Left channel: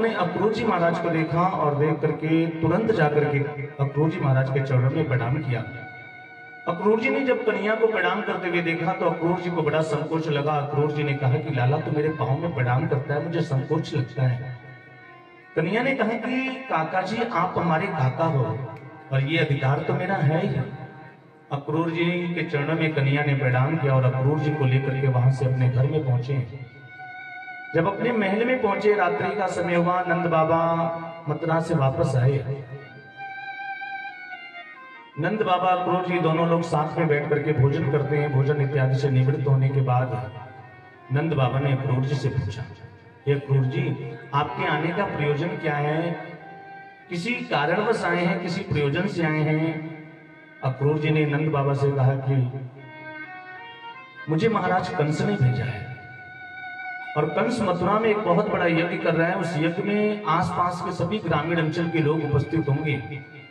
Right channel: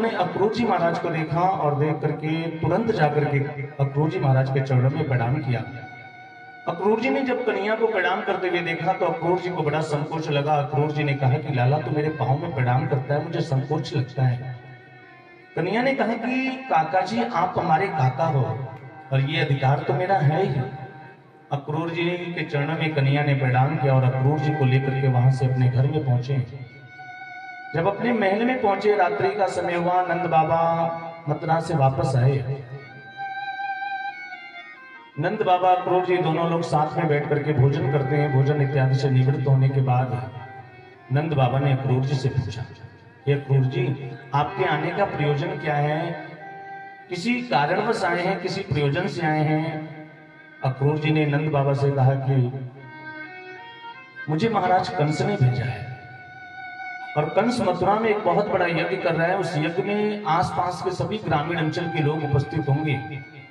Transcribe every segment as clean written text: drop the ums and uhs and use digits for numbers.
उन्होंने अक्रूर जी महाराज को देखा और देख करके तुरंत जाकर के अक्रूर जी महाराज के चरणों में प्रणाम किया। अक्रूर जी ने जब कन्हैया को प्रणाम करते हुए देखा तो अक्रूर जी को बड़ा संकोच लगा। अक्रूर जी ने कहा कि लाला तो मेरे पाँव में प्रणाम करता है, मुझे संकोच लगता है। कन्हैया ने कहा कि काका जी आप हमारे काका हो और ये अधिकार तो मेरा है ही। अक्रूर जी के चरणों में कन्हैया ने प्रणाम किया और अक्रूर जी को लेकर के वहां से अपने घर में पहुंचे। जब अपने महल में पहुंचे, रात्रि का समय हुआ, नंद बाबा मथुरा से वापस आए। नंद बाबा अक्रूर जी दोनों लोग साथ में बैठ करके भोजन करते हैं। भोजन इत्यादि से निवृत्त होने के बाद नंद बाबा ने अक्रूर जी से पूछा, ये अक्रूर जी आपके आने का प्रयोजन क्या है? किसी कारणवश आए हैं, किसी प्रयोजन से आए हैं? अक्रूर जी ने नंद बाबा से कहा कि मुझे महाराज कंस ने भेजा है और कंस मथुरा में एक बहुत बड़ा यज्ञ कर रहा है। उस यज्ञ में आसपास के सभी ग्रामीण अंचल के लोग उपस्थित होंगे,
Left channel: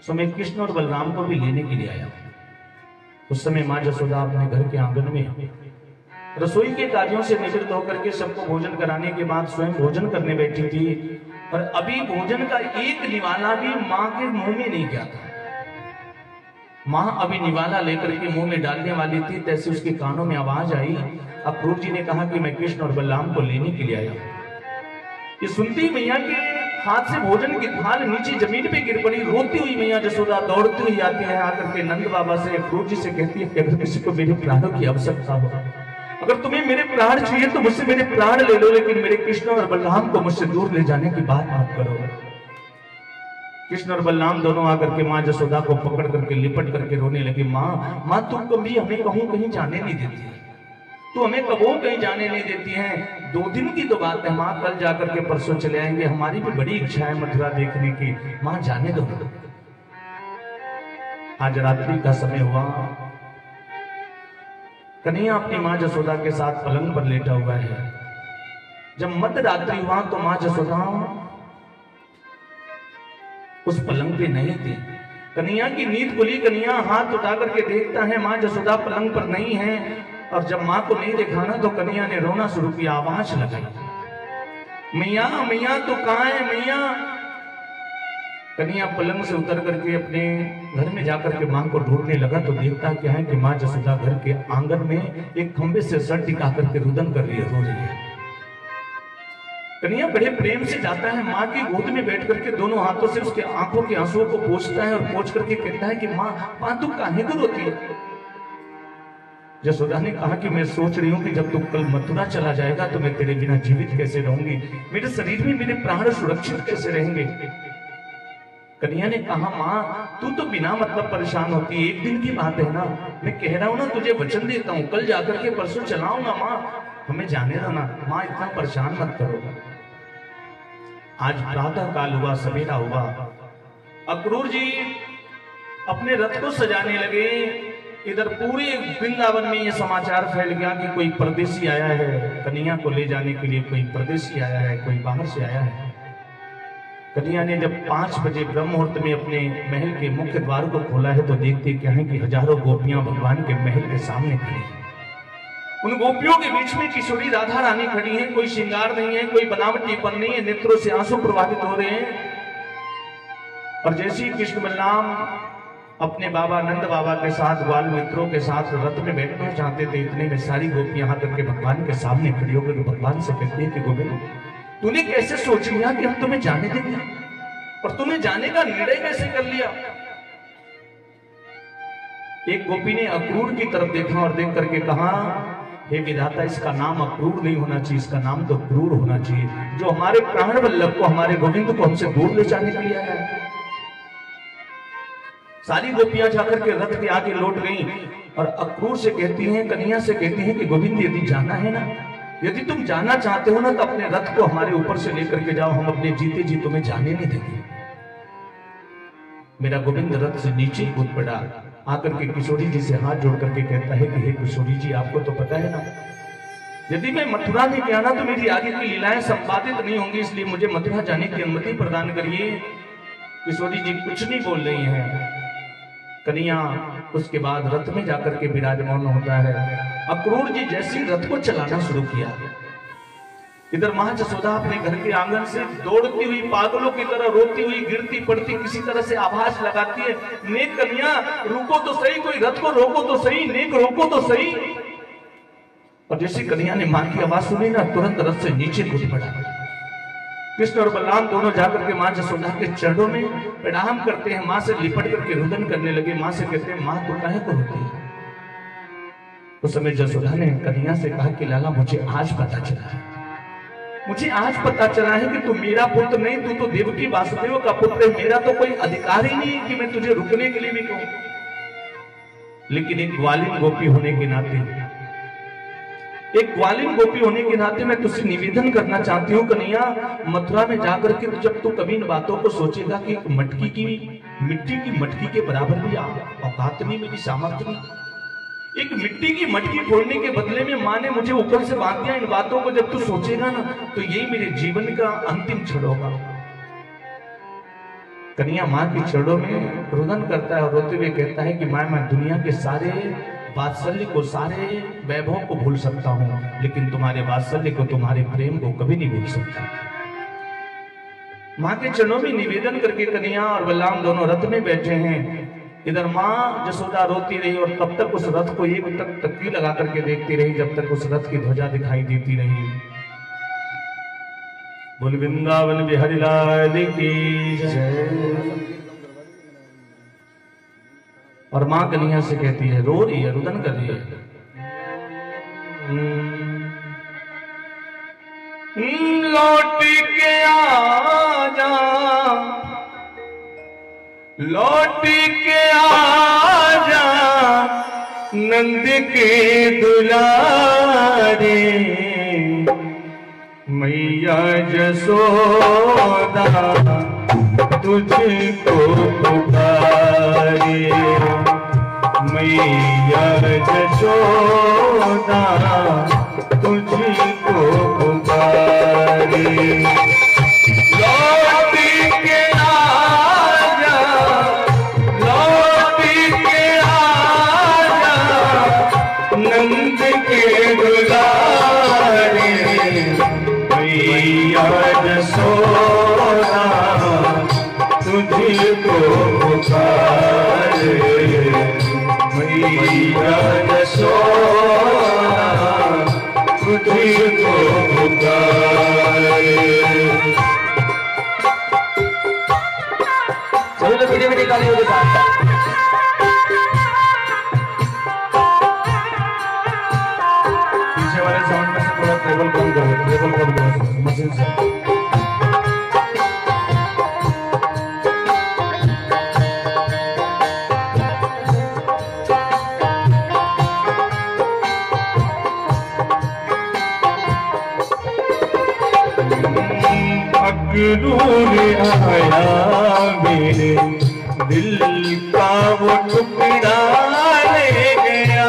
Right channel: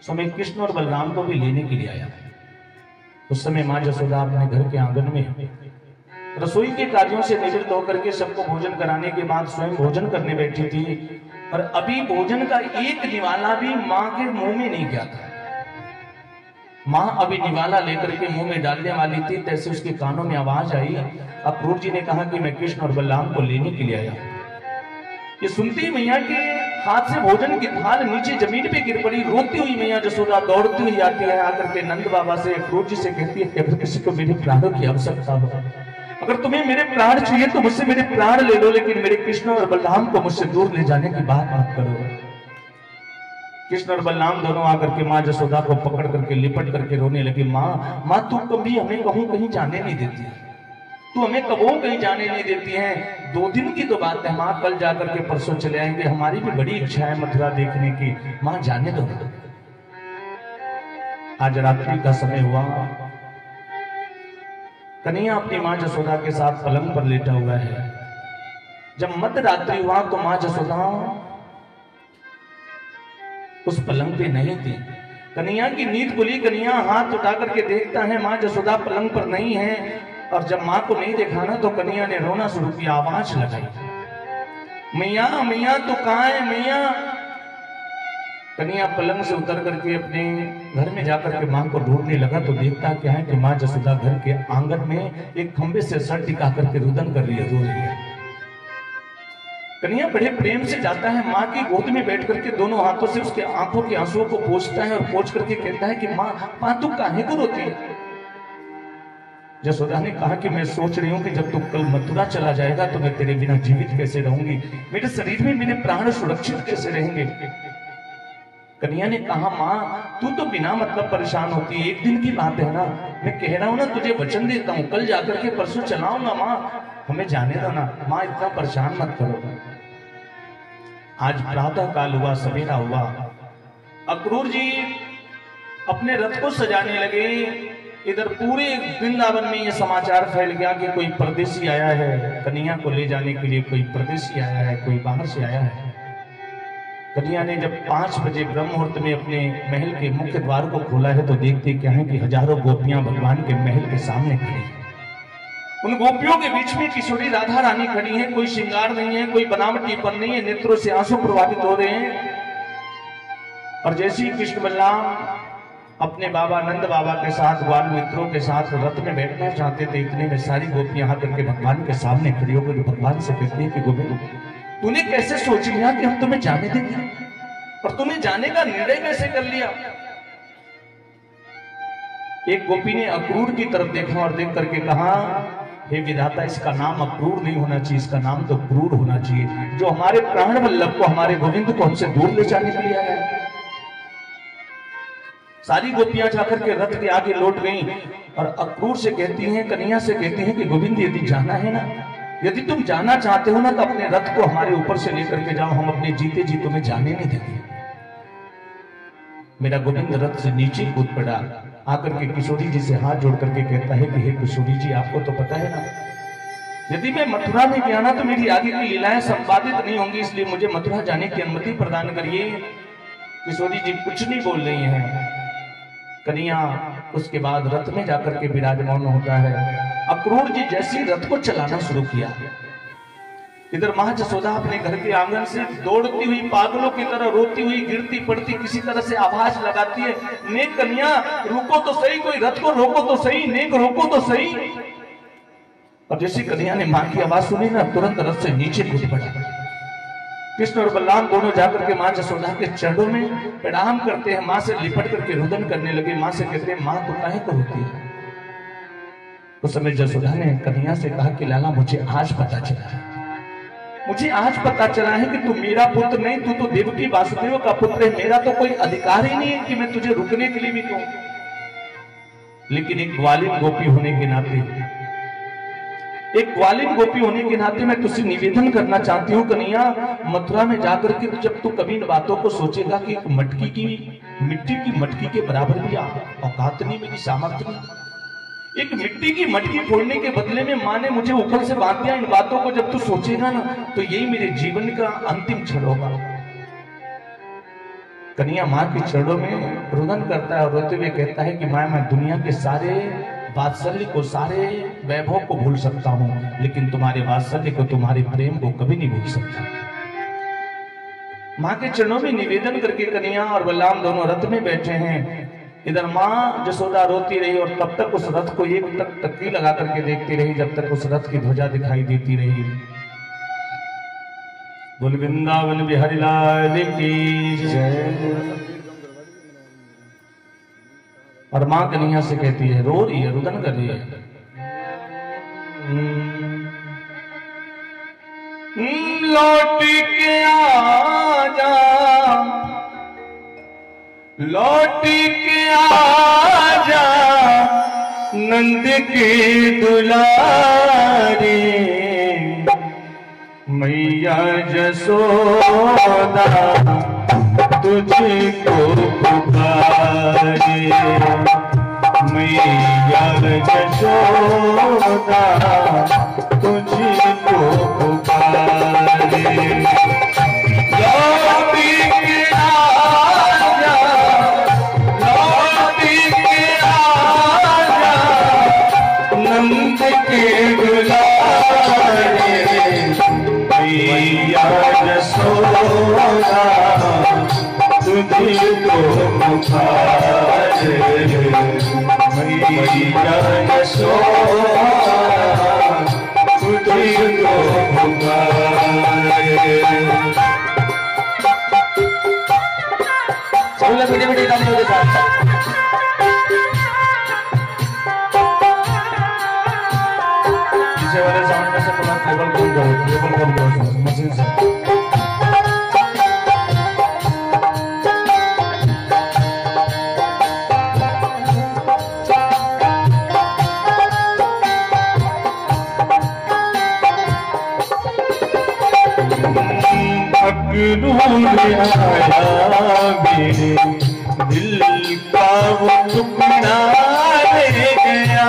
सो मैं कृष्ण और बलराम को भी लेने के लिए आया। उस समय माँ जसोदा अपने घर के आंगन में रसोई के कार्यों से निवृत्त होकर के सबको भोजन कराने के बाद स्वयं भोजन करने बैठी थी और अभी भोजन का एक निवाला भी माँ के मुंह में नहीं गया था। माँ अभी निवाला लेकर के मुंह में डालने वाली थी, तैसे उसके कानों में आवाज आई। अक्रूर जी ने कहा कि मैं कृष्ण और बलराम को लेने के लिए आया। ये सुनती मैया के हाथ से भोजन की थाल नीचे जमीन पे गिर पड़ी। रोती हुई मैया जसोदा दौड़ती हुई आती है, आकर के नंद बाबा से अक्रूर जी से कहती है कि अगर किसी को मेरे प्राणों की आवश्यकता हो, अगर तुम्हें मेरे प्राण चाहिए तो मुझसे मेरे प्राण ले लो, लेकिन मेरे कृष्ण और बलराम को मुझसे दूर ले जाने की बात मत करो। कृष्ण और बलराम दोनों आकर के माँ जसोदा को पकड़ करके लिपट करके रोने लगे। माँ तू कभी हमें कहूं कहीं जाने नहीं देती है, तू हमें कबो कहीं जाने नहीं देती है। 2 दिन की तो बात है माँ, कल जाकर के परसों चले आएंगे, हमारी भी बड़ी इच्छा है मथुरा देखने की, माँ जाने दो। आज रात्रि का समय हुआ, कन्हैया अपनी माँ जसोदा के साथ पलंग पर लेटा हुआ है। जब मध्य रात्रि हुआ तो माँ जसोदा उस पलंग पे नहीं थी। कन्हैया की नींद खुली, कन्हैया हाथ उठा करके देखता है माँ जसोदा पलंग पर नहीं है। और जब माँ को नहीं देखा ना तो कन्हैया ने रोना शुरू किया, आवाज लगाई, मैया मैया तू कहाँ है मैया? कन्हैया पलंग से उतर करके अपने घर में जाकर के माँ को ढूंढने लगा तो देखता क्या है कि माँ जसोदा घर के आंगन में एक खंबे से सर टिका करके रुदन कर रही है, रो रही है। कन्हैया बड़े प्रेम से जाता है, माँ की गोद में बैठ करके दोनों हाथों से उसके आंखों के आंसुओं को पोंछता है और पोंछ करके कहता है कि माँ तू काहे को रोती है? जसोदा ने कहा कि मैं सोच रही हूँ कि जब तू कल मथुरा चला जाएगा तो मैं तेरे बिना जीवित कैसे रहूंगी, मेरे शरीर में मेरे प्राण सुरक्षित कैसे रहेंगे? कन्हैया ने कहा माँ तू तो बिना मतलब परेशान होती है, एक दिन की बात है ना, मैं कह रहा हूँ ना तुझे वचन देता हूँ, कल जाकर के परसों चलाऊंगा माँ, हमें जाने दो ना माँ, इतना परेशान मत करो। आज प्रातः काल हुआ, सवेरा हुआ, अक्रूर जी अपने रथ को सजाने लगे। इधर पूरे वृंदावन में यह समाचार फैल गया कि कोई परदेसी आया है, कन्हैया को ले जाने के लिए कोई परदेसी आया है, कोई बाहर से आया है। कन्हैया ने जब 5 बजे ब्रह्म मुहूर्त में अपने महल के मुख्य द्वार को खोला है तो देखते क्या है कि हजारों गोपियां भगवान के महल के सामने खड़ी हैं। उन गोपियों के बीच में किशोरी राधा रानी खड़ी हैं, कोई श्रृंगार नहीं है, कोई बनावटीपन नहीं है, नेत्रों से आंसू प्रवाहित हो रहे हैं। और जैसे ही कृष्ण बलराम अपने बाबा नंद बाबा के साथ बाल मित्रों के साथ रथ में बैठना चाहते थे, इतने में सारी गोपियां आकर के भगवान के सामने खड़ी होकर भगवान से कहती है कि गोविंद तूने कैसे सोच लिया कि हम तुम्हें जाने देंगे, और तूने जाने का निर्णय कैसे कर लिया? एक गोपी ने अक्रूर की तरफ देखा और देख करके कहा, हे विधाता, इसका नाम अक्रूर नहीं होना चाहिए, इसका नाम तो क्रूर होना चाहिए, जो हमारे प्राण वल्लभ को, हमारे गोविंद को हमसे दूर ले जाने के लिए आया है। सारी गोपियां जाकर के रथ के आगे लौट गईं और अक्रूर से कहती हैं, कन्हैया से कहती हैं कि गोविंद यदि जाना है ना, यदि तुम जाना चाहते हो ना तो अपने रथ को हमारे ऊपर से लेकर के जाओ, हम अपने जीते जी तुम्हें जाने नहीं देंगे। मेरा गोविंद रथ से नीचे कूद पड़ा, आकर के किशोरी जी से हाथ जोड़ करके कहता है कि हे किशोरी जी, आपको तो पता है ना, यदि मैं मथुरा नहीं गया ना तो मेरी आगे की लीलाएं संपादित नहीं होंगी, इसलिए मुझे मथुरा जाने की अनुमति प्रदान करिए। किशोरी जी कुछ नहीं बोल रही हैं। कन्हैया उसके बाद रथ में जाकर के विराजमान होता है। अक्रूर जी जैसे ही रथ को चलाना शुरू किया, इधर मां जसोदा अपने घर के आंगन से दौड़ती हुई पागलों की तरह रोती हुई गिरती पड़ती किसी तरह से आवाज लगाती है, नेक कन्या रुको तो सही, कोई रथ को रोको तो सही, नेक रोको तो सही। और जैसी कन्या ने मां की आवाज सुनी ना, तुरंत रथ से नीचे कूद पड़ा। कृष्ण और बलराम दोनों जाकर के मां जसोदा के चरणों में प्रणाम करते हैं, मां से लिपट करके रुदन करने लगे। मां से कहते हैं, मां तो काहे को रोती है? उस समय जसोदा ने कन्या से कहा कि लाला मुझे आज पता चला है, मुझे आज पता चला है कि तू मेरा पुत्र नहीं, तू तो देवकी वासुदेव का पुत्र है। मेरा तो कोई अधिकार ही नहीं है कि मैं तुझे रुकने के लिए भी कहूं। लेकिन एक ग्वालिन गोपी होने के नाते मैं तुझसे निवेदन करना चाहती हूँ कन्हैया, मथुरा में जाकर के तो जब तू कभी इन बातों को सोचेगा कि मिट्टी की मटकी के बराबर भी औकात नहीं, मेरी सामर्थ्य नहीं, एक मिट्टी की मटकी फोड़ने के बदले में मां ने मुझे ऊपर से बांध दिया, इन बातों को जब तू सोचेगा ना तो यही मेरे जीवन का अंतिम क्षण होगा। कन्हैया मां के चरणों में रुदन करता है और रोते हुए कहता है कि मां, मैं दुनिया के सारे वात्सल्य को, सारे वैभव को भूल सकता हूं, लेकिन तुम्हारे वात्सल्य को, तुम्हारे प्रेम को कभी नहीं भूल सकता। मां के चरणों में निवेदन करके कन्हैया और बलराम दोनों रथ में बैठे हैं। इधर मां जसोदा रोती रही और तब तक उस रथ को एक तक तक्की लगा करके देखती रही, जब तक उस रथ की ध्वजा दिखाई देती रही। बोल वृंदावन बिहारी लाल की जय। और मां कन्हैया से कहती है, रो रही है, रुदन कर रही है, लौट के आजा, लौट के आजा नंद के दुलारे, मैया जसोदा तुझको पुकारे, मैया जसोदा तुझको पुकारे। लौट के आजा, लौट के आजा नंद के दुलारे, मैया जसोदा तुझको पुकारे, मैया जसोदा तुझको पुकारे। सभी लोग मीठी मीठी तालियों के साथ पीछे वाले साउंड में से थोड़ा टेबल कम करो, टेबल कम करो मशीन से। अक्रूर आया मेरे दिल का वो टुकड़ा ले गया,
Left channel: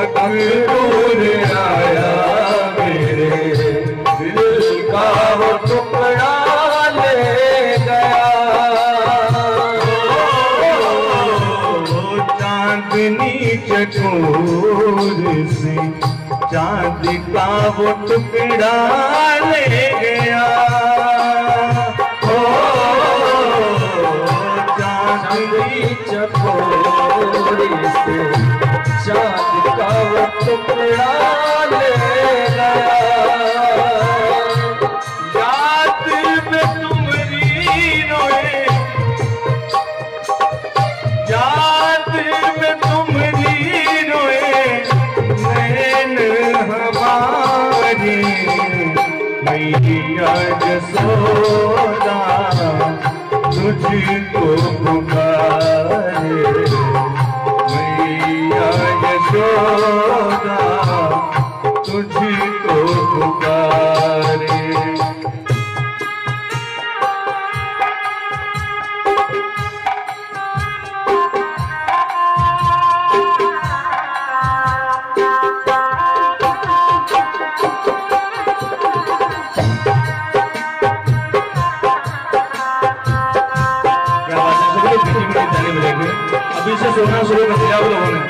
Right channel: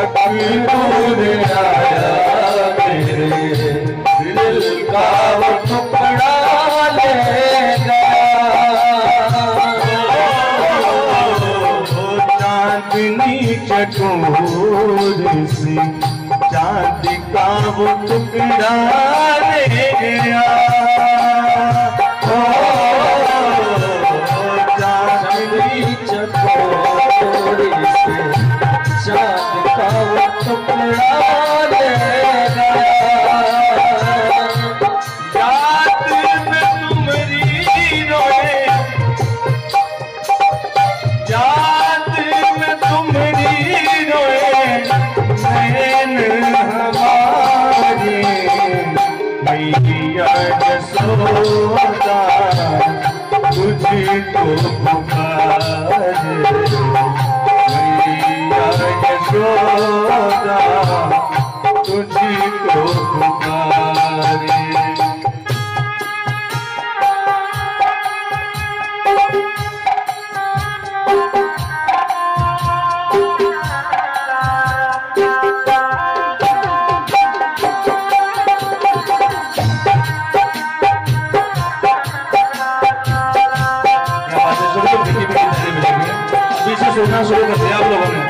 अक्रूर आया मेरे दिल का वो टुकड़ा ले गया, चांदनी चकोर से चांद का वो टुकड़ा ले गया, चांदनी चकोर से चांद का वो टुकड़ा ले गया। याद में तुम्हारी रोए, याद में तुम्हारी रोए नैन हमारे, मैया जसोदा तुझको पुकारे, मैया जसोदा तुझको पुकारे। अभी से सोना शुरू कर दिया आप लोगों ने।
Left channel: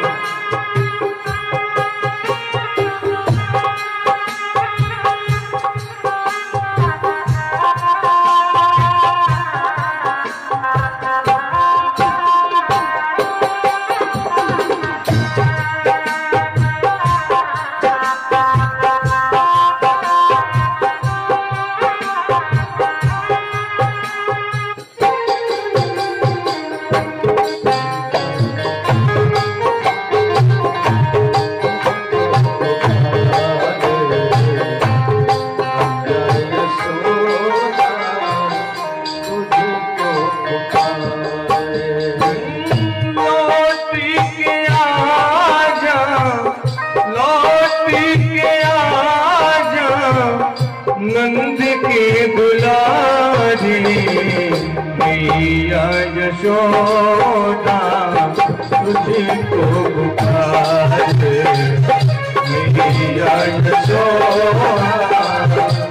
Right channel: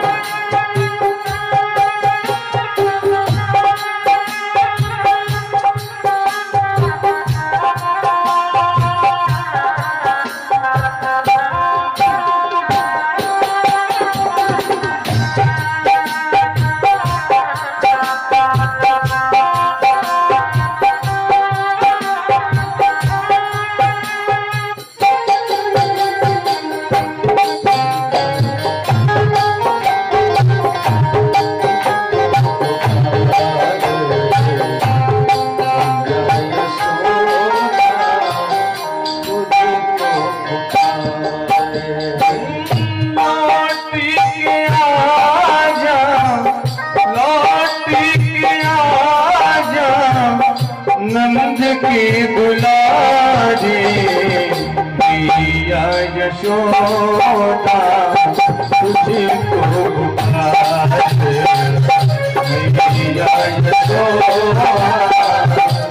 पी के आजा नंद की दुलारी, मैया यशोदा तुझको पुकारे, मैया यशोदा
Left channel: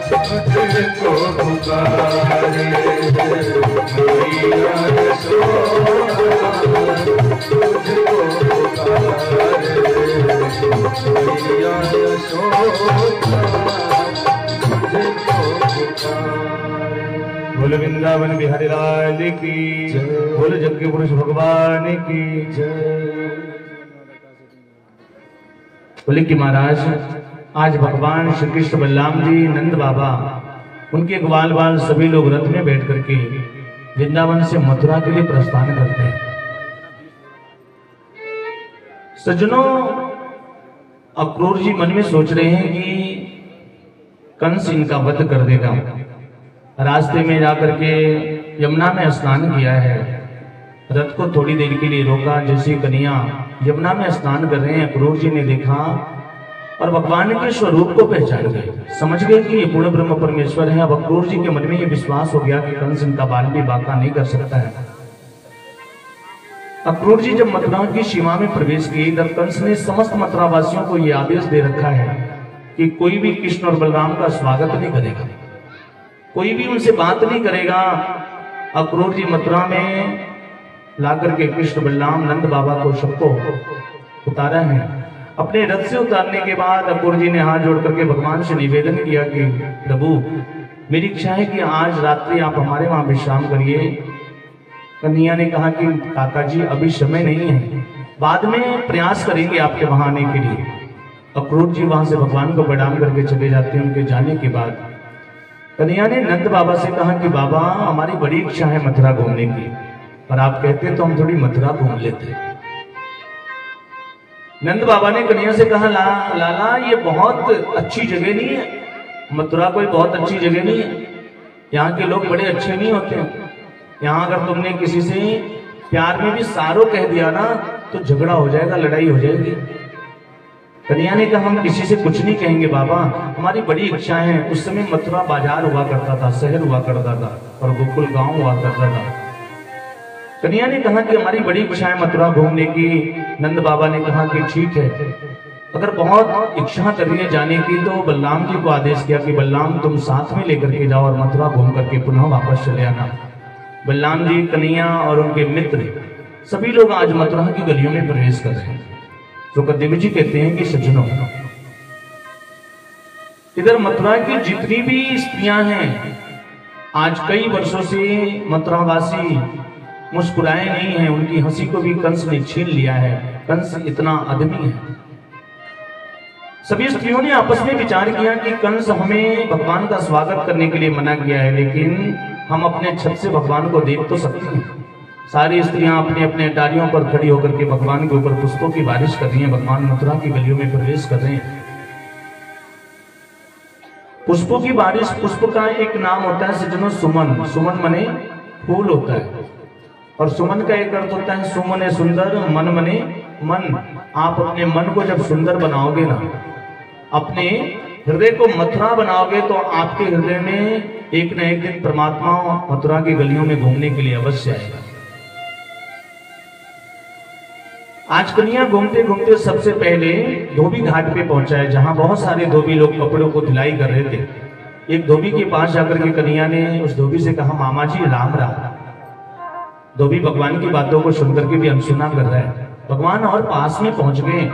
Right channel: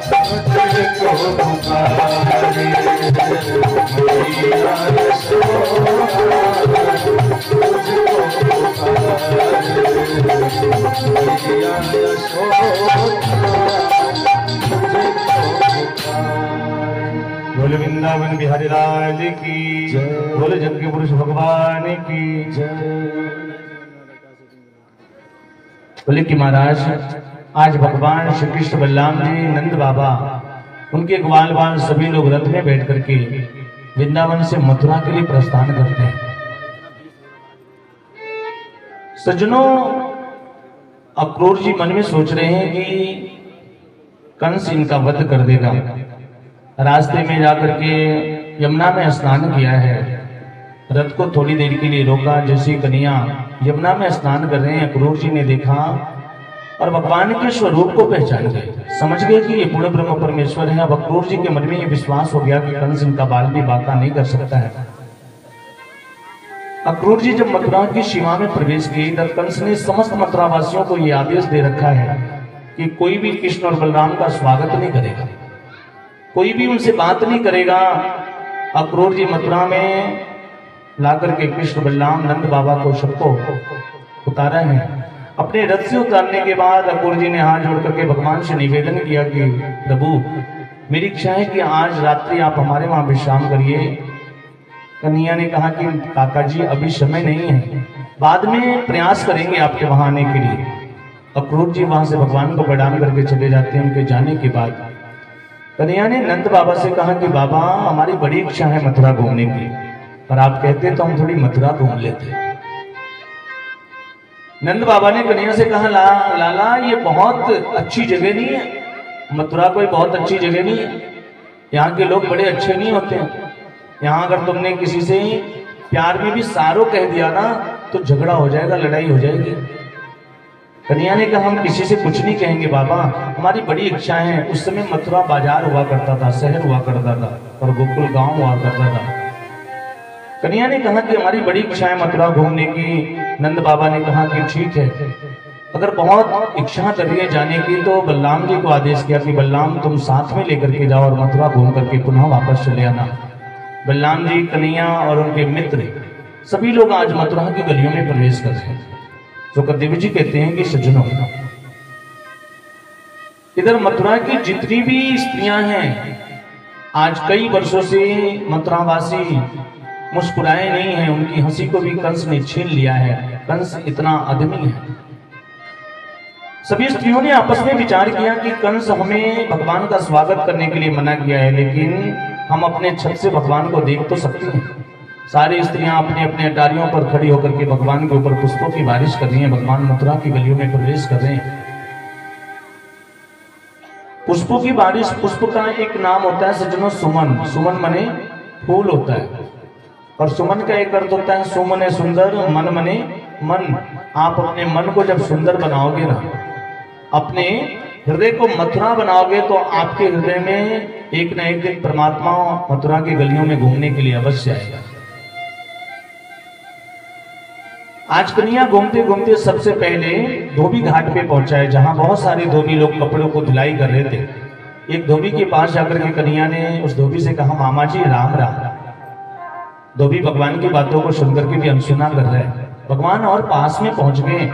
तुझको पुकारे, मैया यशोदा तुझको पुकारे, मैया यशोदा तुझको पुकारे। बोल वृंदावन बिहारी लाल की जय, बोल जग के पुरुष भगवान की जय। बोले कि महाराज आज भगवान श्री कृष्ण बलराम जी, नंद बाबा, उनके ग्वाल बाल सभी लोग रथ में बैठ करके वृंदावन से मथुरा के लिए प्रस्थान करते हैं। सज्जनों, अक्रूर जी मन में सोच रहे हैं कि कंस इनका वध कर देगा। रास्ते में जाकर के यमुना में स्नान किया है, रथ को थोड़ी देर के लिए रोका। जैसे कन्या यमुना में स्नान कर रहे हैं, अक्रूर जी ने देखा और भगवान के स्वरूप को पहचान गए, समझ गए कि ये पूर्ण ब्रह्म परमेश्वर है। अब अक्रूर जी के मन में ये विश्वास हो गया कि कंस इनका बाल भी बांका नहीं कर सकता है। अक्रूर जी जब मथुरा की सीमा में प्रवेश किए तब कंस ने समस्त मथुरा वासियों को यह आदेश दे रखा है कि कोई भी कृष्ण और बलराम का स्वागत नहीं करेगा, कोई भी उनसे बात नहीं करेगा। अक्रूर जी मथुरा में लाकर के कृष्ण बलराम नंद बाबा को सबको उतारा है। अपने रथ से उतारने के बाद अक्रूर जी ने हाथ जोड़ करके भगवान से निवेदन किया कि प्रभु, मेरी इच्छा है कि आज रात्रि आप हमारे वहां विश्राम करिए। कन्हैया ने कहा कि काका जी अभी समय नहीं है, बाद में प्रयास करेंगे आपके वहां आने के लिए। अक्रूर जी वहां से भगवान को प्रणाम करके चले जाते हैं। उनके जाने के बाद कन्हैया ने नंद बाबा से कहा कि बाबा, हमारी बड़ी इच्छा है मथुरा घूमने की, और आप कहते तो हम थोड़ी मथुरा घूम लेते। नंद बाबा ने कन्हैया से कहा, लाला ये बहुत अच्छी जगह नहीं है, मथुरा कोई बहुत अच्छी जगह नहीं है, यहाँ के लोग बड़े अच्छे नहीं होते हैं। यहाँ अगर तुमने किसी से प्यार में भी सारो कह दिया ना तो झगड़ा हो जाएगा, लड़ाई हो जाएगी। कन्हैया ने कहा, हम किसी से कुछ नहीं कहेंगे बाबा, हमारी बड़ी इच्छा है। उस समय मथुरा बाजार हुआ करता था, शहर हुआ करता था, और गोकुल गांव हुआ करता था। कन्हैया ने कहा कि हमारी बड़ी इच्छा है मथुरा घूमने की। नंद बाबा ने कहा कि ठीक है, अगर बहुत इच्छा कर रही है जाने की तो बलराम जी को आदेश किया कि बलराम तुम साथ में लेकर के जाओ और मथुरा घूम करके पुनः वापस चले आना। बलराम जी, कन्हैया और उनके मित्र सभी लोग आज मथुरा की गलियों में प्रवेश कर रहे हैं। तो कदेव जी कहते हैं कि सज्जनों, इधर मथुरा की जितनी भी स्त्रियां हैं आज कई वर्षों से मथुरावासी मुस्कुराए नहीं हैं, उनकी हंसी को भी कंस ने छीन लिया है। कंस इतना आदमी है। सभी स्त्रियों ने आपस में विचार किया कि कंस हमें भगवान का स्वागत करने के लिए मना किया है, लेकिन हम अपने छत से भगवान को देख तो सकते हैं। सारी स्त्रियां अपने अपने डालियों पर खड़ी होकर के भगवान के ऊपर पुष्पों की बारिश कर रही हैं। भगवान मथुरा की गलियों में प्रवेश कर रहे हैं। पुष्पों की बारिश, पुष्प का एक नाम होता है सज्जनों सुमन। सुमन मने फूल होता है, और सुमन का एक अर्थ होता है सुमने सुंदर, मन मने मन। आप अपने मन को जब सुंदर बनाओगे ना, अपने हृदय को मथुरा बनाओगे, तो आपके हृदय में एक न एक दिन परमात्मा मथुरा की गलियों में घूमने के लिए अवश्य आएगा। आज कन्हैया घूमते घूमते सबसे पहले धोबी घाट पे पहुंचा है, जहां बहुत सारे धोबी लोग कपड़ों को धुलाई कर रहे थे। एक धोबी के पास जाकर के कन्हैया ने उस धोबी से कहा, मामा जी राम राम। धोबी भगवान की बातों को सुनकर के भी अनसुना कर रहा है। भगवान और पास में पहुंच गए।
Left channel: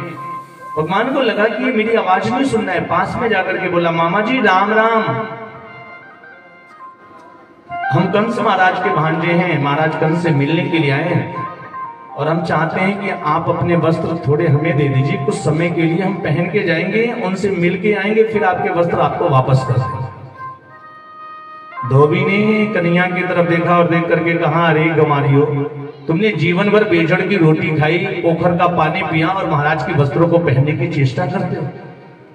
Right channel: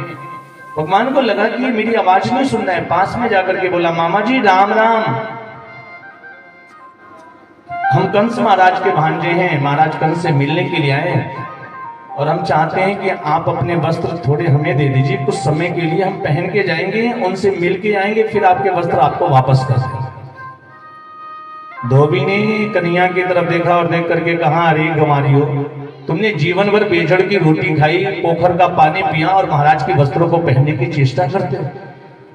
भगवान को लगा कि मेरी आवाज नहीं सुन रहा है, पास में जाकर के बोला, मामा जी राम राम। हम कंस महाराज के भांजे हैं, महाराज कंस से मिलने के लिए आए हैं, और हम चाहते हैं कि आप अपने वस्त्र थोड़े हमें दे दीजिए, कुछ समय के लिए हम पहन के जाएंगे, उनसे मिल के आएंगे, फिर आपके वस्त्र आपको वापस कर देंगे। धोबी ने कन्हैया की तरफ देखा और देख करके कहा, अरे गंवारियो, तुमने जीवन भर बेजड़ की रोटी खाई, पोखर का पानी पिया, और महाराज के वस्त्रों को पहनने की चेष्टा करते हो।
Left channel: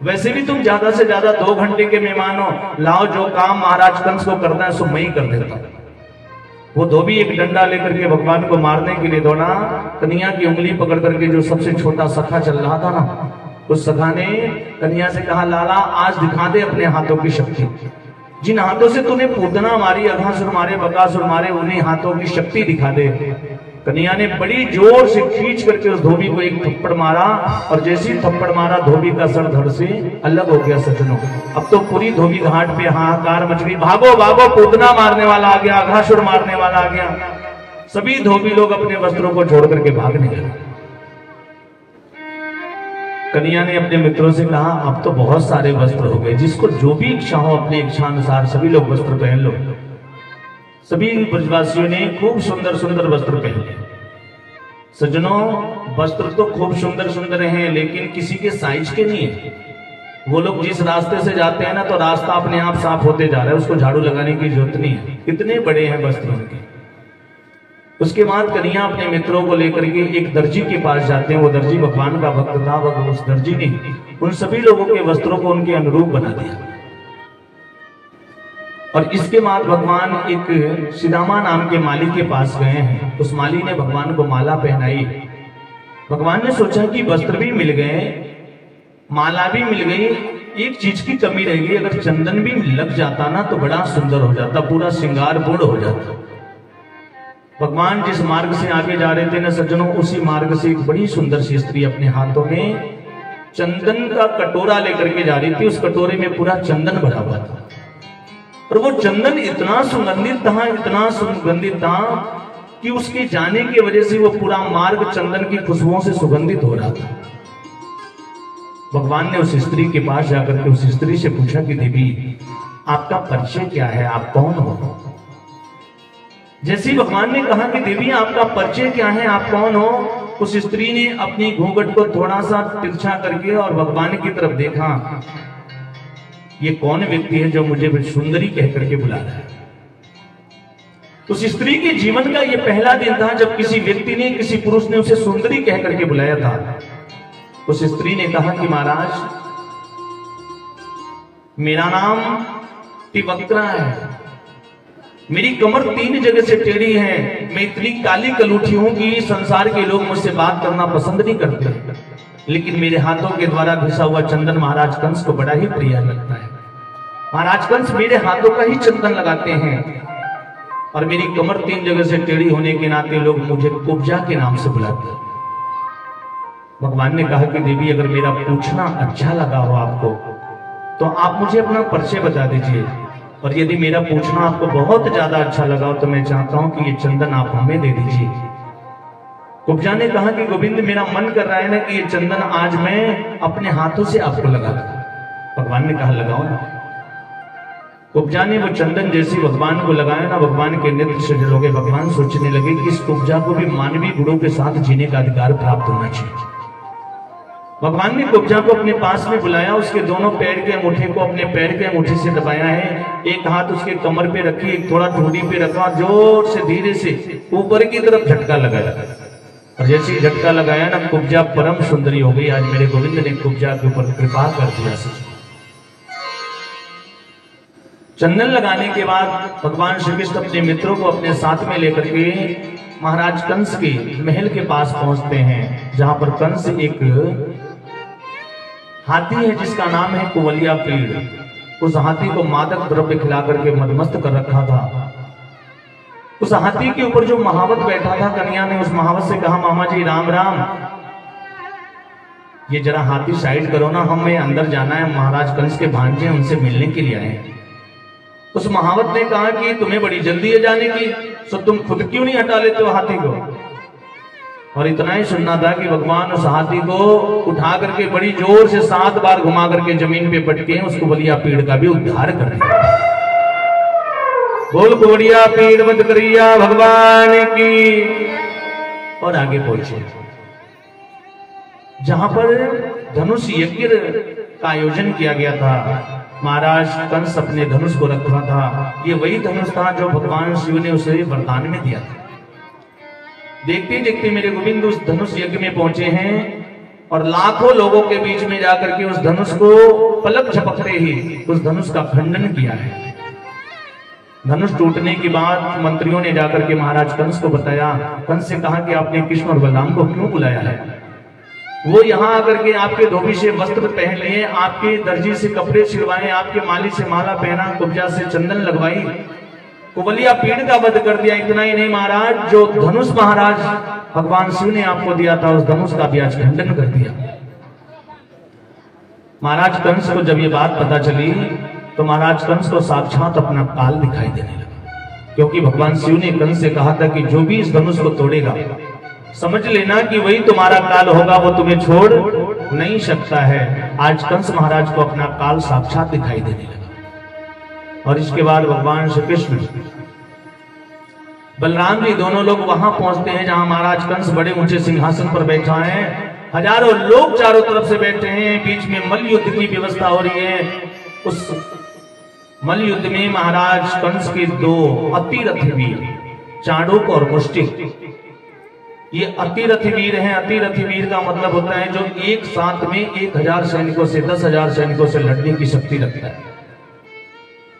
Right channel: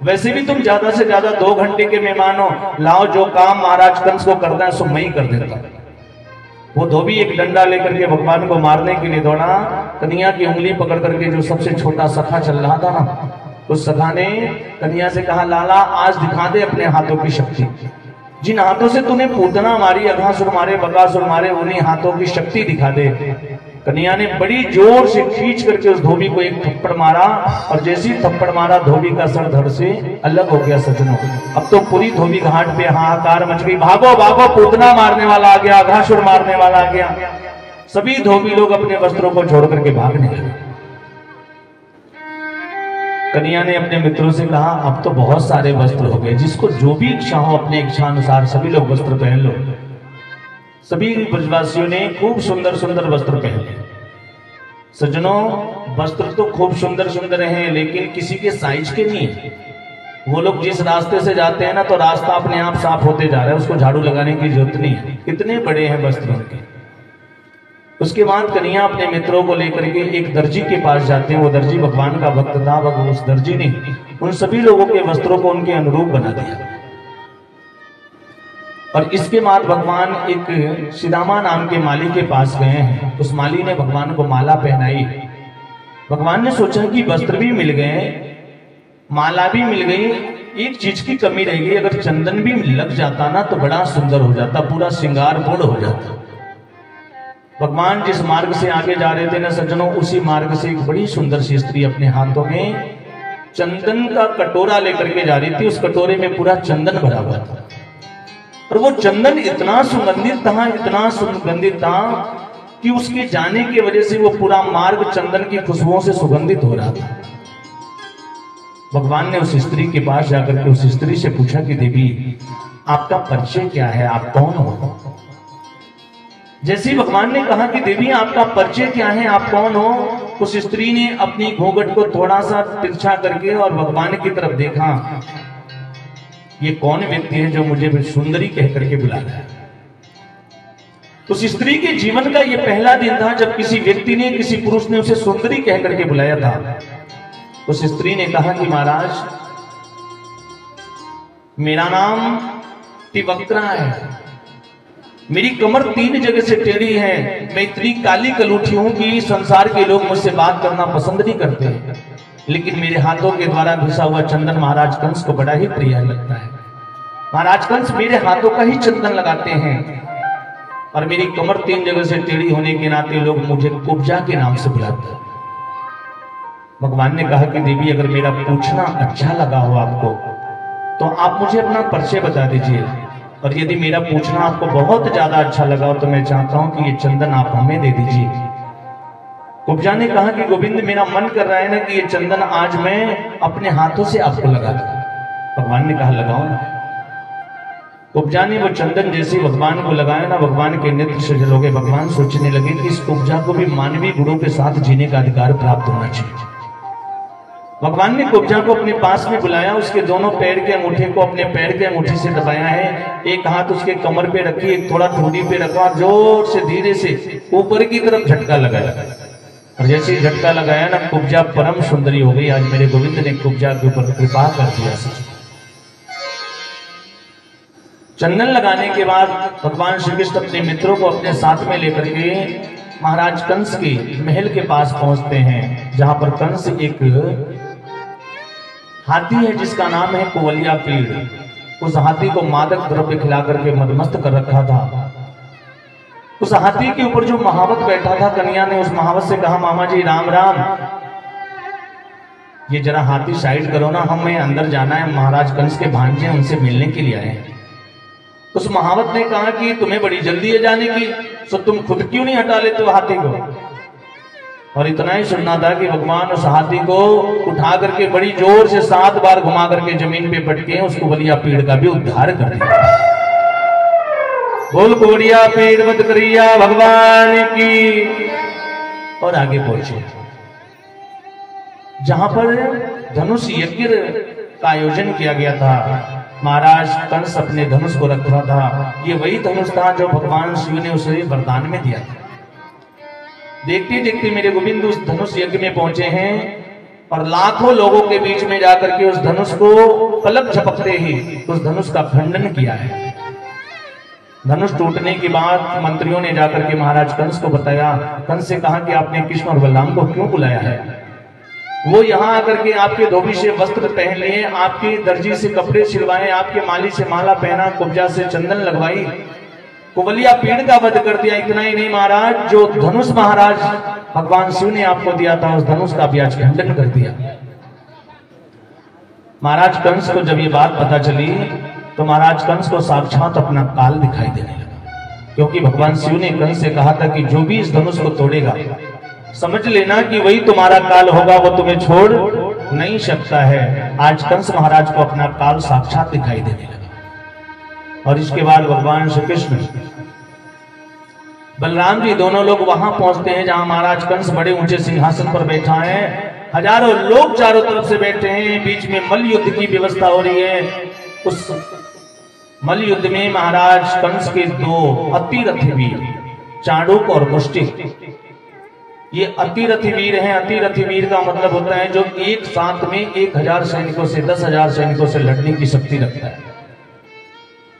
वैसे भी तुम ज्यादा से ज्यादा 2 घंटे के मेहमान हो, लाओ जो काम महाराज कंस को करना है सो मैं ही कर देता। वो धोबी एक डंडा लेकर के भगवान को मारने के लिए दौड़ा। कन्हैया की उंगली पकड़ करके जो सबसे छोटा सखा चल रहा था ना, उस सखा ने कन्या से कहा, लाला आज दिखा दे अपने हाथों की शक्ति। जिन हाथों से तूने पूतना मारी, अघासुर मारे, बकासुर मारे, उन्हीं हाथों की शक्ति दिखा दे। कन्या ने बड़ी जोर से खींच करके उस धोबी को एक थप्पड़ मारा, और जैसे ही थप्पड़ मारा धोबी का सर धड़ से अलग हो गया। सज्जनों, अब तो पूरी धोबी घाट पे हाहाकार मच गई। भागो भागो, पूतना मारने वाला आ गया, अघासुर मारने वाला आ गया। सभी धोबी लोग अपने वस्त्रों को छोड़ करके भागने लगे। कन्या ने अपने मित्रों से कहा, अब तो बहुत सारे वस्त्र हो गए, जिसको जो भी इच्छा हो अपने इच्छा अनुसार सभी लोग वस्त्र पहन लो। सभी ब्रजवासियों ने खूब सुंदर सुंदर वस्त्र पहने। सज्जनों, वस्त्र तो खूब सुंदर सुंदर हैं, लेकिन किसी के साइज के नहीं है। वो लोग जिस रास्ते से जाते हैं ना, तो रास्ता अपने आप साफ होते जा रहा है, उसको झाड़ू लगाने की जरूरत नहीं है, इतने बड़े हैं वस्त्र उनके। उसके बाद कन्या अपने मित्रों को लेकर के एक दर्जी के पास जाते हैं। वो दर्जी भगवान का भक्त था। उस दर्जी ने उन सभी लोगों के वस्त्रों को उनके अनुरूप बना दिया। और इसके बाद भगवान एक सिदामा नाम के माली के पास गए हैं। उस माली ने भगवान को माला पहनाई। भगवान ने सोचा कि वस्त्र भी मिल गए, माला भी मिल गई, एक चीज की कमी रह गई। अगर चंदन भी लग जाता ना तो बड़ा सुंदर हो जाता, पूरा श्रृंगार पूर्ण हो जाता। भगवान जिस मार्ग से आगे जा रहे थे ना सज्जनों, उसी मार्ग से एक बड़ी सुंदर सी स्त्री अपने हाथों में चंदन का कटोरा लेकर के जा रही थी। उस कटोरे में पूरा चंदन भरा हुआ था, और वो चंदन इतना सुगंधित था, इतना सुगंधित था कि उसके जाने की वजह से वो पूरा मार्ग चंदन की खुशबुओं से सुगंधित हो रहा था। भगवान ने उस स्त्री के पास जाकर के उस स्त्री से पूछा कि देवी, आपका परिचय क्या है, आप कौन हो? जैसे ही भगवान ने कहा कि देवी आपका परिचय क्या है, आप कौन हो, उस स्त्री ने अपनी घूंघट को थोड़ा सा तिरछा करके और भगवान की तरफ देखा। ये कौन व्यक्ति है जो मुझे सुंदरी कह करके बुला रहा है? उस स्त्री के जीवन का ये पहला दिन था जब किसी व्यक्ति ने, किसी पुरुष ने उसे सुंदरी कह करके बुलाया था। उस स्त्री ने कहा कि महाराज, मेरा नाम तिवक्रा है, मेरी कमर 3 जगह से टेढ़ी है, मैं इतनी काली कलूठी हूं कि संसार के लोग मुझसे बात करना पसंद नहीं करते, लेकिन मेरे हाथों के द्वारा घिसा हुआ चंदन महाराज कंस को बड़ा ही प्रिय लगता है। महाराज कंस मेरे हाथों का ही चंदन लगाते हैं, और मेरी कमर 3 जगह से टेढ़ी होने के नाते लोग मुझे कुब्जा के नाम से बुलाते हैं। भगवान ने कहा कि देवी, अगर मेरा पूछना अच्छा लगा हो आपको तो आप मुझे अपना परिचय बता दीजिए, और यदि मेरा पूछना आपको बहुत ज्यादा अच्छा लगा हो तो मैं चाहता हूं कि ये चंदन आप हमें दे दीजिए। कुब्जा ने कहा कि गोविंद, मेरा मन कर रहा है ना कि ये चंदन आज मैं अपने हाथों से आपको लगा दूं। भगवान ने कहा लगाओ ना। कुब्जा ने वो चंदन जैसे भगवान को लगाया ना, भगवान के नेत्र सजल हो गए। भगवान सोचने लगे कि इस कुब्जा को भी मानवीय गुणों के साथ जीने का अधिकार प्राप्त होना चाहिए। भगवान ने कुब्जा को अपने पास में बुलाया, उसके दोनों पैर के अंगूठे को अपने पैर के अंगूठे से दबाया है, एक हाथ उसके कमर पे रखी, एक थोड़ा ठोड़ी पे रखा, जोर से धीरे से ऊपर की तरफ झटका लगाया, और जैसे झटका लगाया ना, कुब्जा परम सुंदरी हो गई। आज मेरे गोविंद ने कुब्जा के ऊपर कृपा कर दिया। चंदन लगाने के बाद भगवान श्री कृष्ण अपने मित्रों को अपने साथ में लेकर के महाराज कंस के महल के पास पहुंचते हैं, जहां पर कंस एक हाथी है जिसका नाम है कुवलिया पीड़। उस हाथी को मादक द्रव्य खिला करके मदमस्त कर रखा था। उस हाथी के ऊपर जो महावत बैठा था, कन्या ने उस महावत से कहा, मामा जी राम राम, ये जरा हाथी साइड करो ना, हमें अंदर जाना है, महाराज कंस के भांजे उनसे मिलने के लिए आए। उस महावत ने कहा कि तुम्हें बड़ी जल्दी है जाने की, तो तुम खुद क्यों नहीं हटा लेते हो हाथी को? और इतना ही सुनना था कि भगवान उस हाथी को उठा करके बड़ी जोर से 7 बार घुमा करके जमीन पे पटके उस कुवलिया पीड़ का भी उद्धार कर दिया। बोल कुवलिया पीड़ मत करिया भगवान की। और आगे पहुंचे जहां पर धनुष यज्ञ का आयोजन किया गया था। महाराज कंस अपने धनुष को रखा था। ये वही धनुष था जो भगवान शिव ने उसे वरदान में दिया था। देखते देखते मेरे गोविंद उस धनुष यज्ञ में पहुंचे हैं, और लाखों लोगों के बीच में जाकर के उस धनुष को पलक झपकते ही उस धनुष का खंडन किया है। धनुष टूटने के बाद मंत्रियों ने जाकर के महाराज कंस को बताया। कंस से कहा कि आपने कृष्ण और बलराम को क्यों बुलाया है? वो यहाँ आकर के आपके धोबी से वस्त्र पहन लिए, आपके दर्जी से कपड़े सिलवाए, आपके माली से माला पहना, कुब्जा से चंदन लगवाई, कुबलिया पेड़ का वध कर दिया। इतना ही नहीं महाराज, जो धनुष महाराज भगवान शिव ने आपको दिया था, उस धनुष का भी आज खंडन कर दिया। महाराज कंस को जब ये बात पता चली तो महाराज कंस को साक्षात अपना काल दिखाई देने लगा, क्योंकि भगवान शिव ने कंस से कहा था कि जो भी इस धनुष को तोड़ेगा समझ लेना कि वही तुम्हारा काल होगा, वो तुम्हें छोड़ नहीं सकता है। आज कंस महाराज को अपना काल साक्षात दिखाई देने लगा। और इसके बाद भगवान श्री कृष्ण बलराम जी दोनों लोग वहां पहुंचते हैं जहां महाराज कंस बड़े ऊंचे सिंहासन पर बैठा है, हजारों लोग चारों तरफ से बैठे हैं, बीच में मल्ल युद्ध की व्यवस्था हो रही है। उस मल्ल युद्ध में महाराज कंस के दो अतिरथी वीर चाणूक और मुष्टिक, ये अतिरथी वीर हैं। अतिरथी वीर का मतलब होता है जो एक साथ में 1000 सैनिकों से 10,000 सैनिकों से लड़ने की शक्ति रखता है।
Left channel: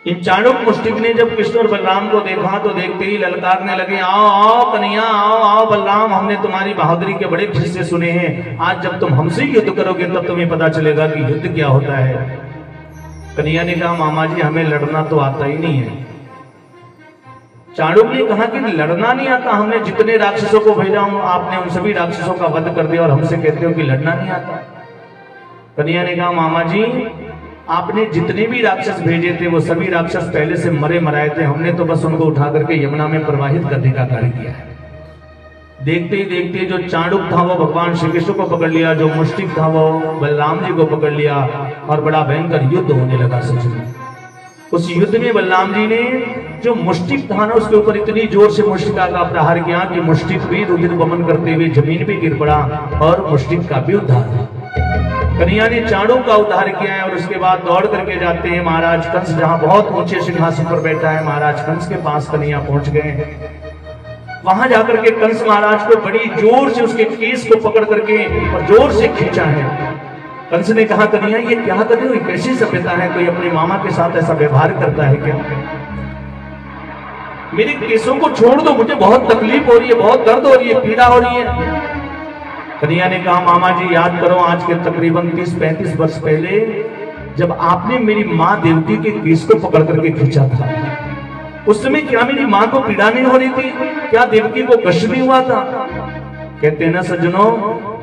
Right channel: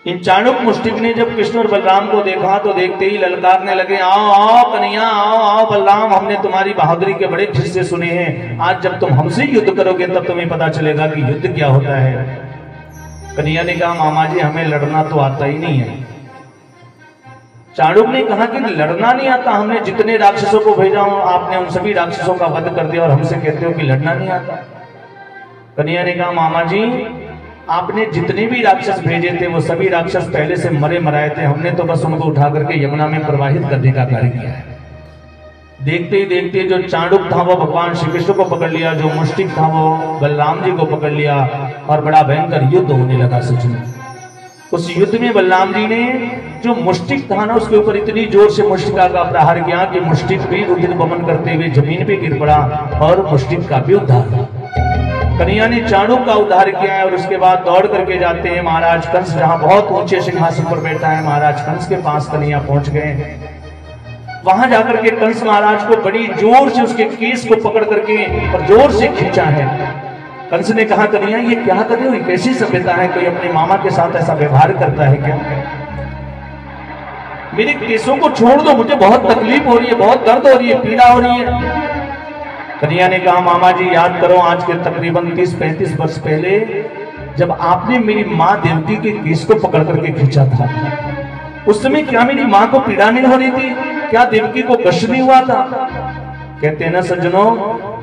इन चाणूक मुष्टिक ने जब कृष्ण और बलराम को देखा तो देखते ही ललकारने लगे, आओ आओ कन्हैया, आओ आओ बलराम, हमने तुम्हारी बहादुरी के बड़े किस्से सुने हैं, आज जब तुम हमसे युद्ध करोगे तब तुम्हें पता चलेगा कि युद्ध क्या होता है। कन्हैया ने कहा, मामा जी हमें लड़ना तो आता ही नहीं है। चाणूक ने कहा कि लड़ना नहीं आता, हमने जितने राक्षसों को भेजा हूं आपने उन सभी राक्षसों का वध कर दिया और हमसे कहते हो कि लड़ना नहीं आता। कन्हैया ने कहा, मामा जी आपने जितने भी राक्षस भेजे थे वो सभी राक्षस पहले से मरे मराए थे, हमने तो बस उनको उठा करके यमुना में प्रवाहित करने का कार्य किया है। देखते ही देखते जो चाणूक था वो भगवान श्री कृष्ण को पकड़ लिया, जो मुष्टिक था वो बलराम जी को पकड़ लिया और बड़ा भयंकर युद्ध होने लगा। सच में उस युद्ध में बलराम जी ने जो मुष्टिक था ना उसके ऊपर इतनी जोर से मुष्टिका का प्रहार किया कि मुष्टिक भी रुधिर बमन करते हुए जमीन पे गिर पड़ा और मुष्टिक का भी उद्धार हुआ। कन्हैया ने चाणूक का उद्धार किया है और उसके बाद दौड़ करके जाते हैं महाराज कंस, जहां बहुत ऊंचे सिंहासन पर बैठा है, महाराज कंस के पास कन्हैया पहुंच गए। वहां जाकर के कंस महाराज को बड़ी जोर से उसके केस को पकड़ करके और जोर से खींचा है। कंस ने कहा, कन्हैया ये क्या कर रहे हो, कैसी सभ्यता है, कोई अपने मामा के साथ ऐसा व्यवहार करता है क्या? मेरे केसों को छोड़ दो, मुझे बहुत तकलीफ हो रही है, बहुत दर्द हो रही है, पीड़ा हो रही है। कन्हैया ने कहा, मामा जी याद करो आज के तकरीबन 30-35 वर्ष पहले जब आपने मेरी माँ देवकी के केस को पकड़ करके खींचा था, उस समय क्या मेरी माँ को पीड़ा नहीं हो रही थी? क्या देवकी को कष्ट नहीं हुआ था? कहते ना सज्जनों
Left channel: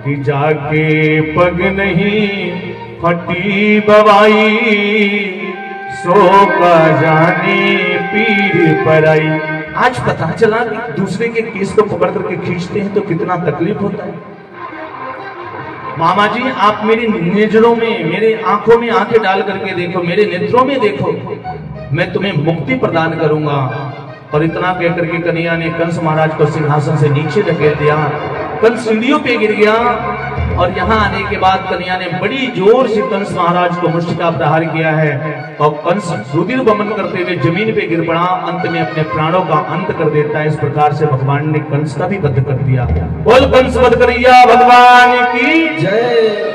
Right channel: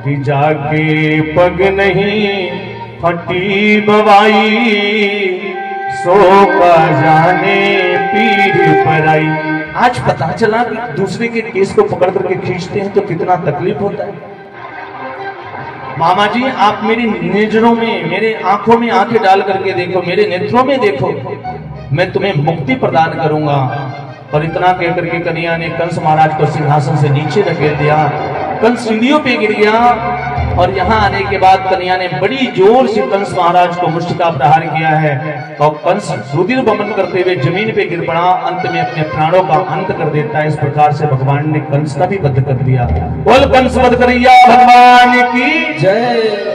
कि जाके पग नहीं फटी बवाई, सो का जाने पीर पर आई। आज पता चला कि दूसरे के केस को पकड़ करके खींचते हैं तो कितना तकलीफ होता है। मामा जी आप मेरी नजरों में, मेरे आंखों में आंखें डाल करके देखो, मेरे नेत्रों में देखो, मैं तुम्हें मुक्ति प्रदान करूंगा। और इतना कहकर के कन्हैया ने कंस महाराज को सिंहासन से नीचे धकेल दिया। कंस सीढ़ियों पे गिर गया और यहाँ आने के बाद कन्हैया ने बड़ी जोर से कंस महाराज को मुष्टिका प्रहार किया है और कंस रुधिर बमन करते हुए जमीन पे गिर पड़ा, अंत में अपने प्राणों का अंत कर देता है। इस प्रकार से भगवान ने कंस का भी वध कर दिया। बोल कंस वध करिया भगवान की जय।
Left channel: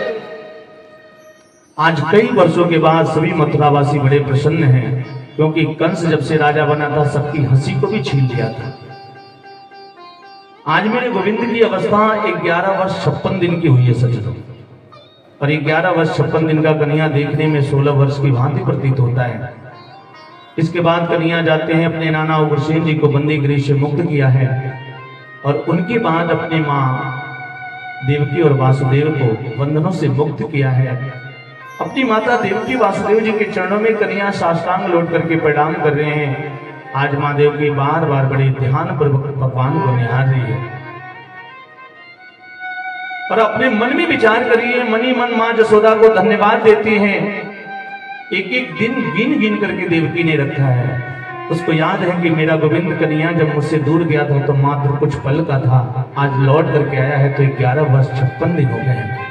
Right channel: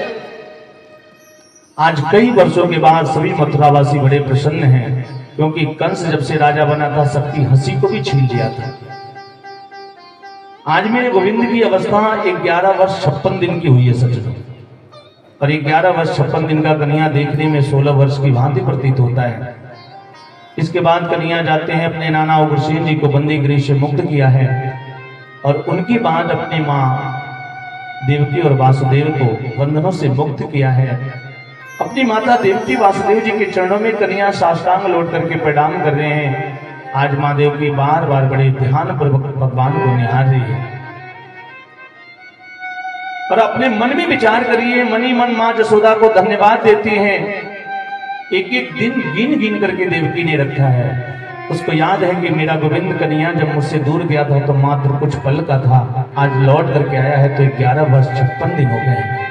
आज कई वर्षों के बाद सभी मथुरावासी बड़े प्रसन्न हैं, क्योंकि कंस जब से राजा बना था सबकी हंसी को भी छीन लिया था। आज मेरे गोविंद की अवस्था 11 वर्ष 56 दिन की हुई है सच, और 11 वर्ष 56 दिन का कन्हैया देखने में 16 वर्ष की भांति प्रतीत होता है। इसके बाद कन्हैया जाते हैं, अपने नाना उग्रसेन जी को बंदी गृह से मुक्त किया है और उनके बाद अपनी माँ देवकी और वासुदेव को बंधनों से मुक्त किया है। अपनी माता देवकी वासुदेव जी के चरणों में कन्हैया साष्टांग लौट करके प्रणाम कर रहे हैं। आज माँ देवकी बार बार बड़े ध्यान पर भगवान को निहार रही है और अपने मन में विचार करिए, मन ही मन माँ जसोदा को धन्यवाद देती हैं। एक एक दिन गिन गिन करके देवकी ने रखा है। उसको याद है कि मेरा गोविंद कन्हैया जब मुझसे दूर गया था तो मात्र कुछ पल का था, आज लौट करके आया है तो 11 वर्ष 56 दिन हो गए।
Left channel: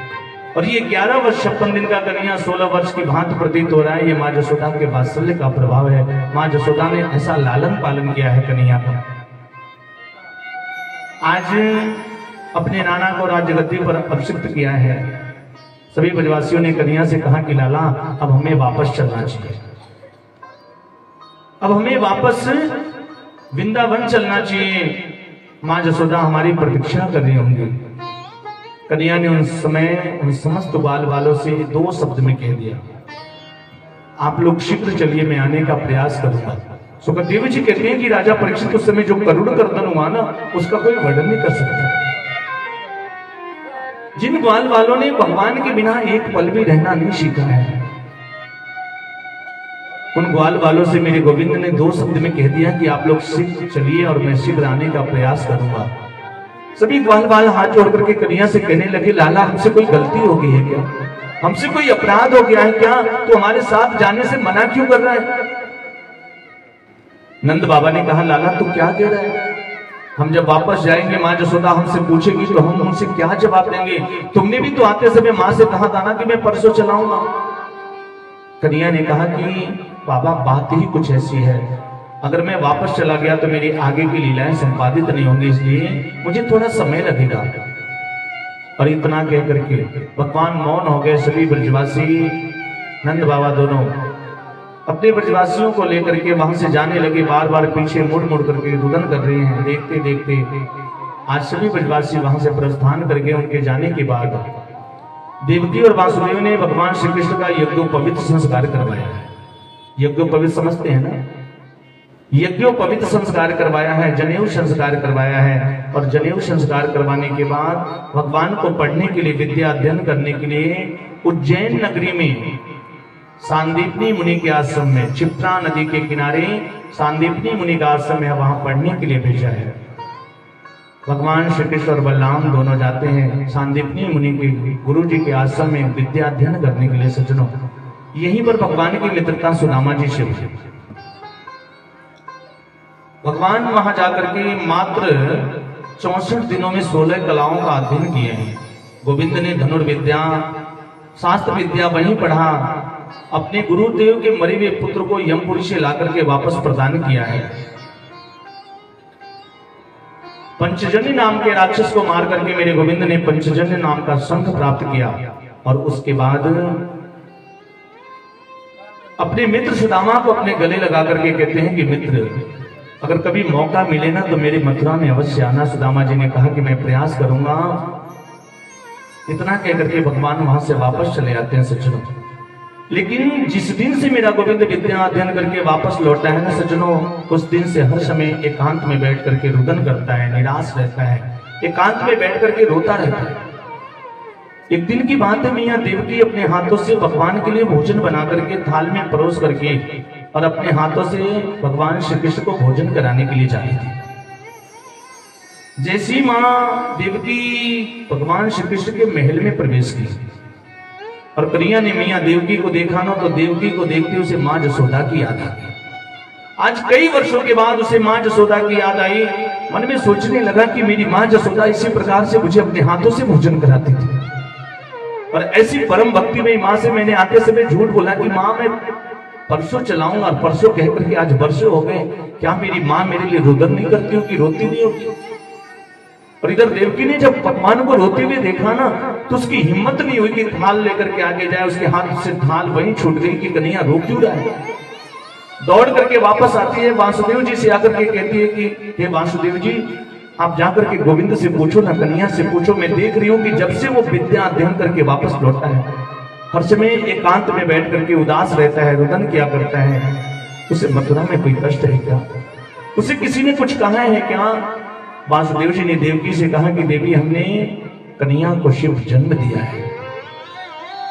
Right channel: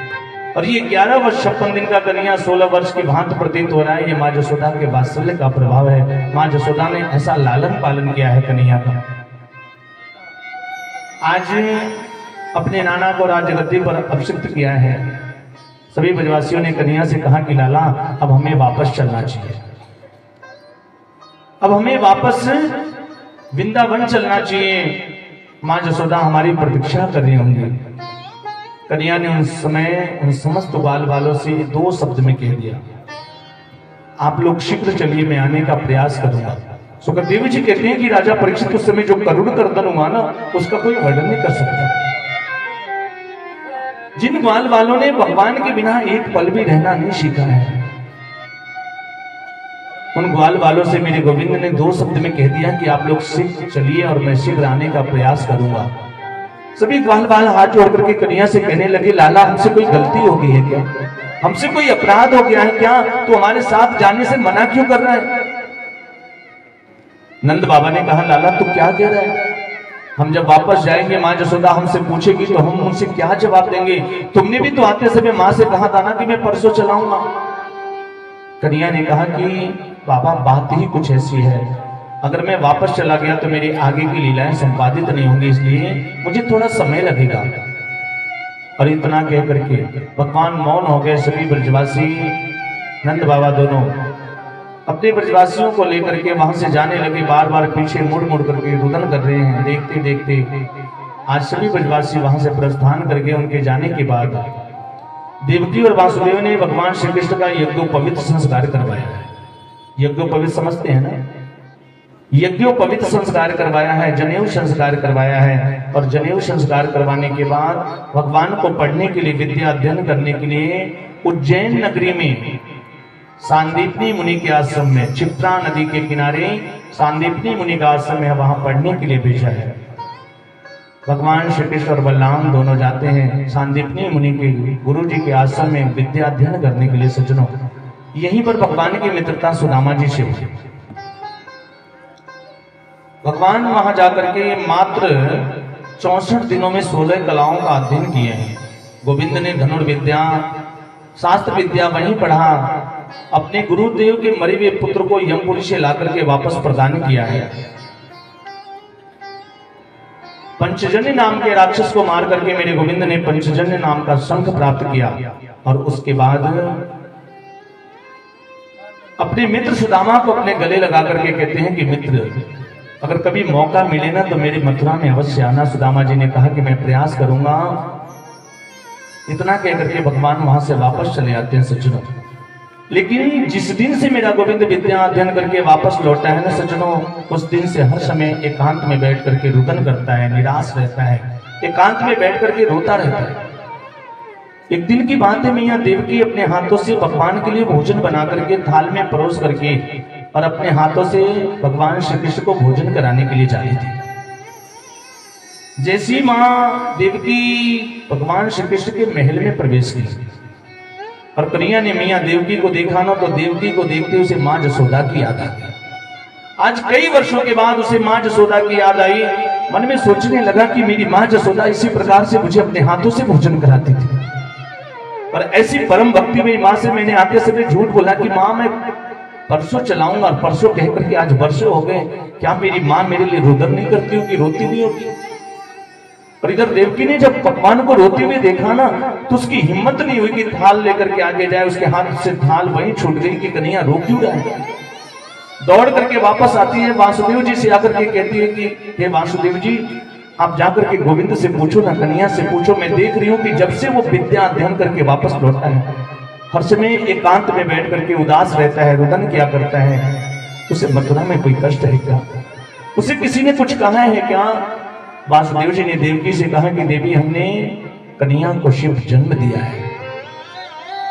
और ये 11 वर्ष 56 दिन का कन्हैया 16 वर्ष की भांति प्रतीत हो रहा है। ये माँ जसोदा के वात्सल्य का प्रभाव है। माँ जसोदा ने ऐसा लालन पालन किया है कन्हैया का। आज अपने नाना को राजगद्दी पर अभिषिक्त किया है। सभी ब्रजवासियों ने कन्हैया से कहा कि लाला अब हमें वापस चलना चाहिए, अब हमें वापस वृंदावन चलना चाहिए। माँ जसोदा हमारी प्रतीक्षा कर रही होंगी। कन्या ने उस समय उन समस्त ग्वाल वालों से 2 शब्द में कह दिया, आप लोग शीघ्र चलिए, मैं आने का प्रयास करूंगा। सुखदेव जी कहते हैं कि राजा परीक्षित उस समय जो करुण कर्दन हुआ ना, उसका कोई वर्णन नहीं कर सकता। जिन ग्वाल वालों ने भगवान के बिना एक पल भी रहना नहीं सीखा है, उन ग्वाल वालों से मेरे गोविंद ने 2 शब्द में कह दिया कि आप लोग शीघ्र चलिए और मैं शीघ्र आने का प्रयास करूंगा। सभी ग्वाल वाल हाथ जोड़ करके कन्या से कहने लगे, लाला हमसे कोई गलती हो गई है क्या? हमसे कोई अपराध हो गया है क्या? तो हमारे साथ जाने से मना क्यों कर रहा है? नंद बाबा ने कहा, लाला तू क्या कह रहा है? हम जब वापस जाएंगे माँ जसोदा हमसे पूछेगी तो हम उनसे क्या जवाब देंगे? तुमने भी तो आते समय माँ से कहा था ना कि मैं परसों चलाऊंगा। कन्या ने कहा कि बाबा बात ही कुछ ऐसी है, अगर मैं वापस चला गया तो मेरी आगे की लीलाएं संपादित नहीं होंगी, इसलिए मुझे थोड़ा समय लगेगा। और इतना कह करके भगवान मौन हो गए। सभी ब्रजवासी नंद बाबा दोनों अपने ब्रजवासियों को लेकर के वहां से जाने लगे, बार बार पीछे मुड़ मुड़ करके रुदन कर रहे हैं। देखते देखते आज सभी ब्रजवासी वहां से प्रस्थान करके उनके जाने के बाद देवकी और वासुदेव ने भगवान श्री कृष्ण का यज्ञोपवीत संस्कार करवाया है। यज्ञोपवीत समझते हैं ना? यज्ञोपवीत संस्कार करवाया है, जनेऊ संस्कार करवाया है। और जनेऊ संस्कार करवाने के बाद भगवान को पढ़ने के लिए, विद्या अध्ययन करने के लिए उज्जैन नगरी में सांदीपनी मुनि के आश्रम में, क्षिप्रा नदी के किनारे सांदीपनी मुनि का आश्रम है, वहां पढ़ने के लिए भेजा है। भगवान श्री कृष्ण और बलराम दोनों जाते हैं सांदीपनी मुनि के गुरु जी के आश्रम में विद्या अध्ययन करने के लिए। सज्जनों, यहीं पर भगवान की मित्रता सुदामा जी से हुई। भगवान वहां जाकर के मात्र 64 दिनों में 16 कलाओं का अध्ययन किए हैं। गोविंद ने धनुर्विद्या, शास्त्र विद्या वहीं पढ़ा। अपने गुरुदेव के मरे हुए पुत्र को यमपुरी से लाकर के वापस प्रदान किया है। पंचजन्य नाम के राक्षस को मार करके मेरे गोविंद ने पंचजन्य नाम का शंख प्राप्त किया। और उसके बाद अपने मित्र सुदामा को अपने गले लगा करके कहते हैं कि मित्र, अगर कभी मौका मिले ना तो मेरी मथुरा में अवश्य आना। सुदामा जी ने कहा कि मैं प्रयास करूंगा। इतना कहकर के भगवान वहां से वापस चले आते हैं। सज्जनों, लेकिन जिस दिन से मेरा गोविंद विद्या अध्ययन करके वापस लौटा है ना सज्जनों, उस दिन से हर समय एकांत में बैठ करके रुदन करता है, निराश रहता है, एकांत में बैठ करके रोता रहता है। एक दिन की बात है, मैया देवकी अपने हाथों से भगवान के लिए भोजन बना करके थाल में परोस करके और अपने हाथों से भगवान श्री कृष्ण को भोजन कराने के लिए जा रही थी। जैसी माँ देवकी भगवान श्री कृष्ण के महल में प्रवेश की और कन्या ने मैया देवकी को देखा ना, तो देवकी को देखते उसे माँ जसोदा की याद आ गई। आज कई वर्षों के बाद उसे माँ जसोदा की याद आई। मन में सोचने लगा कि मेरी माँ जसोदा इसी प्रकार से मुझे अपने हाथों से भोजन कराती थी। और ऐसी परम भक्ति में माँ से मैंने आते समय झूठ बोला कि माँ मैं परसों चलाऊंगा, और परसों कहकर के आज वर्षों हो गए। क्या मेरी माँ मेरे लिए रुदन नहीं करती होगी, रोती नहीं होगी? और इधर देवकी ने जब भगवान को रोते हुए देखा ना, तो उसकी हिम्मत नहीं हुई कि थाल लेकर के आगे जाए। उसके हाथ से थाल वहीं छूट गई कि कन्या रो क्यों रहा है। दौड़ करके वापस आती है, वासुदेव जी से आकर के कहती है कि हे वासुदेव जी, आप जाकर के गोविंद से पूछो ना, कन्या से पूछो। मैं देख रही हूँ कि जब से वो विद्या अध्ययन करके वापस लौटा है, हर समय एकांत में बैठ करके उदास रहता है, रुदन किया करता है। उसे मथुरा में कोई कष्ट है क्या? उसे किसी ने कुछ कहा है क्या? वासुदेव जी ने देवकी से कहा कि देवी, हमने कन्या को शिव जन्म दिया है,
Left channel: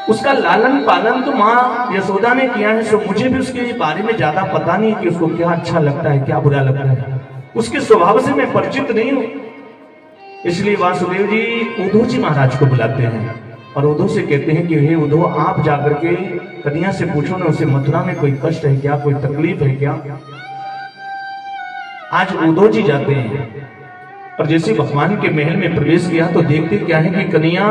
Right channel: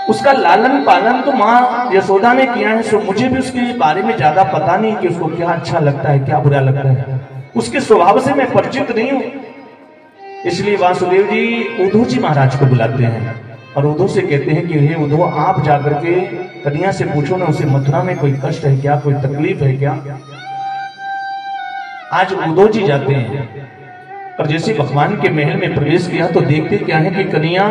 उसका लालन पालन तो माँ यशोदा ने किया है। सो मुझे भी उसके बारे में ज्यादा पता नहीं कि उसको क्या अच्छा लगता है, क्या बुरा लगता है। उसके स्वभाव से मैं परिचित नहीं हूं। इसलिए वासुदेव जी उद्धव जी महाराज को बुलाते हैं और उद्धव से कहते हैं कि हे उद्धव, आप जाकर के कन्या से पूछो ना, उसे मथुरा में कोई कष्ट है क्या, कोई तकलीफ है क्या? आज उद्धव जी जाते हैं और जैसे भगवान के महल में प्रवेश किया तो देखते क्या है कि कन्या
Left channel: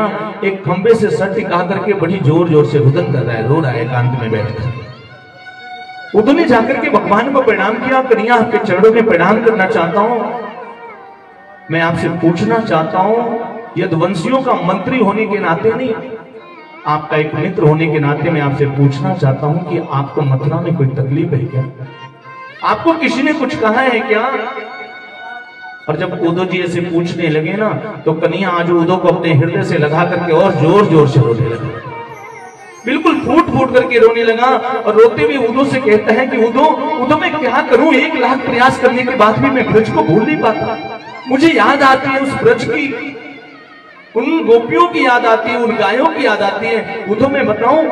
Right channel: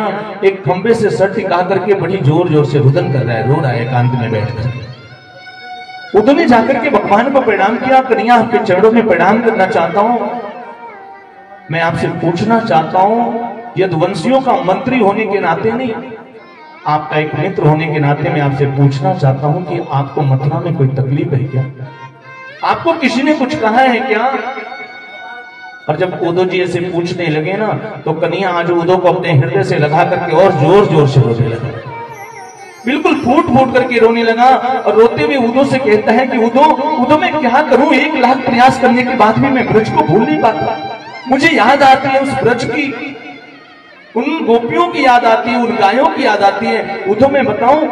एक खंबे से सर टिका करके बड़ी जोर जोर से रुदन कर रहा है, रो रहा है एकांत में बैठकर। उद्धव ने जाकर के भगवान को प्रणाम किया। कन्या, आपके चरणों में प्रणाम करना चाहता हूं। मैं आपसे पूछना चाहता हूं, यदुवंशियों का मंत्री होने के नाते नहीं, आपका एक मित्र होने के नाते मैं आपसे पूछना चाहता हूं कि आपको मथुरा में कोई तकलीफ है क्या? आपको किसी ने कुछ कहा है क्या? और जब उदो जी ऐसे पूछने लगे ना, तो कन्हैया आज उदो को अपने हृदय से लगा करके और जोर जोर से रोने लगा, बिल्कुल फूट फूट करके रोने लगा। और रोते हुए उदो से कहता है कि उदो मैं क्या करूं, 1 लाख प्रयास करने के बाद भी मैं ब्रज को भूल नहीं पाता। मुझे याद आती है उस ब्रज की, उन गोपियों की याद आती है, उन गायों की याद आती है। उदो मैं बताऊं,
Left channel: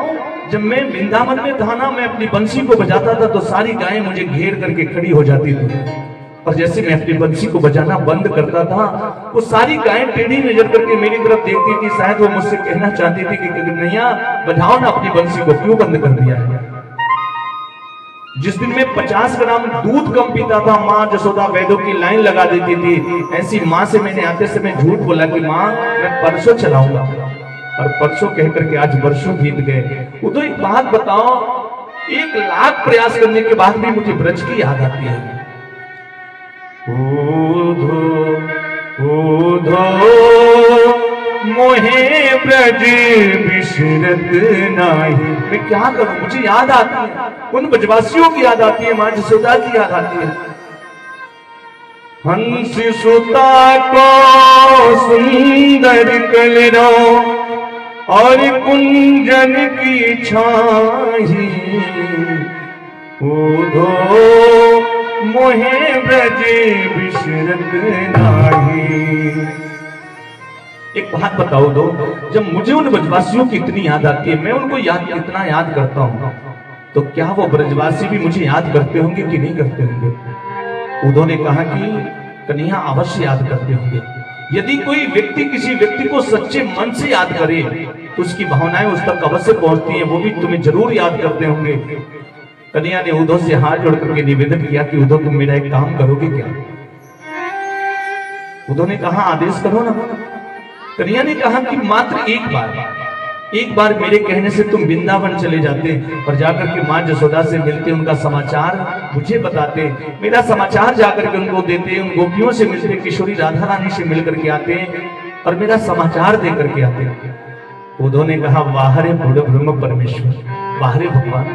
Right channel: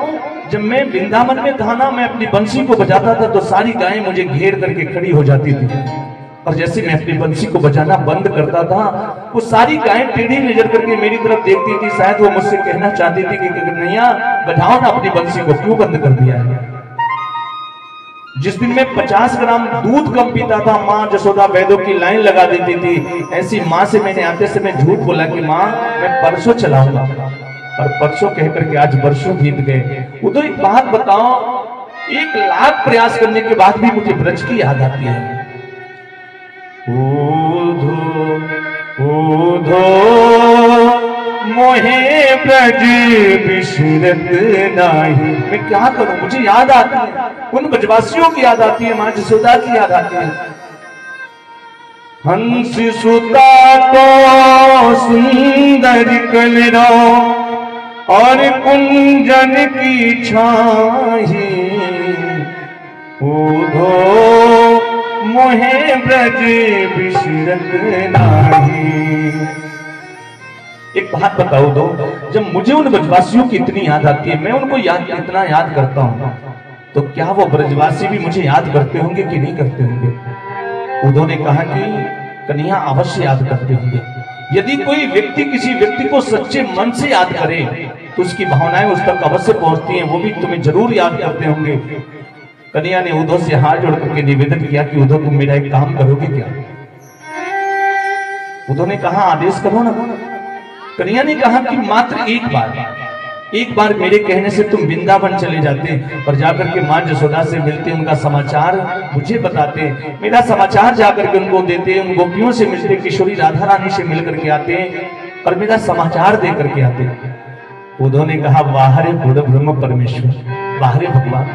जब मैं वृंदावन में था ना, मैं अपनी बंसी को बजाता था तो सारी गायें मुझे घेर करके खड़ी हो जाती थी, और जैसे मैं अपनी बंसी को बजाना बंद करता था, वो सारी गायें टेढ़ी नजर करके मेरी तरफ देखती थी। शायद वो मुझसे कहना चाहती थी कि कन्हैया बजाओ ना अपनी बंसी को, क्यों बंद कर दिया है। जिस दिन मैं 50 ग्राम दूध कम पीता था, माँ जसोदा वैद्यों की लाइन लगा देती थी। ऐसी माँ से मैंने आते समय झूठ बोला कि माँ मैं परसों चलाऊंगा, और परसों कहकर के आज वर्षों बीत गए। उधर एक बात बताओ, 1 लाख प्रयास करने के बाद भी मुझे ब्रज की याद आती है। ऊधो ऊधो मोहे ब्रज बिसरत नाही। मैं क्या करूं, मुझे याद आती है, उन ब्रजवासियों की याद आती है, माँ जसोदा की याद आती है। हंस सुता को सुंदर कलरो और कुंजन की छाही, ऊधो मोहे ब्रज बिसरत नाही। एक बात बताओ दो, जब मुझे उन ब्रजवासियों की इतनी याद आती है, मैं उनको इतना याद करता हूं, तो क्या वो ब्रजवासी भी मुझे याद करते होंगे कि नहीं करते होंगे। उदो ने कहा कि कन्हैया अवश्य याद करते होंगे। यदि कोई व्यक्ति किसी व्यक्ति को सच्चे मन से याद करे तो उसकी भावनाएं उस तक अवश्य पहुंचती हैं, वो भी तुम्हें जरूर याद करते होंगे। कन्हैया ने उदो से हाथ जोड़ करके निवेदन किया कि उदो तुम मेरा एक काम करोगे क्या। उदो ने कहा आदेश करो ना। कन्हैया ने कहा कि मात्र एक बार मेरे कहने से तुम वृंदावन चले जाते और जाकर के माँ जसोदा से मिलते, उनका समाचार मुझे बताते, मेरा समाचार जाकर के उनको देते, उन गोपियों से मिलते, किशोरी राधा रानी से मिलकर के आते और मेरा समाचार दे करके आते। उदो ने कहा वाहरे बुढ़ ब्रह्म परमेश्वर, वाहरे भगवान,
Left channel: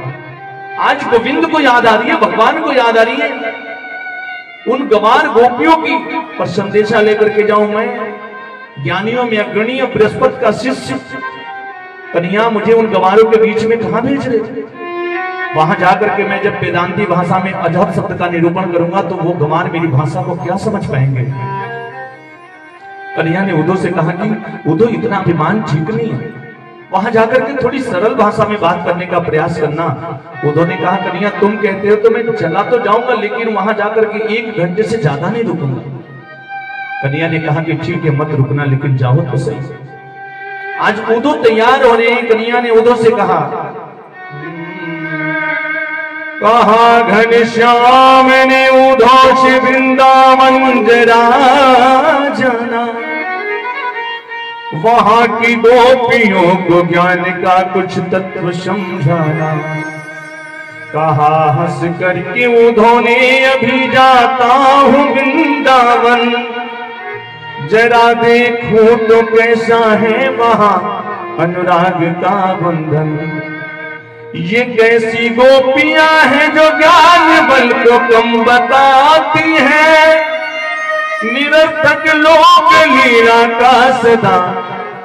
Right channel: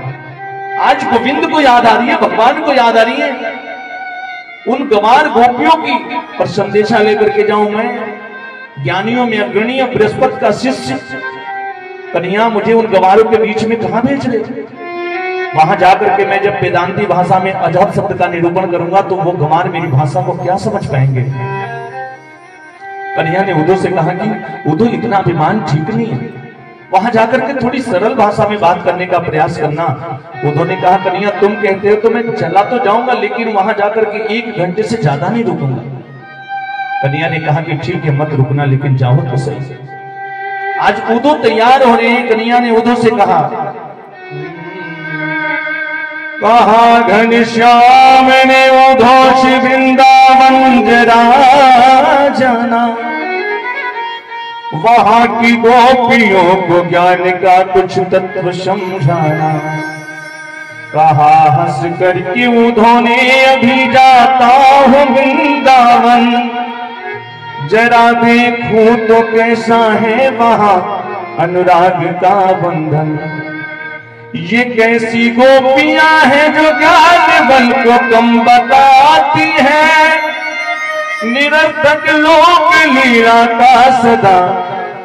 आज गोविंद को याद आ रही है, भगवान को याद आ रही है, उन गंवार गोपियों की पर संदेशा लेकर के जाऊं मैं, ज्ञानियों में अग्रणी बृहस्पति का शिष्य कन्हैया मुझे उन गंवारों के बीच में कहां भेज रहे। वहां जाकर के मैं जब वेदांती भाषा में अजब शब्द का निरूपण करूंगा तो वो गंवार मेरी भाषा को क्या समझ पाएंगे। कन्हैया ने उदो से कहा कि उदो इतना अभिमान ठीक नहीं है, वहां जाकर के थोड़ी सरल भाषा में बात करने का प्रयास करना। उदो ने कहा कन्हैया तुम कहते हो तो मैं चला तो जाऊंगा, लेकिन वहां जाकर के 1 घंटे से ज्यादा नहीं रुकूंगा। कन्हैया ने कहा कि ठीक है मत रुकना, लेकिन जाओ तो सही। आज उदो तैयार हो रहे हैं। कन्हैया ने उदो से कहा घनश्याम ने उदो से वृंदावन जरा जाना, वहां की गोपियों को ज्ञान का कुछ तत्व समझाना। कहा हंस कर कि उदो ने अभी जाता हूं वृंदावन, जरा देखूं तो कैसा है वहां अनुराग का बंधन। ये कैसी गोपियां हैं जो ज्ञान बल को कम बताती है, निरर्थक लोक लीला का सदा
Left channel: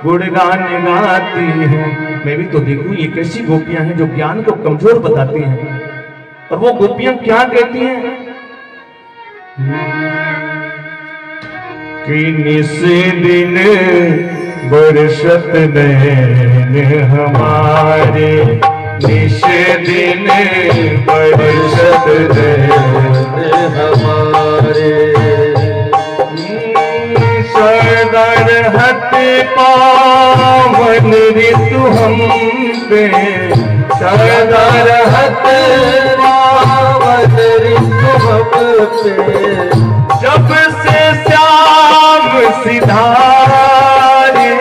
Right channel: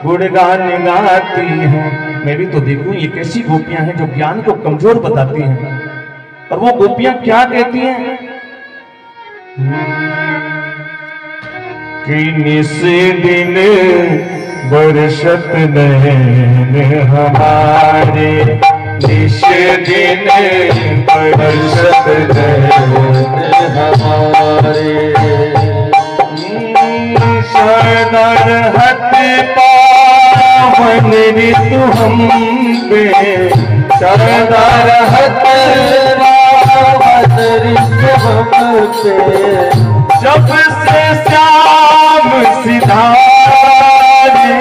गुणगान गाती है। मैं भी तो देखूं ये कैसी गोपियां हैं जो ज्ञान को कमजोर बताती हैं। और वो गोपियां क्या कहती हैं कि निस दिन बरसत नैन हमारे, निस दिन बरसत नैन हमारे। सदर हत पावन ऋतु हम पे, सदर हत पावन ऋतु हम पे, जब से श्याम सिधारे,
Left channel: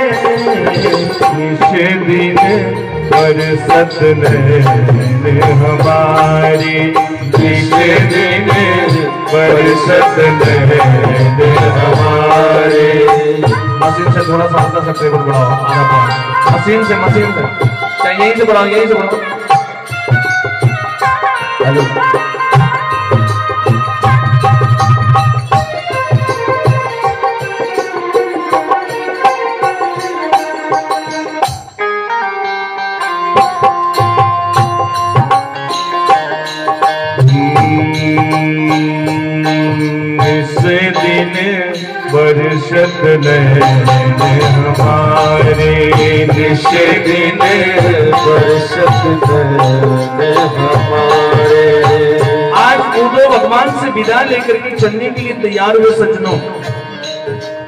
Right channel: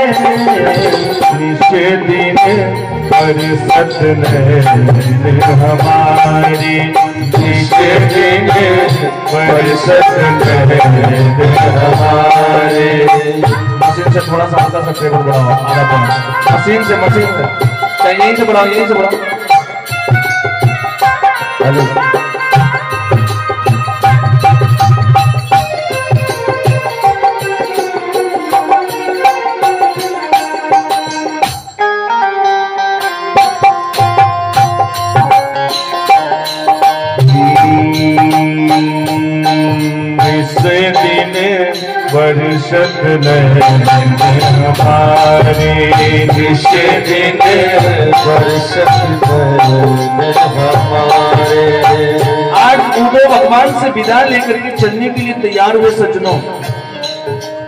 निस दिन बरसत नैन हमारी, निस दिन बरसत नैन हमारे। मशीन से थोड़ा सा हल्का सा टेबल बढ़ाओ, आधा पाउंड मशीन से क्या यहीं से बढ़ाओ, यहीं से बढ़ाओ। दिन बरसत नैन हमारे, जिस दिन बरसत नैन हमारे। आज उदो भगवान से विदा लेकर के चलने के लिए तैयार हुए सज्जनों।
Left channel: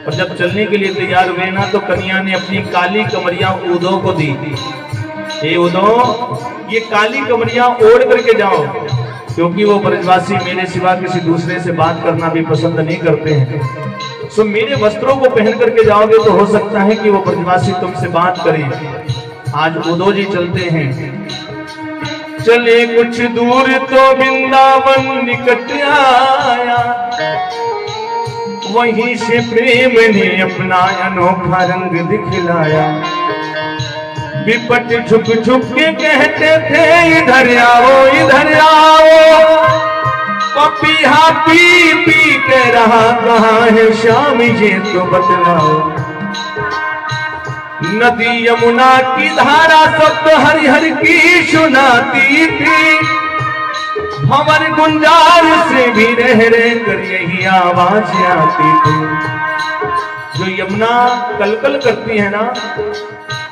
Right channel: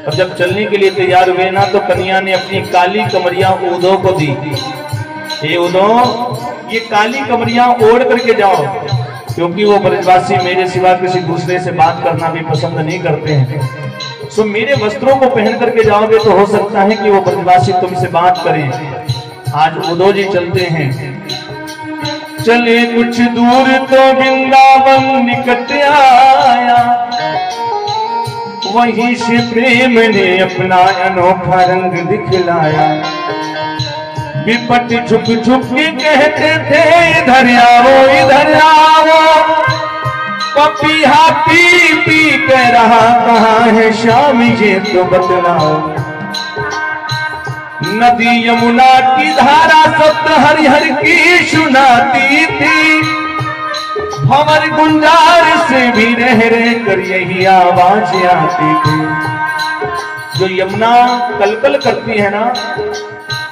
और जब चलने के लिए तैयार हुए ना तो कन्या ने अपनी काली कमरिया उदो को दी। ये उदो, ये काली कमरिया ओढ़ करके जाओ, क्योंकि वो ब्रजवासी मेरे सिवा किसी दूसरे से बात करना भी पसंद नहीं करते हैं। सो मेरे वस्त्रों को पहन करके जाओगे तो हो सकता है कि वो ब्रजवासी तुमसे बात करें। आज उदो जी चलते हैं। चले कुछ दूर तो वृंदावन निकट आया, वहीं से प्रेम ने अपना अनोखा रंग दिखलाया। विपट झुक झुक के कहते थे इधर आओ इधर आओ, पपीहा पी पी कह रहा कहाँ है श्याम ये तो बतलाओ। नदी यमुना की धारा सप्त हरिहर की सुनाती थी, भंवर गुंजार से भी रह रह कर यही आवाज आती थी। जो यमुना कलकल करती है ना,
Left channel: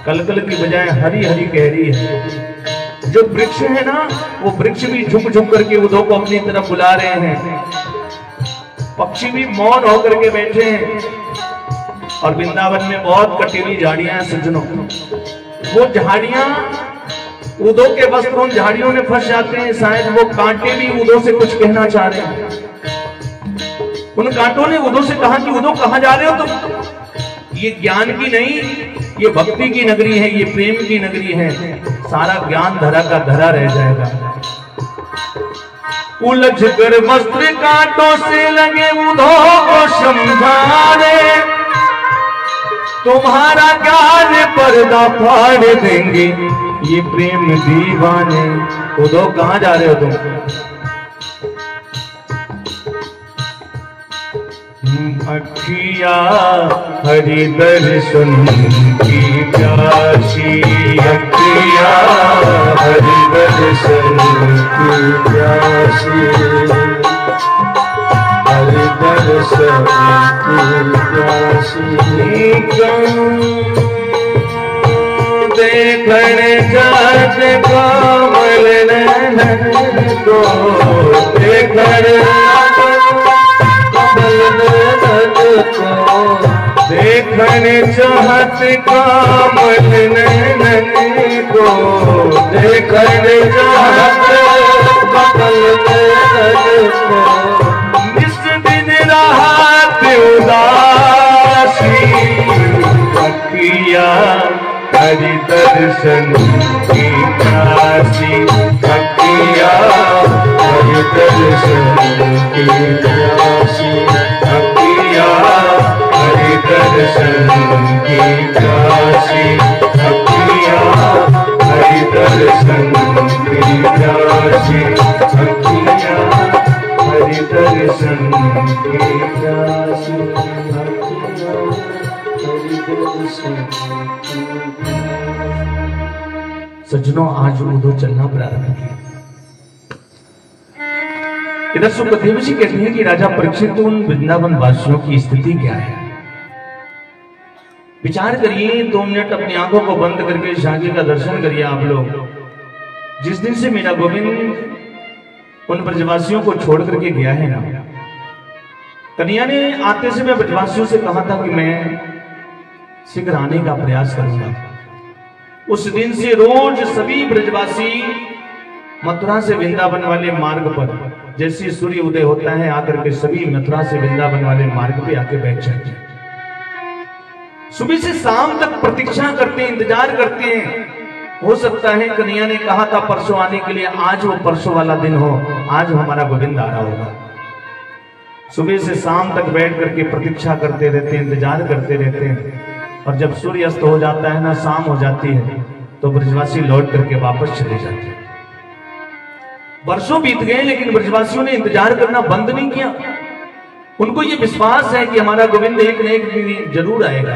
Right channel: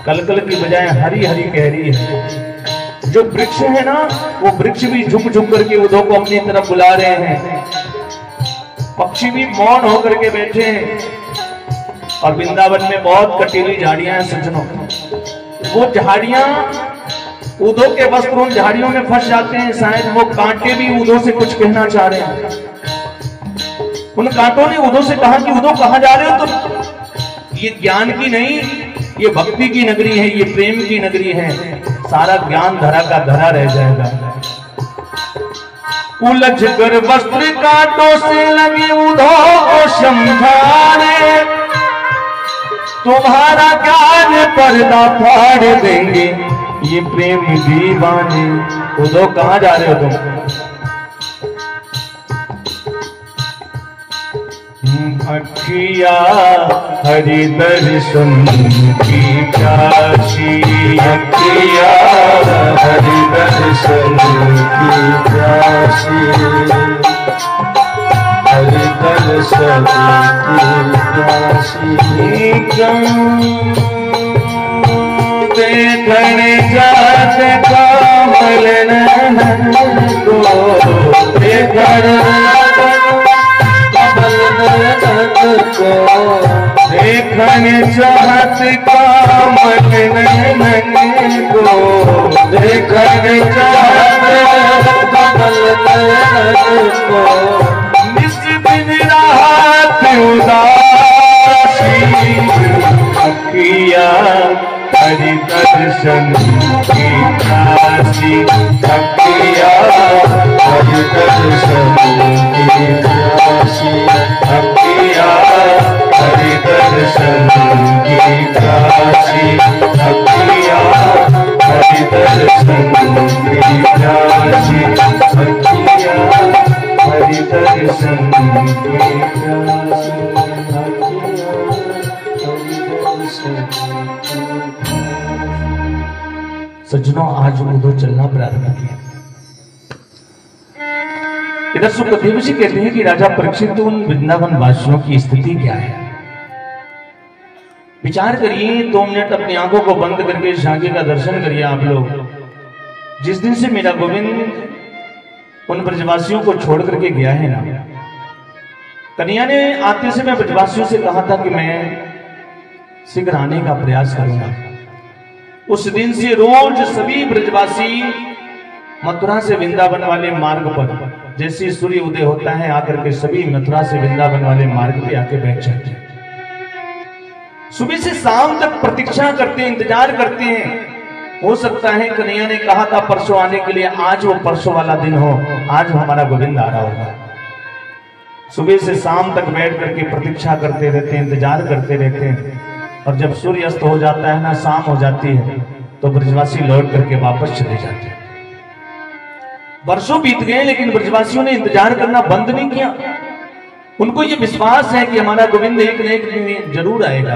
कलकल की बजाय हरी हरी कह रही है। जो वृक्ष है ना, वो वृक्ष भी झुक झुक करके उदो को अपनी तरफ बुला रहे हैं। पक्षी भी मौन होकर के बैठे हैं। और वृंदावन में बहुत कटीली झाड़ियां हैं सज्जनों। वो झाड़ियां उदो के वस्त्र उन झाड़ियों में फंस जाते हैं। शायद वो कांटे भी उदो से कुछ कहना चाह रहे हैं। उन कांटों ने उदो से कहा कि उदो कहां जा रहे हो तुम? ये ज्ञान की नहीं, ये भक्ति की नगरी है, ये प्रेम की नगरी है। सारा ज्ञान धरा का धरा रह जाएगा। उलझ कर वस्त्र कांटों से लगे उदो को समझाने, तुम्हारा ज्ञान पर्दा फाड़ देंगे ये प्रेम दीवाने। उदो कहां जा रहे हो तुम? अखिया हरि दर्शन की प्यासी, अखिया हरि दर्शन की प्यासी, हरि दर्शन की प्यासी। देखण जात कामल नैन को, देखण कमल नैन को, देखण चाहत कामल नैन को, देखण चाहत कमल नैन को। निस दिन रात उदासी, अखिया हरि दर्शन की प्यासी, अखिया हरि दर्शन की प्यासी, अखिया हरि दर्शन की प्यासी, अखिया हरि दर्शन की प्यासी, अखिया हरि दर्शन की प्यासी। सज्जनों, आज उदो चलना प्रारंभ किया। इधर सुखदेव जी कहते हैं कि राजा परीक्षित, उन वृंदावन वासियों की स्थिति क्या है? विचार करिए, 2 मिनट अपनी आंखों को बंद करके झांकी का दर्शन करिए आप लोग। जिस दिन से मेरा गोविंद उन ब्रजवासियों को छोड़ करके गया है ना, कन्या ने आते से मैं ब्रजवासियों से कहा था कि मैं शीघ्र आने का प्रयास करूंगा। उस दिन से रोज सभी ब्रजवासी मथुरा से वृंदावन वाले मार्ग पर, जैसे सूर्य उदय होता है आकर के सभी मथुरा से वृंदावन वाले मार्ग पे आके बैठ जाते हैं। सुबह से शाम तक प्रतीक्षा करते हैं, इंतजार करते हैं। हो सकता है कन्हैया ने कहा था परसों आने के लिए, आज वो परसों वाला दिन हो, आज हमारा गोविंद आ रहा होगा। सुबह से शाम तक बैठ करके प्रतीक्षा करते रहते हैं, इंतजार करते रहते हैं। और जब सूर्य अस्त हो जाता है ना, शाम हो जाती है, तो ब्रजवासी लौट करके वापस चले जाते हैं। वर्षों बीत गए लेकिन ब्रजवासियों ने इंतजार करना बंद नहीं किया। उनको ये विश्वास है कि हमारा गोविंद एक न एक दिन जरूर आएगा।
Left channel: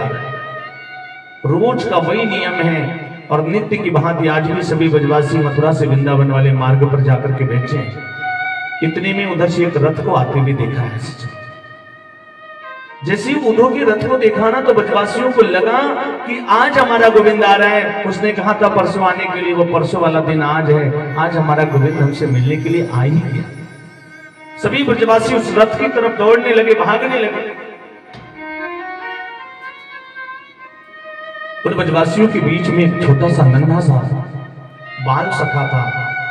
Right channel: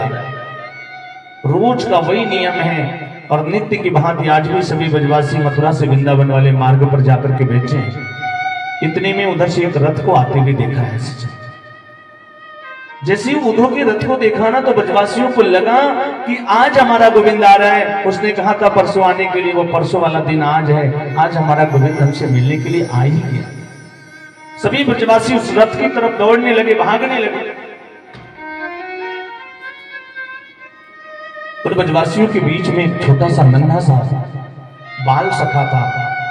रोज का वही नियम है और नित्य की भांति आज भी सभी ब्रजवासी मथुरा से वृंदावन वाले मार्ग पर जाकर के बैठे हैं। इतने में उधर से एक रथ को आते हुए देखा है। जैसे ही उद्धव के रथ को देखा ना तो ब्रजवासियों को लगा कि आज हमारा गोविंद आ रहा है। उसने कहा था परसों आने के लिए, वो परसों वाला दिन आज है। आज हमारा गोविंद हमसे मिलने के लिए आ ही गया। सभी ब्रजवासी उस रथ की तरफ दौड़ने लगे, भागने लगे। और ब्रजवासियों के बीच में एक छोटा सा नन्हा सा बाल सखा था,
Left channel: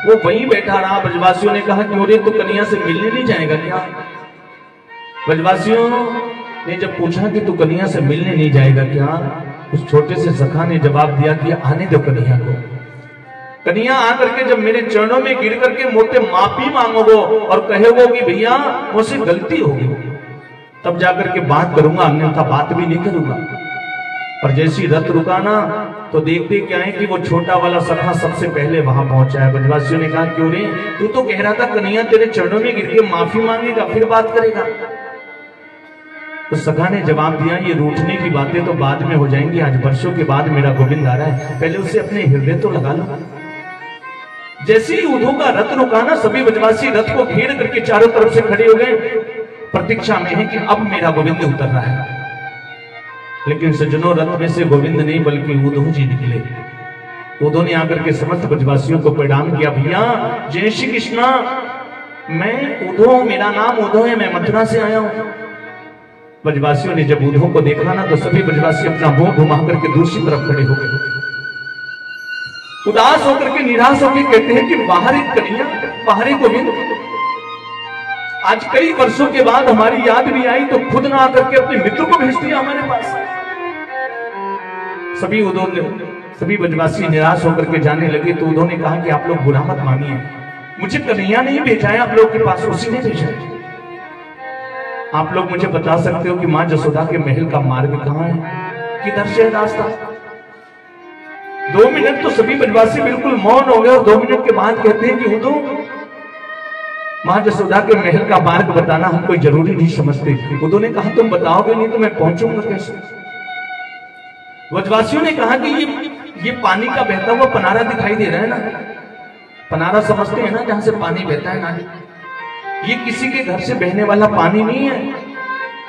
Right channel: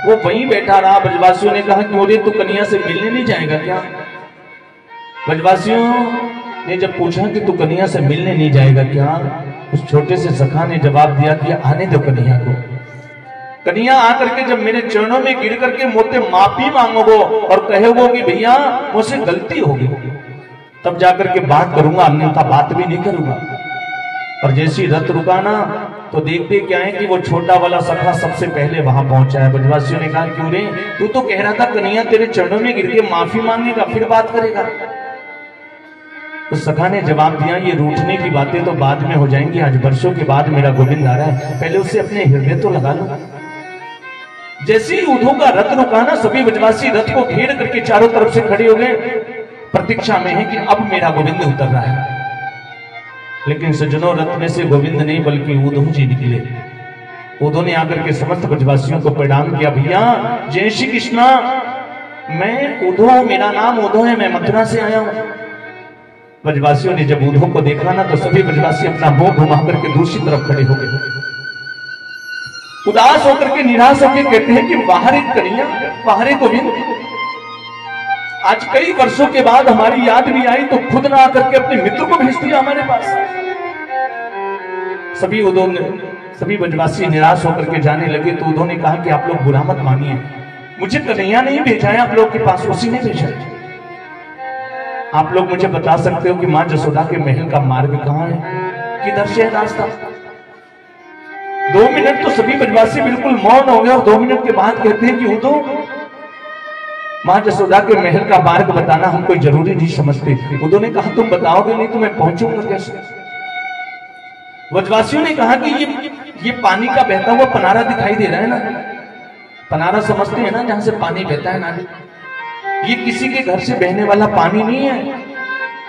वो वहीं बैठा रहा। ब्रजवासियों ने कहा कि अरे तू कन्या से मिलने नहीं जाएगा क्या? ब्रजवासियों ने जब पूछा कि तू कन्या से मिलने नहीं जाएगा क्या, उस छोटे से सखा ने जवाब दिया कि आने दो कन्या को। कन्या आकर के जब मेरे चरणों में गिर करके मुझसे माफी मांगोगो और कहोगो कि भैया मुझसे गलती हो गई, तब जाकर के बात करूंगा, अन्यथा बात भी नहीं करूंगा। और जैसी रथ रुका ना तो देखते क्या है कि वो छोटा वाला सखा सबसे पहले वहां पहुंचा है। ब्रजवासियों ने कहा क्यों रे, तू तो कह रहा था कन्या तेरे चरणों में गिर के माफी मांगेगा फिर बात करेगा। तो सखा ने जवाब दिया ये रूठने की बातें तो बाद में हो जाएंगी, आज वर्षों के बाद मेरा गोविंद आ रहा है, पहले उससे अपने हृदय तो लगा लो। जैसे ही उद्धव का रथ रुका ना सभी ब्रजवासी रथ को घेर करके चारों तरफ से खड़े हो गए, प्रतीक्षा में है कि अब मेरा गोविंद उतर रहा है। लेकिन सज्जनों, रथ में से गोविंद नहीं बल्कि उद्धव जी निकले। उद्धव ने आकर के समस्त ब्रजवासियों को प्रणाम किया, भैया जय श्री कृष्णा, मैं उद्धव, मेरा नाम उद्धव है, मैं मथुरा से आया हूं। ब्रजवासियों ने जब उद्धव को देखा ना तो सभी ब्रजवासी अपना मुंह घुमा करके दूसरी तरफ खड़े हो गए। उदास होकर के, निराश होकर कहते हैं कि बाहर एक कन्या, बाहर एक गोविंद। आज कई वर्षों के बाद हमारी याद भी आई तो खुद ना आकर के अपने मित्र को भेज दिया हमारे पास। सभी ब्रजवासी निराश होकर के जाने लगे। तो उद्धव ने कहा कि आप लोग बुरा मत मानिए, मुझे कन्हैया नहीं भेजा है आप लोग के पास, उसी ने भेजा है। आप लोग मुझे बता सकते हो कि मां जसोदा के महल का मार्ग कहां है, किधर से है रास्ता? 2 मिनट तो सभी ब्रजवासी बिल्कुल मौन हो गए और 2 मिनट के बाद कहते हैं कि उद्धव, मां जसोदा के महल का मार्ग बताना हम कोई जरूरी नहीं समझते। उद्धव ने कहा तुम बताओगे नहीं तो मैं पहुंचूंगा कैसे? ब्रजवासियों ने कहा कि ये पानी का बहता हुआ पनारा दिखाई दे रहा है ना, पनारा समझते हैं ना जहां से पानी बहता है ना, ये किसी के घर से बहने वाला पानी नहीं है,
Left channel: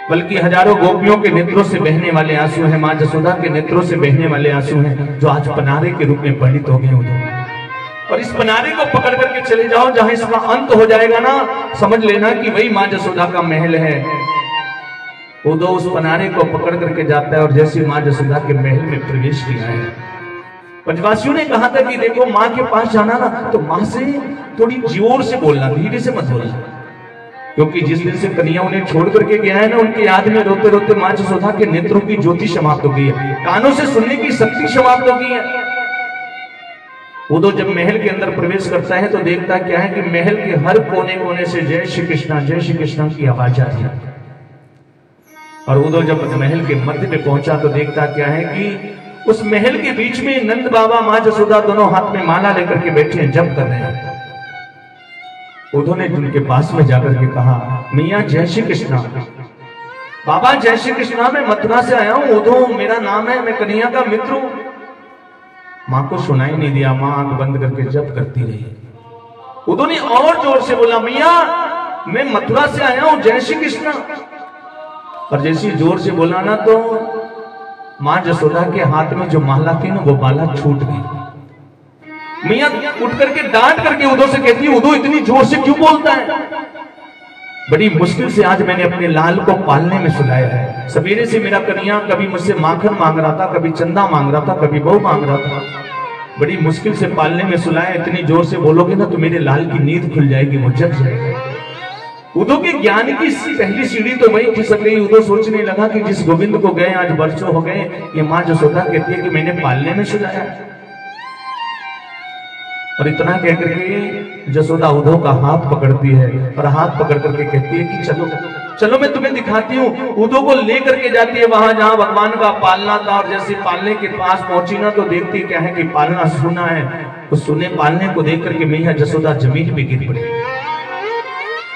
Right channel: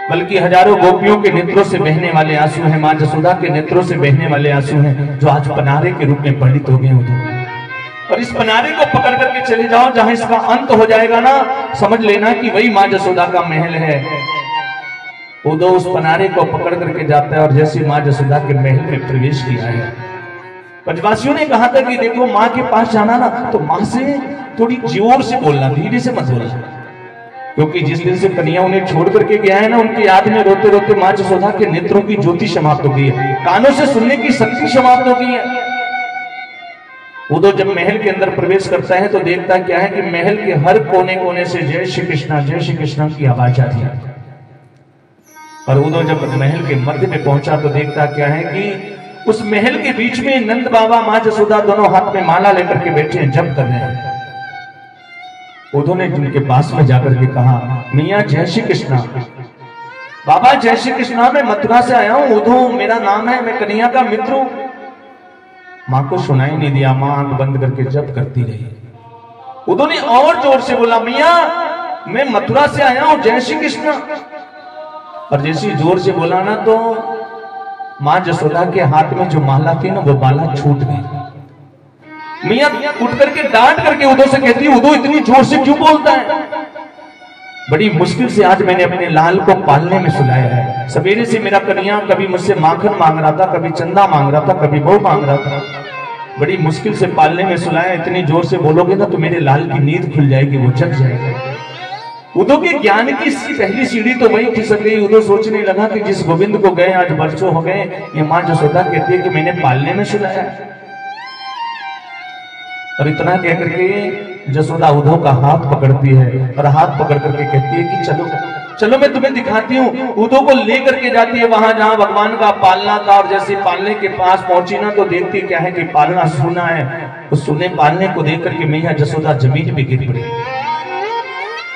बल्कि हजारों गोपियों के नेत्रों से बहने वाले आंसू हैं, मां जसोदा के नेत्रों से बहने वाले आंसू हैं, जो आज पनारे के रूप में पंडित हो गए उद्धव। और इस पनारे को पकड़ करके चले जाओ, जहां इसका अंत हो जाएगा ना, समझ लेना कि वही मां जसोदा का महल है। उद्धव उस पनारे को पकड़ करके जाता है और जैसे मां जसोदा के महल में प्रवेश किया है, ब्रजवासियों ने कहा था कि देखो मां के पास जाना ना तो मां से थोड़ी जोर से बोलना, धीरे से मत बोलना, क्योंकि जिस दिन से कन्या उन्हें छोड़ करके गया है ना, उनकी याद में रोते रोते मां जसोदा के नेत्रों की ज्योति समाप्त हो गई है, कानों से सुनने की शक्ति समाप्त हो गई है। उद्धव जब महल के अंदर प्रवेश करता है तो देखता क्या है कि महल के हर कोने कोने से जय श्री कृष्णा की आवाज आ रही है। और उद्धव जब महल के मध्य में पहुंचा तो देखता क्या है कि उस महल के बीच में नंद बाबा मां जसोदा दोनों हाथ में माला लेकर के बैठे हैं, जप कर रहे हैं। उद्धव ने उनके पास में जाकर के कहा, मियां जय श्री कृष्णा, बाबा जय श्री कृष्णा, मैं मथुरा से आया हूं, उद्धव मेरा नाम है, मैं कन्हैया का मित्र हूं। मां को सुनाई नहीं दिया, मां आंख बंद करके जप करती रही। उद्धव ने और जोर से बोला, मियां मैं मथुरा से आया हूं, जय श्री कृष्णा। और जैसे जोर से बोला ना तो मां जसोदा के हाथ में जो माला थी ना, वो माला छूट गई। मियां उठ करके डांट करके उद्धव से कहती है, उद्धव इतनी जोर से क्यों बोलता है? बड़ी मुश्किल से आज मैंने अपने लाल को पालने में सुलाया है। सवेरे से मेरा कन्हैया कभी मुझसे माखन मांग रहा था, कभी चंदा मांग रहा था, कभी बहू मांग रहा था, बड़ी मुश्किल से पालने में सुलाया। इतनी जोर से बोलोगे ना तो मेरे लाल की नींद खुल जाएगी, वो जग जाएगा। उद्धव के ज्ञान की पहली सीढ़ी तो वही खिसक गई। उद्धव सोचने लगा कि जिस गोविंद को गए आज वर्षों हो गए, ये मां जसोदा कहती है कि मैंने पालने में सुलाया। और इतना कह करके जसोदा उद्धव का हाथ पकड़ती है और हाथ पकड़ करके कहती है कि चलो चलो मैं तुम्हें दिखाती हूँ। उद्धव को लेकर के जाती है वहां जहां भगवान का पालना था। और जैसे पालने के पास पहुंची ना तो देखती क्या है कि पालना सुना है। तो सुने पालने को देख करके मैया जसोदा जमीन पे गिर पड़ी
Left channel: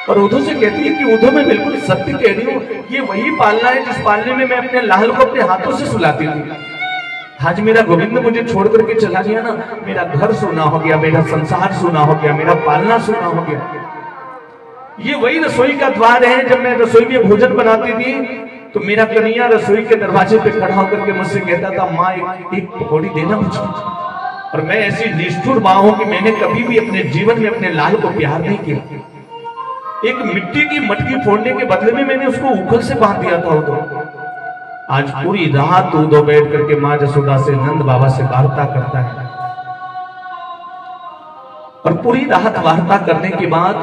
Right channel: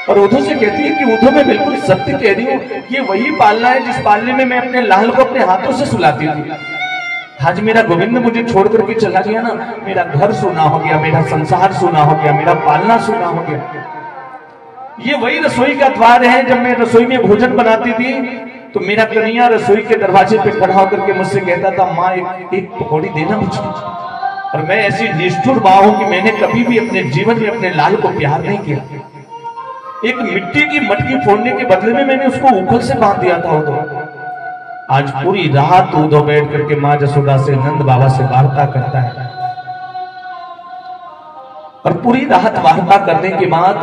और उद्धव से कहती है कि उद्धव मैं बिल्कुल सत्य कह रही हूँ, ये वही पालना है जिस पालने में मैं अपने लाल को अपने हाथों से सुलाती थी। आज मेरा गोविंद मुझे छोड़ करके चला गया ना, मेरा घर सुना हो गया, मेरा संसार सुना हो गया, मेरा पालना सुना हो गया। ये वही रसोई का द्वार है। जब मैं रसोई में भोजन बनाती थी तो मेरा कन्हैया रसोई के दरवाजे पे खड़ा होकर के मुझसे कहता था, माँ एक पकौड़ी देना मुझे। और मैं ऐसी निष्ठुर माँ हूं कि मैंने कभी भी अपने जीवन में अपने लाल को प्यार नहीं किया। एक मिट्टी की मटकी फोड़ने के बदले में मैंने उसको उखल से बांध दिया था। उदो आज पूरी रात उदो बैठ करके माँ जसोदा से नंद बाबा से वार्ता करता है। और पूरी रात वार्ता करने के बाद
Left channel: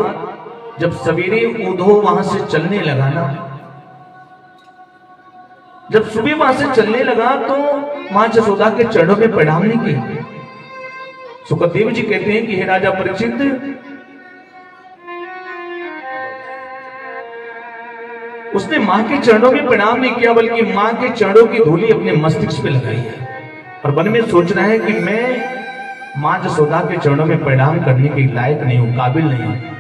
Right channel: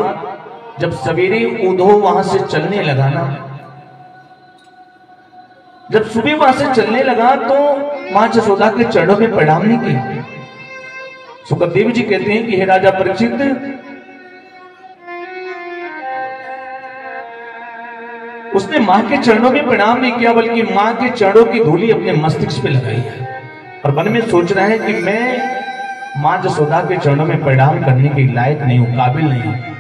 जब सवेरे उदो वहां से चलने लगा ना, जब सुबह वहां से चलने लगा तो मां जसोदा के चरणों में प्रणाम नहीं किया। सुखदेव जी कहते हैं कि हे राजा परीक्षित, उसने मां के चरणों में प्रणाम नहीं किया, बल्कि मां के चरणों की धूली अपने मस्तिष्क पे लगाई है और मन में सोच रहा है कि मैं मां जसोदा के चरणों में प्रणाम करने के लायक नहीं हूं, काबिल नहीं हूं।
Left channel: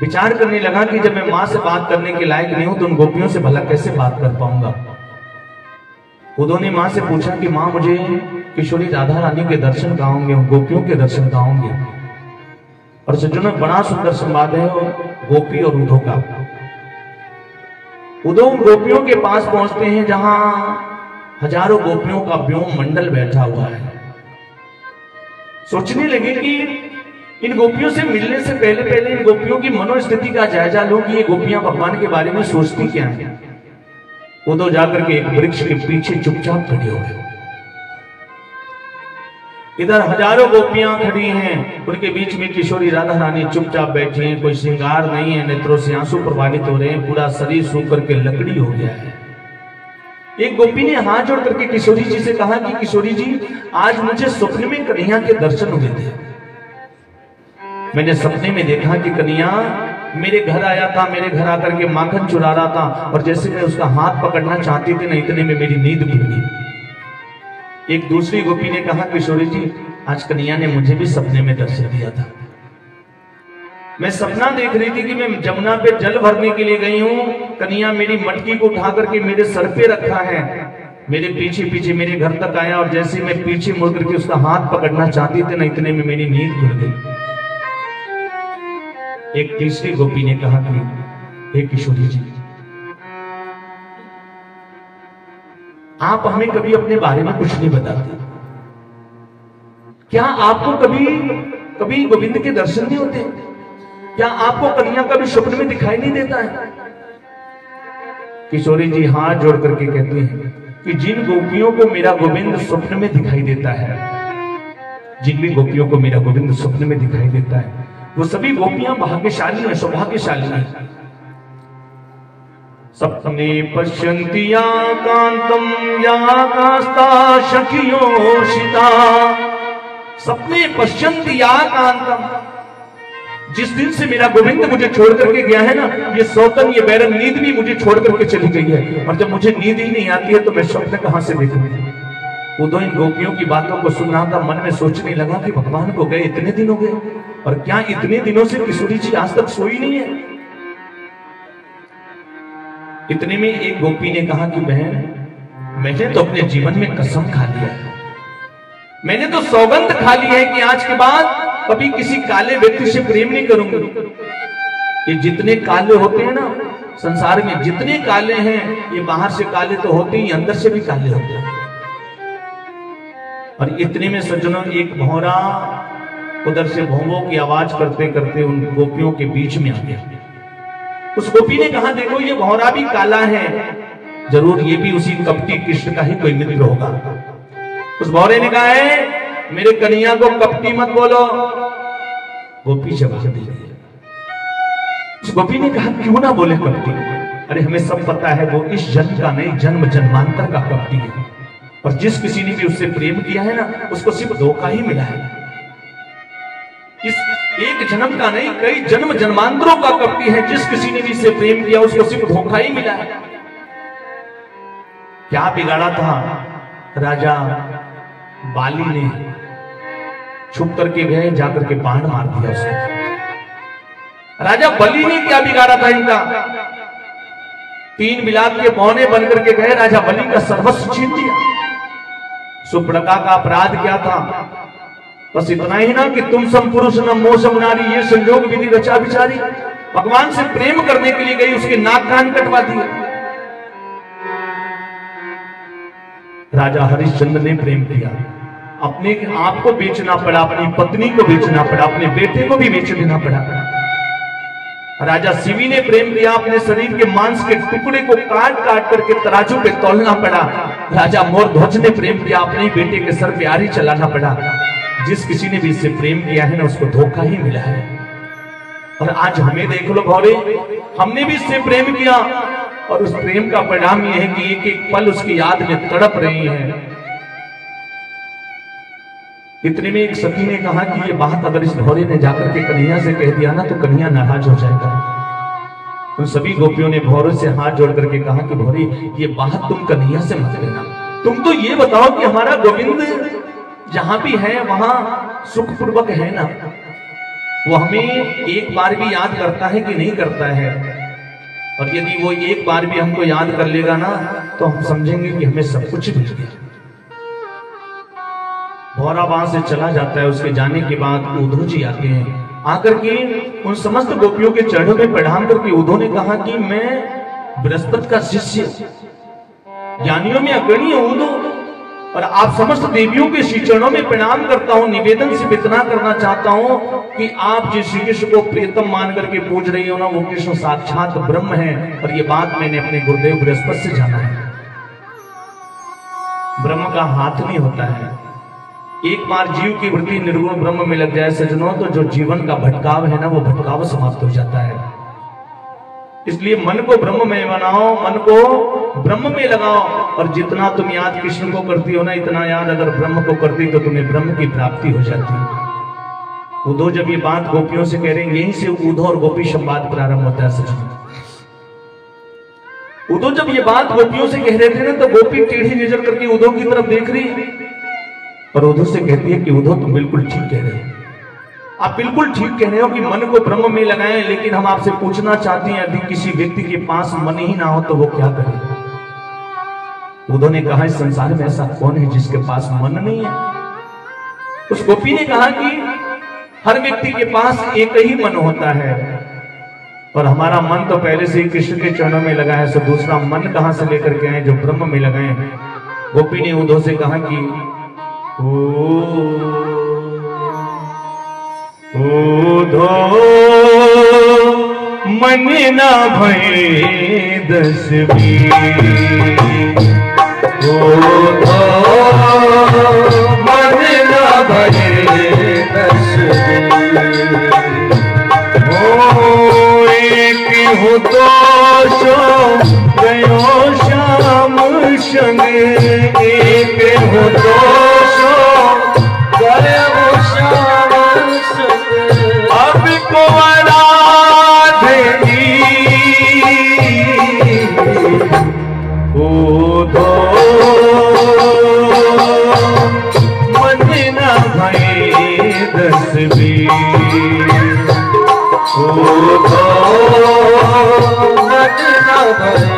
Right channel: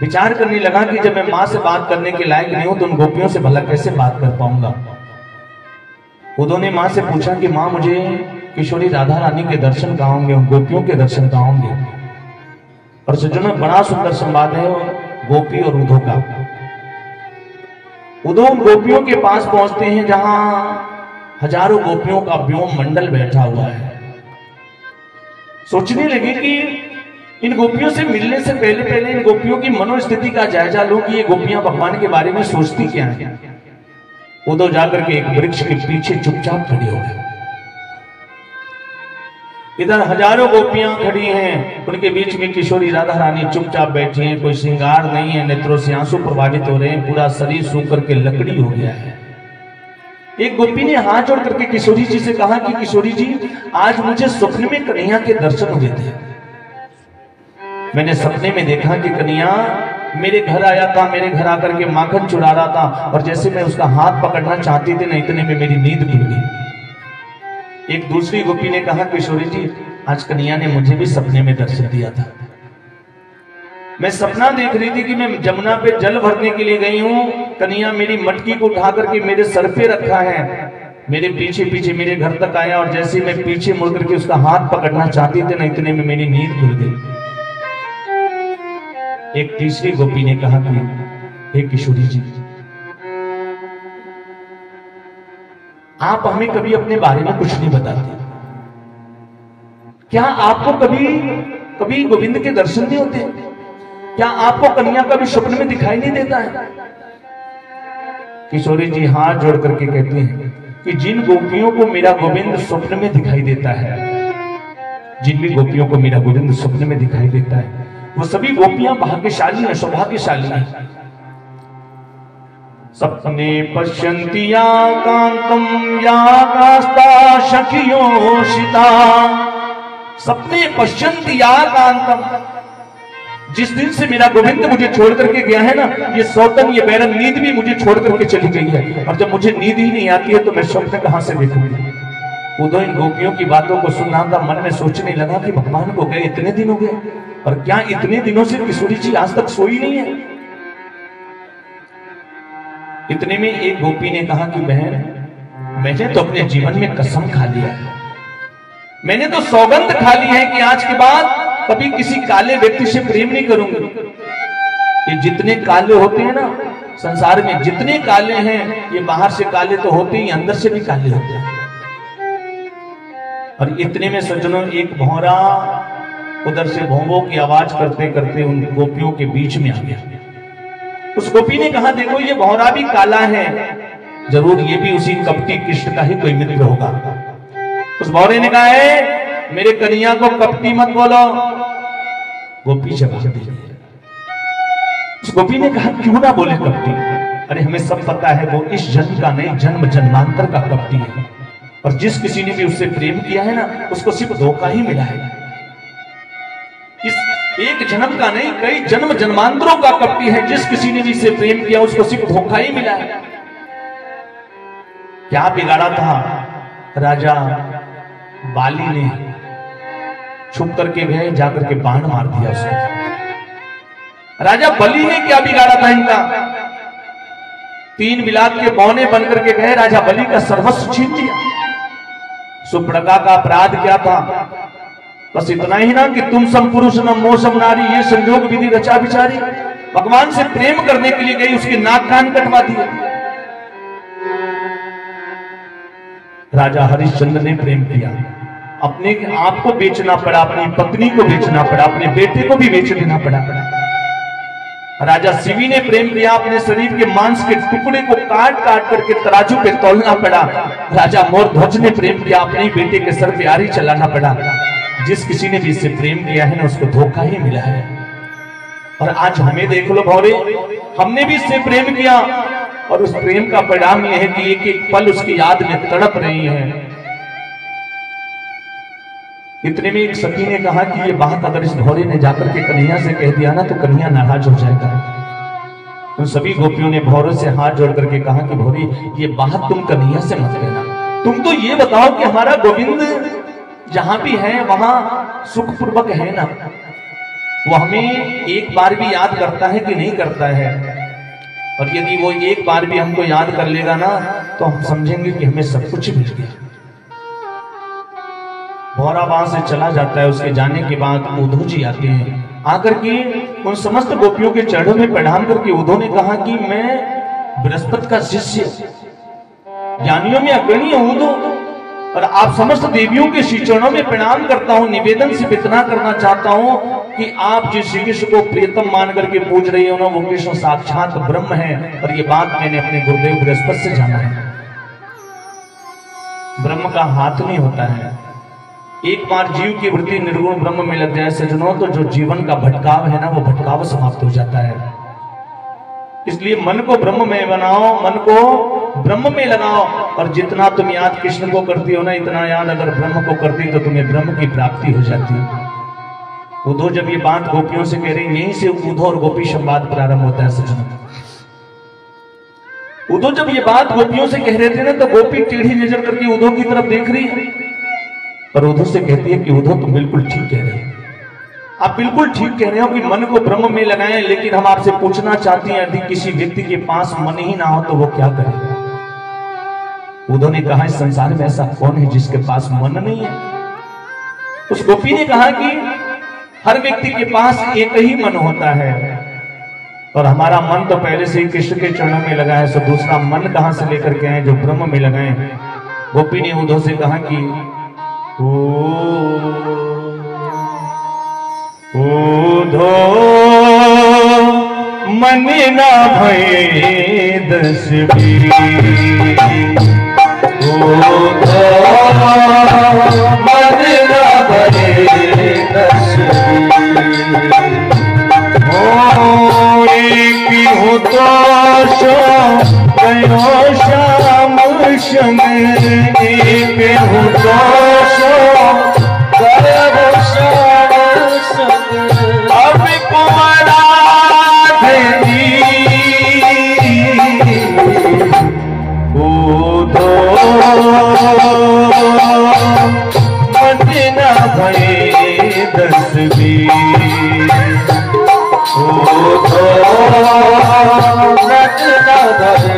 विचार करने लगा कि जब मैं मां से बात करने के लायक नहीं हूं तो उन गोपियों से भला कैसे बात कर पाऊंगा। उदो ने मां से पूछा कि मां मुझे किशोरी राधा रानी के दर्शन कहाँ होंगे, गोपियों के दर्शन कहाँ होंगे। और सज्जनों में बड़ा सुंदर संवाद है गोपी और उदो का। उदो गोपियों के पास पहुंचते हैं जहां हजारों गोपियों का व्योम मंडल बैठा हुआ है। सोचने लगे कि इन गोपियों से मिलने से पहले इन गोपियों की मनोस्थिति का जायजा लूं कि ये गोपियां भगवान के बारे में सोचती क्या है। उदो जाकर के एक वृक्ष के पीछे चुपचाप खड़ी हो गए। इधर हजारों गोपियां खड़ी हैं, उनके बीच में किशोरी राधा रानी चुपचाप बैठी हैं। कोई श्रृंगार नहीं है, नेत्रों से आंसू प्रवाहित हो रहे हैं, पूरा शरीर सूख करके लकड़ी हो गया है। एक गोपी ने हाथ जोड़ करके किशोरी जी से कहा कि किशोरी जी, आज मुझे स्वप्न में कन्हैया के दर्शन हुए थे। मैंने सपने में देखा कि कन्हैया मेरे घर आया था, मेरे घर आकर के माखन चुरा रहा था, और जैसे मैं उसका हाथ पकड़ना चाहती थी ना, इतने में मेरी नींद खुल गई। एक दूसरी गोपी ने कहा किशोरी जी, आज कन्हैया ने मुझे भी सपने में दर्शन दिया था। मैं सपना देख रही थी कि मैं जमुना पे जल भरने के लिए गई हूं, कन्हैया मेरी मटकी को उठा करके मेरे सर पे रखा है, मेरे पीछे पीछे मेरे घर तक आया, और जैसे मैं पीछे मुड़ करके उसका हाथ पकड़ना चाहती थी ना, इतने में मेरी नींद खुल गई। एक तीसरी गोपी ने कहा कि हे किशोरी जी, आप हमें कभी अपने बारे में कुछ नहीं बताते। क्या आपको कभी गोविंद के दर्शन नहीं होते? क्या आपको कन्हैया कभी स्वप्न में दिखाई नहीं देता है? किशोरी जी हाथ जोड़ करके कहती हैं कि जिन गोपियों को मेरा गोविंद स्वप्न में दिखाई देता है, जिन भी गोपियों को मेरा गोविंद स्वप्न में दिखाई देता है, वो सभी गोपियां भाग्यशाली हैं, सौभाग्यशाली हैं। सपने पश्यन्ति या कांतम या कास्ता सखियोषिता। सपने पश्यन्ति या कांतम, जिस दिन से मेरा गोविंद मुझे छोड़ करके गया है ना, ये सौतन ये बैरन नींद भी मुझे छोड़ करके चली गई है, और जब मुझे नींद ही नहीं आती है तो मैं स्वप्न कहां से देखूंगी। उदो इन गोपियों की बातों को सुन रहा था, मन में सोचने लगा कि भगवान को गए इतने दिन हो गए, और क्या इतने दिनों से किशोरी जी आज तक सोई नहीं है। इतने में एक गोपी ने कहा कि बहन, मैंने तो अपने जीवन में कसम खा लिया है, मैंने तो सौगंध खा ली है कि आज के बाद कभी किसी काले व्यक्ति से प्रेम नहीं करूंगी। ये जितने काले होते हैं ना संसार में, जितने काले हैं, ये बाहर से काले तो होते ही, अंदर से भी काले होते हैं। और इतने में सज्जनों एक भौरा उधर से भौंभों की आवाज करते करते उन गोपियों के बीच में आ गया। उस गोपी ने कहा, देखो ये भौरा भी काला है, जरूर ये भी उसी कपटी कृष्ण का ही कोई मित्र होगा। उस भौरे ने कहा है, मेरे कन्हैया को कपटी मत बोलो। गोपी जवाब दे रही है। उस गोपी ने कहा, क्यों ना बोले कपटी? अरे हमें सब पता है वो इस जन्म का नहीं, जन्म जन्मांतर का कपटी है, और जिस किसी ने भी उससे प्रेम किया है ना, उसको सिर्फ धोखा ही मिला है। इस एक जन्म का नहीं, कई जन्म जन्मांतरों का कपटी है। जिस किसी ने भी इससे प्रेम किया उसको सिर्फ धोखा ही मिला है। क्या बिगाड़ा था राजा बाली ने? छुप करके गए, जाकर के बाण मार दिया उसको। राजा बलि ने क्या बिगाड़ा था इनका? 3 बिलात के पौने बनकर के गए, राजा बलि का सर्वस्व छीन लिया। सुपर्णखा का अपराध क्या था? बस इतना ही ना कि तुम सम पुरुष न मोसम नारी, ये संयोग विधि रचा बिचारी। भगवान से प्रेम करने के लिए गई, उसके नाक कान कटवा दिए। राजा हरिश्चंद्र ने प्रेम किया, अपने आप को बेचना पड़ा, अपनी पत्नी को बेचना पड़ा, अपने बेटे को भी बेच देना पड़ा। राजा शिवी ने प्रेम किया, अपने शरीर के मांस के टुकड़े को काट काट करके तराजू पे तौलना पड़ा। राजा मोरध्वज ने प्रेम किया, अपने ही बेटे के सर पे आरी चलाना पड़ा। जिस किसी ने भी इससे प्रेम किया है ना, उसको धोखा ही मिला है। और आज हमें देख लो भौरे, हमने भी इससे प्रेम किया और उस प्रेम का परिणाम यह है कि एक एक पल उसकी याद में तड़प रही है। इतने में एक सखी ने कहा कि ये बात अगर इस भौरे ने जाकर के कन्हैया से कह दिया ना तो कन्हैया नाराज हो जाएगा। उन सभी गोपियों ने भौरे से हाथ जोड़ करके कहा कि भौरे, ये बात तुम कन्हैया से मत कहना, तुम तो ये बताओ कि हमारा गोविंद जहां भी है वहां सुखपूर्वक है ना, वो हमें एक बार भी याद करता है कि नहीं करता है। और यदि वो एक बार भी हमको याद कर लेगा ना तो हम समझेंगे कि हमें सब कुछ मिल गया। भौरा वहां से चला जाता है। उसके जाने के बाद उद्धव जी आते हैं, आकर के उन समस्त गोपियों के चरणों में प्रणाम करके उद्धव ने कहा कि मैं बृहस्पति का शिष्य, ज्ञानियों में अग्रणी उद्धव, और आप समस्त देवियों के श्री चरणों में प्रणाम करता हूं। निवेदन से इतना करना चाहता हूं कि आप जिस श्री कृष्ण को प्रियतम मान करके पूज रही हो ना, वो कृष्ण साक्षात ब्रह्म है। और ये बात मैंने अपने गुरुदेव बृहस्पति से जाना है। ब्रह्म का हाथ नहीं होता है। एक बार जीव की वृत्ति निर्गुण ब्रह्म में लग जाए सजनों, तो जो जीवन का भटकाव है ना, वो भटकाव समाप्त हो जाता है। इसलिए मन को ब्रह्म में बनाओ, मन को ब्रह्म में लगाओ, और जितना तुम याद कृष्ण को करती हो ना, इतना याद अगर ब्रह्म को करती तो तुम्हें ब्रह्म की प्राप्ति हो जाती। उद्धव जब ये बात गोपियों से कह रहे हैं, यहीं से उद्धव और गोपी संवाद प्रारंभ होता है सजनों। उद्धव जब ये बात गोपियों से कह रहे थे ना, तो गोपी टेढ़ी नजर करके उद्धव की तरफ देख रही और उद्धव से कहती है कि उद्धव तुम बिल्कुल ठीक कह रहे हो, आप बिल्कुल ठीक कह रहे हो कि मन को ब्रह्म में लगाएं। लेकिन हम आपसे पूछना चाहते हैं, यदि किसी व्यक्ति के पास मन ही ना हो तो वो क्या करे? उद्धव ने कहा, इस संसार में ऐसा कौन है जिसके पास मन नहीं है? उस गोपी ने कहा कि हर व्यक्ति के पास एक ही मन होता है, और हमारा मन तो पहले से ही कृष्ण के चरणों में लगा है, सो दूसरा मन कहां से लेकर के आए जो ब्रह्म में लगाए? गोपी ने उद्धव से कहा कि उद्धव मन ना भय दस बीस, उद्धव मन ना भय दस बीस, एक होता सो गयो श्याम संग, एक होता सो गयो श्याम संग, अब कुंवरा देवी उद्धव मन ना भय दस बीस, उद्धव मन ना भय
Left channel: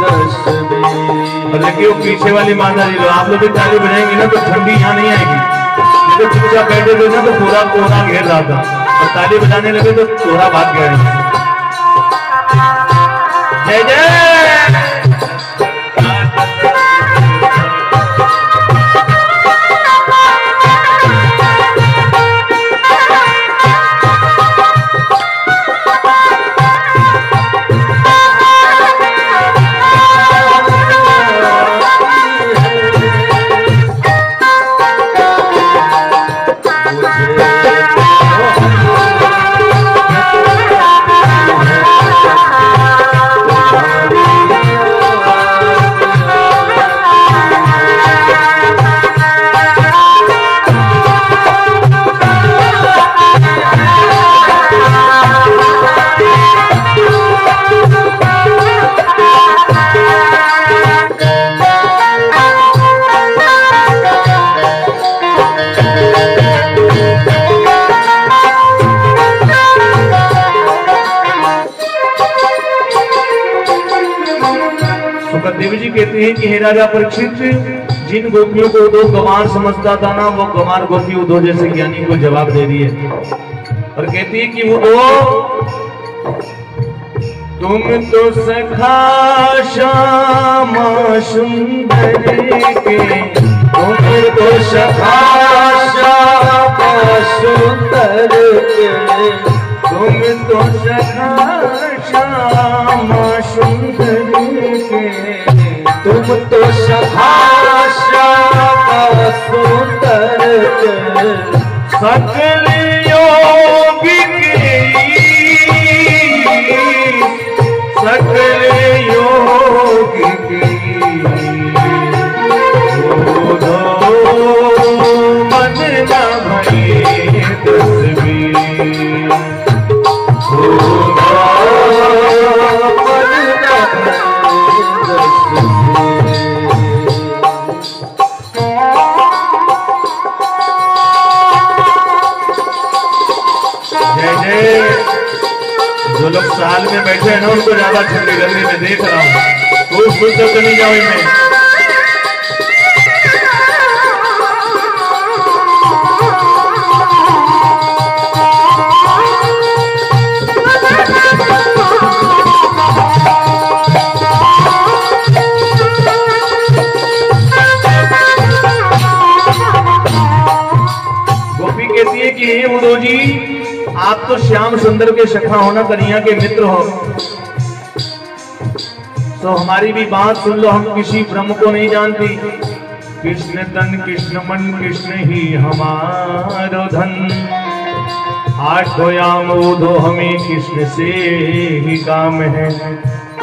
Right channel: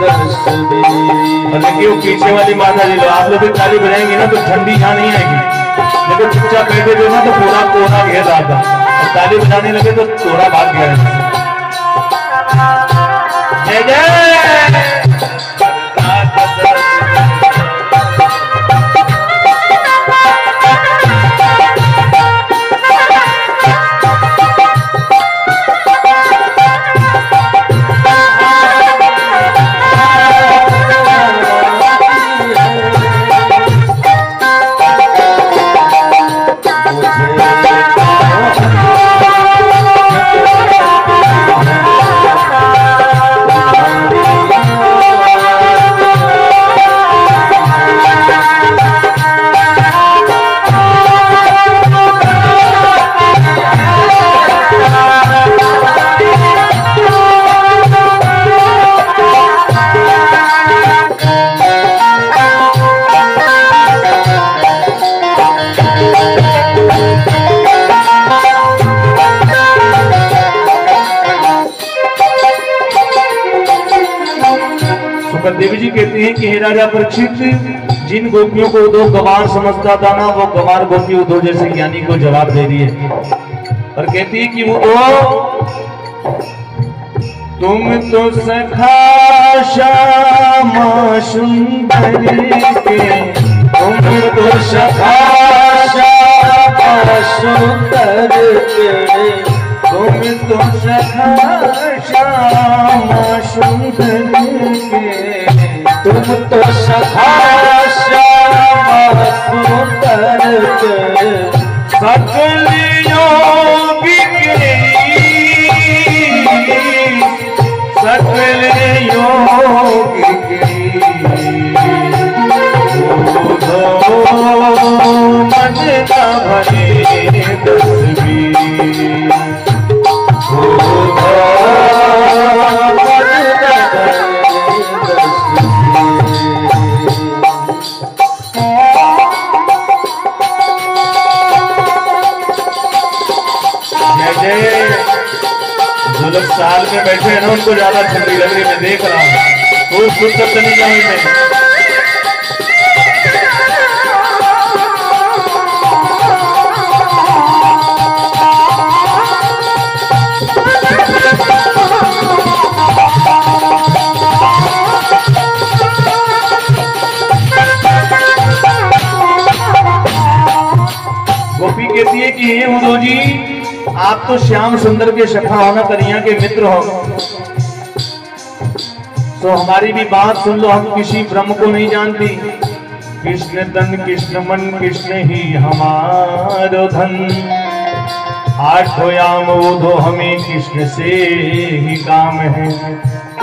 दस बीस। और देखिए वो पीछे वाली माता जी, आप लोग भी ताली बजाएंगे ना तो ठंडी यहाँ नहीं आएगी। देखो चुपचाप बैठे थे ना तो पूरा कोहरा घेर रहा था, और ताली बजाने लगे तो कोहरा भाग गया। जय जय। देवी जी कहते हैं कि हे राजा परीक्षित, जिन गोपियों को उद्धव गंवार समझता था ना, वो गंवार गोपी उद्धव जैसे ज्ञानी को जवाब दे रही है और कहती है कि वो तुम तो सखा श्यामा सुंदर के, तुम तो सखा श्यामा सुंदर के, तुम तो सखा श्यामा सुंदर के, तुम तो सखा श्यामा सुंदर के, सकल योगिक सकल योगिक बोधो मन न भरे तस्वीर, बोधो मन न भरे तस्वीर। जय जय। जो लोग साल में बैठे हैं ना उनको ज्यादा ठंडी लग रही, मैं देख रहा हूँ। वो सुन तो नहीं जाओ इनमें। गोपी कहती है कि हे उदो जी, आप तो श्याम सुंदर के सखा होना कन्हैया के मित्र हो, तो हमारी भी बात सुन लो। हम किसी ब्रह्म को नहीं जानती। कृष्ण तन कृष्ण मन कृष्ण ही हमारो धन, आठो याम दो हमें कृष्ण से ही काम है।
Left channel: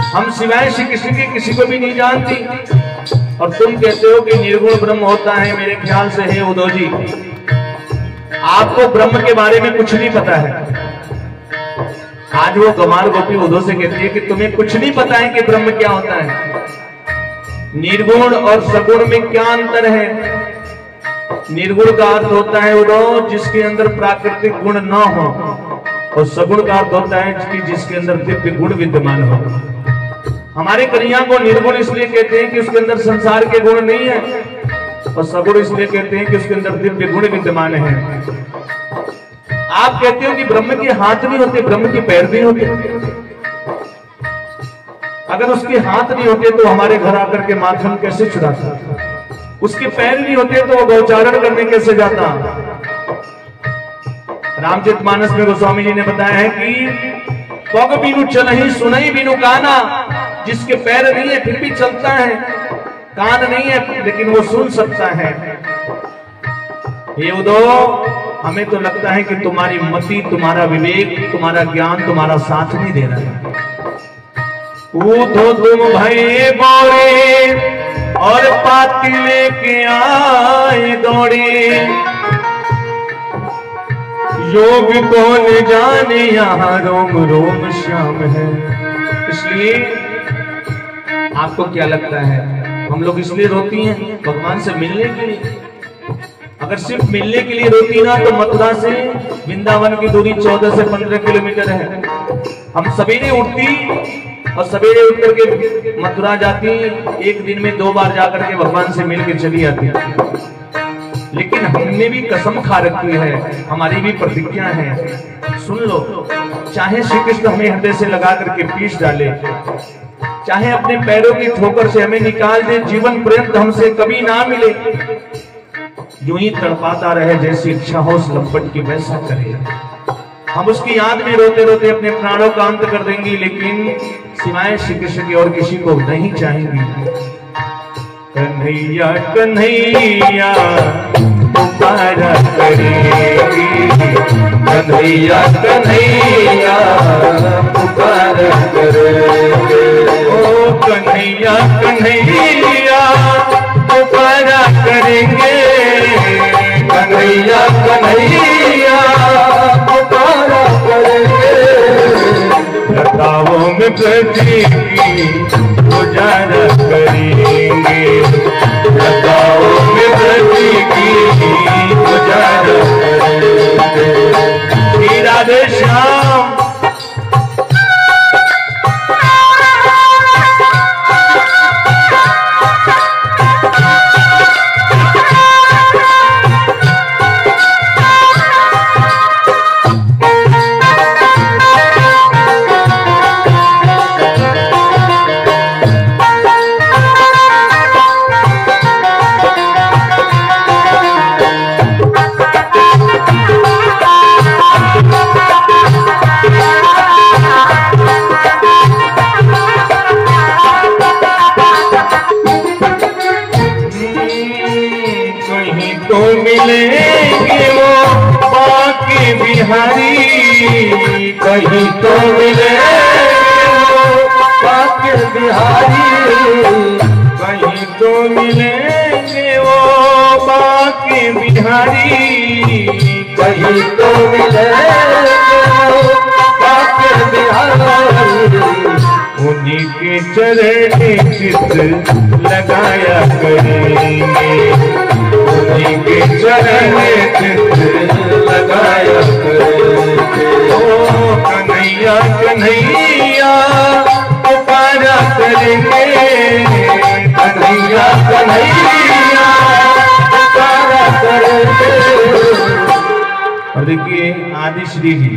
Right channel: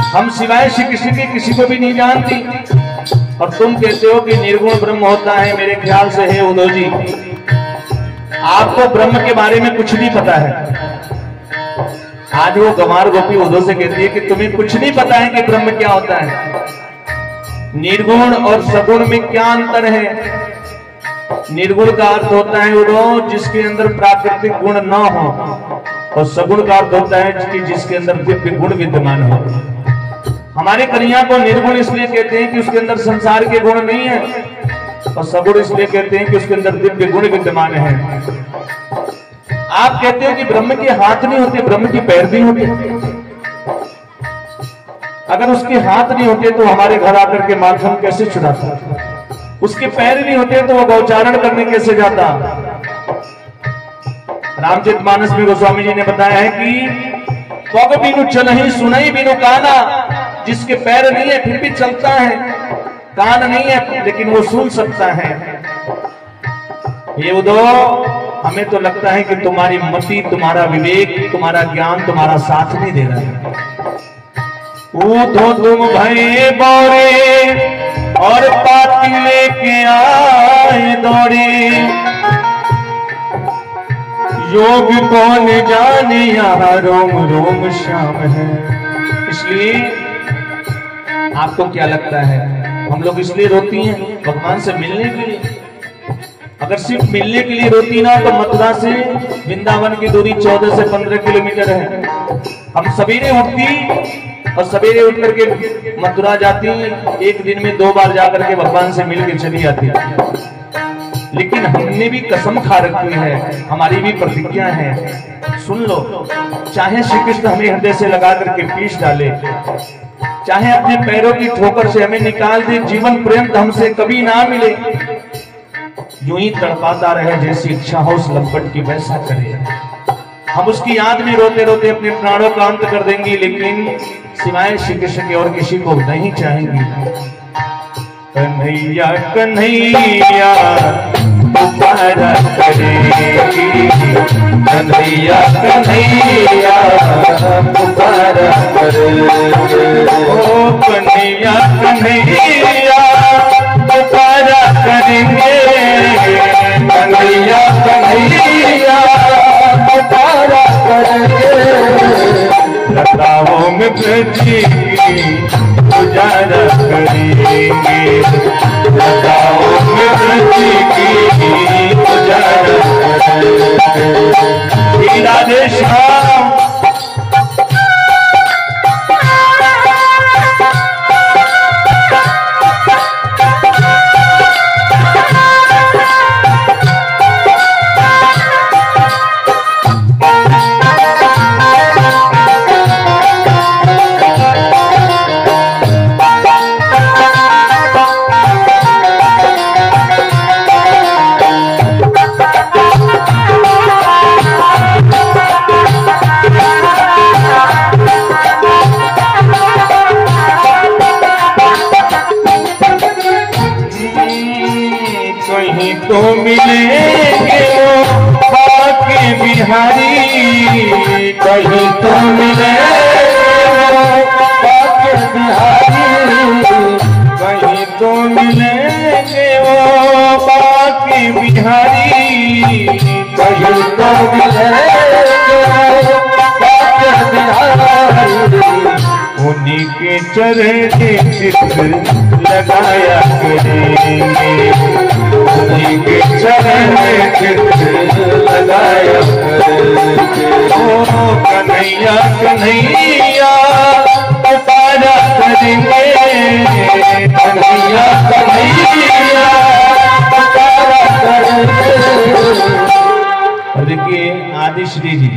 हम सिवाय श्री कृष्ण के किसी को भी नहीं जानती, और तुम कहते हो कि निर्गुण ब्रह्म होता है। मेरे ख्याल से है उदो जी, आपको ब्रह्म के बारे में कुछ नहीं पता है। आज वो गंवार गोपी उदो से कहती है कि तुम्हें कुछ नहीं पता है कि ब्रह्म क्या होता है। निर्गुण और सगुण में क्या अंतर है? निर्गुण का अर्थ होता है उदो जिसके अंदर प्राकृतिक गुण न हो, और सगुण का अर्थ होता है जिसके अंदर दिव्य गुण विद्यमान हो। हमारे कन्हैया को निर्गुण इसलिए कहते हैं कि उसके अंदर संसार के गुण नहीं है, और सगुण इसलिए कहते हैं कि उसके अंदर दिव्य गुण विद्यमान है। आप कहते हो कि ब्रह्म के हाथ नहीं होते, ब्रह्म के पैर नहीं होते। अगर उसके हाथ नहीं होते तो हमारे घर आकर के माखन कैसे चुराता? उसके पैर नहीं होते तो वो गौचारण करने कैसे जाता? रामचरितमानस में गोस्वामी जी ने बताया है कि पग बिनु चलहि सुनहि बिनु काना, जिसके पैर नहीं है फिर भी चलता है, कान नहीं है लेकिन वो सुन सकता है। ये उदो, हमें तो लगता है कि तुम्हारी मति, तुम्हारा विवेक, तुम्हारा ज्ञान तुम्हारा साथ नहीं दे रहा है। उठो तुम भये बोरे और पाती लेके आए दौड़े, योग कौन जाने यहाँ रोम रोम श्याम है। इसलिए आपको क्या लगता है हम लोग इसलिए रोती हैं भगवान से मिलने के लिए? अगर सिर्फ मिलने के लिए रोती ना तो मथुरा से वृंदावन की दूरी 14 से 15 किलोमीटर है। हम सवेरे उठती और सवेरे उठ करके मथुरा जाती, एक दिन में 2 बार जाकर के भगवान से मिल के चली आती। लेकिन हमने भी कसम खा रखी है, हमारी भी प्रतिज्ञा है। सुन लो, चाहे श्री कृष्ण हमें हृदय से लगा करके पीस डाले, चाहे अपने पैरों की ठोकर से हमें निकाल दे, जीवन पर्यंत हमसे कभी ना मिले, यूं ही तड़पाता रहे, जैसी इच्छा हो उस लंपट की वैसा करे। हम उसकी याद में रोते रोते अपने प्राणों का अंत कर देंगे, लेकिन सिवाय श्री कृष्ण की और किसी को नहीं चाहेंगे। कन्हैया कन्हैया पुकारा करेगी, कन्हैया कन्हैया पुकारा करेगी, ओ कन्हैया कन्हैया पुकारा करेंगे, कन्हैया कन्हैया पुकारा करेंगे। लताओं में ब्रज की गुजारा करेंगे, लताओं में ब्रज की गुजारा करेंगे। राधे श्याम। कहीं तो मिलेंगे वो बाके बिहारी, कहीं तो मिलेंगे वो बाकी बिहारी, कहीं तो मिलेंगे वो बाके बिहारी, उन्हीं के चरण चित्र लगाया करेंगे, उन्हीं के चरण चित्र लगाया करेंगे। ओ कन्हैया कन्हैया पुकारा करेंगे, कन्हैया कन्हैया पुकारा करेंगे। और देखिए आदि श्री जी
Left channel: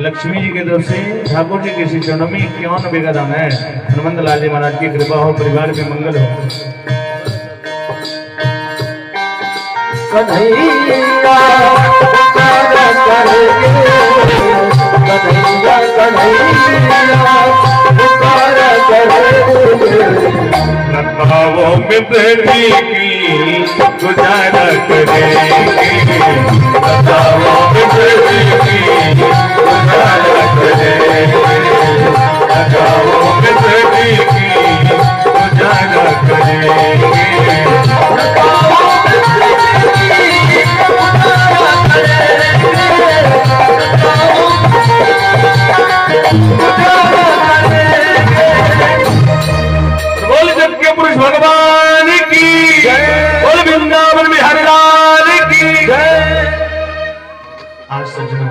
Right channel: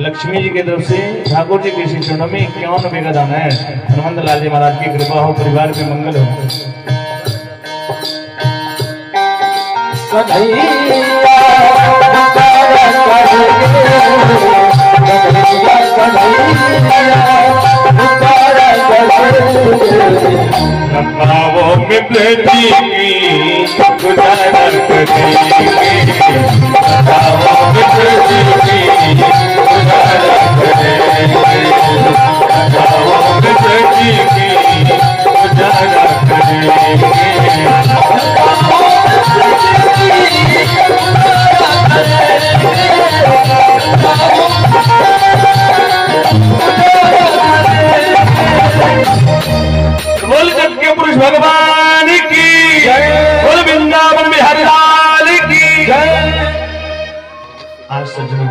लक्ष्मी जी की तरफ से ठाकुर जी के श्री चरणों में 51 रुपये का दान है। हनुमंत लाल जी महाराज की कृपा हो, परिवार में मंगल हो। कन्हैया पुकारा करेंगे, कन्हैया कन्हैया पुकारा करेंगे। लताओं में बेटी की गुजारा करेंगे, लताओं में बेटी की गुजारा करेंगे, लताओं में बेटी की गुजारा करेंगे। बोल जग के पुरुष भगवान की जय, बोल वृंदावन बिहारी लाल की जय। आज सज्जनों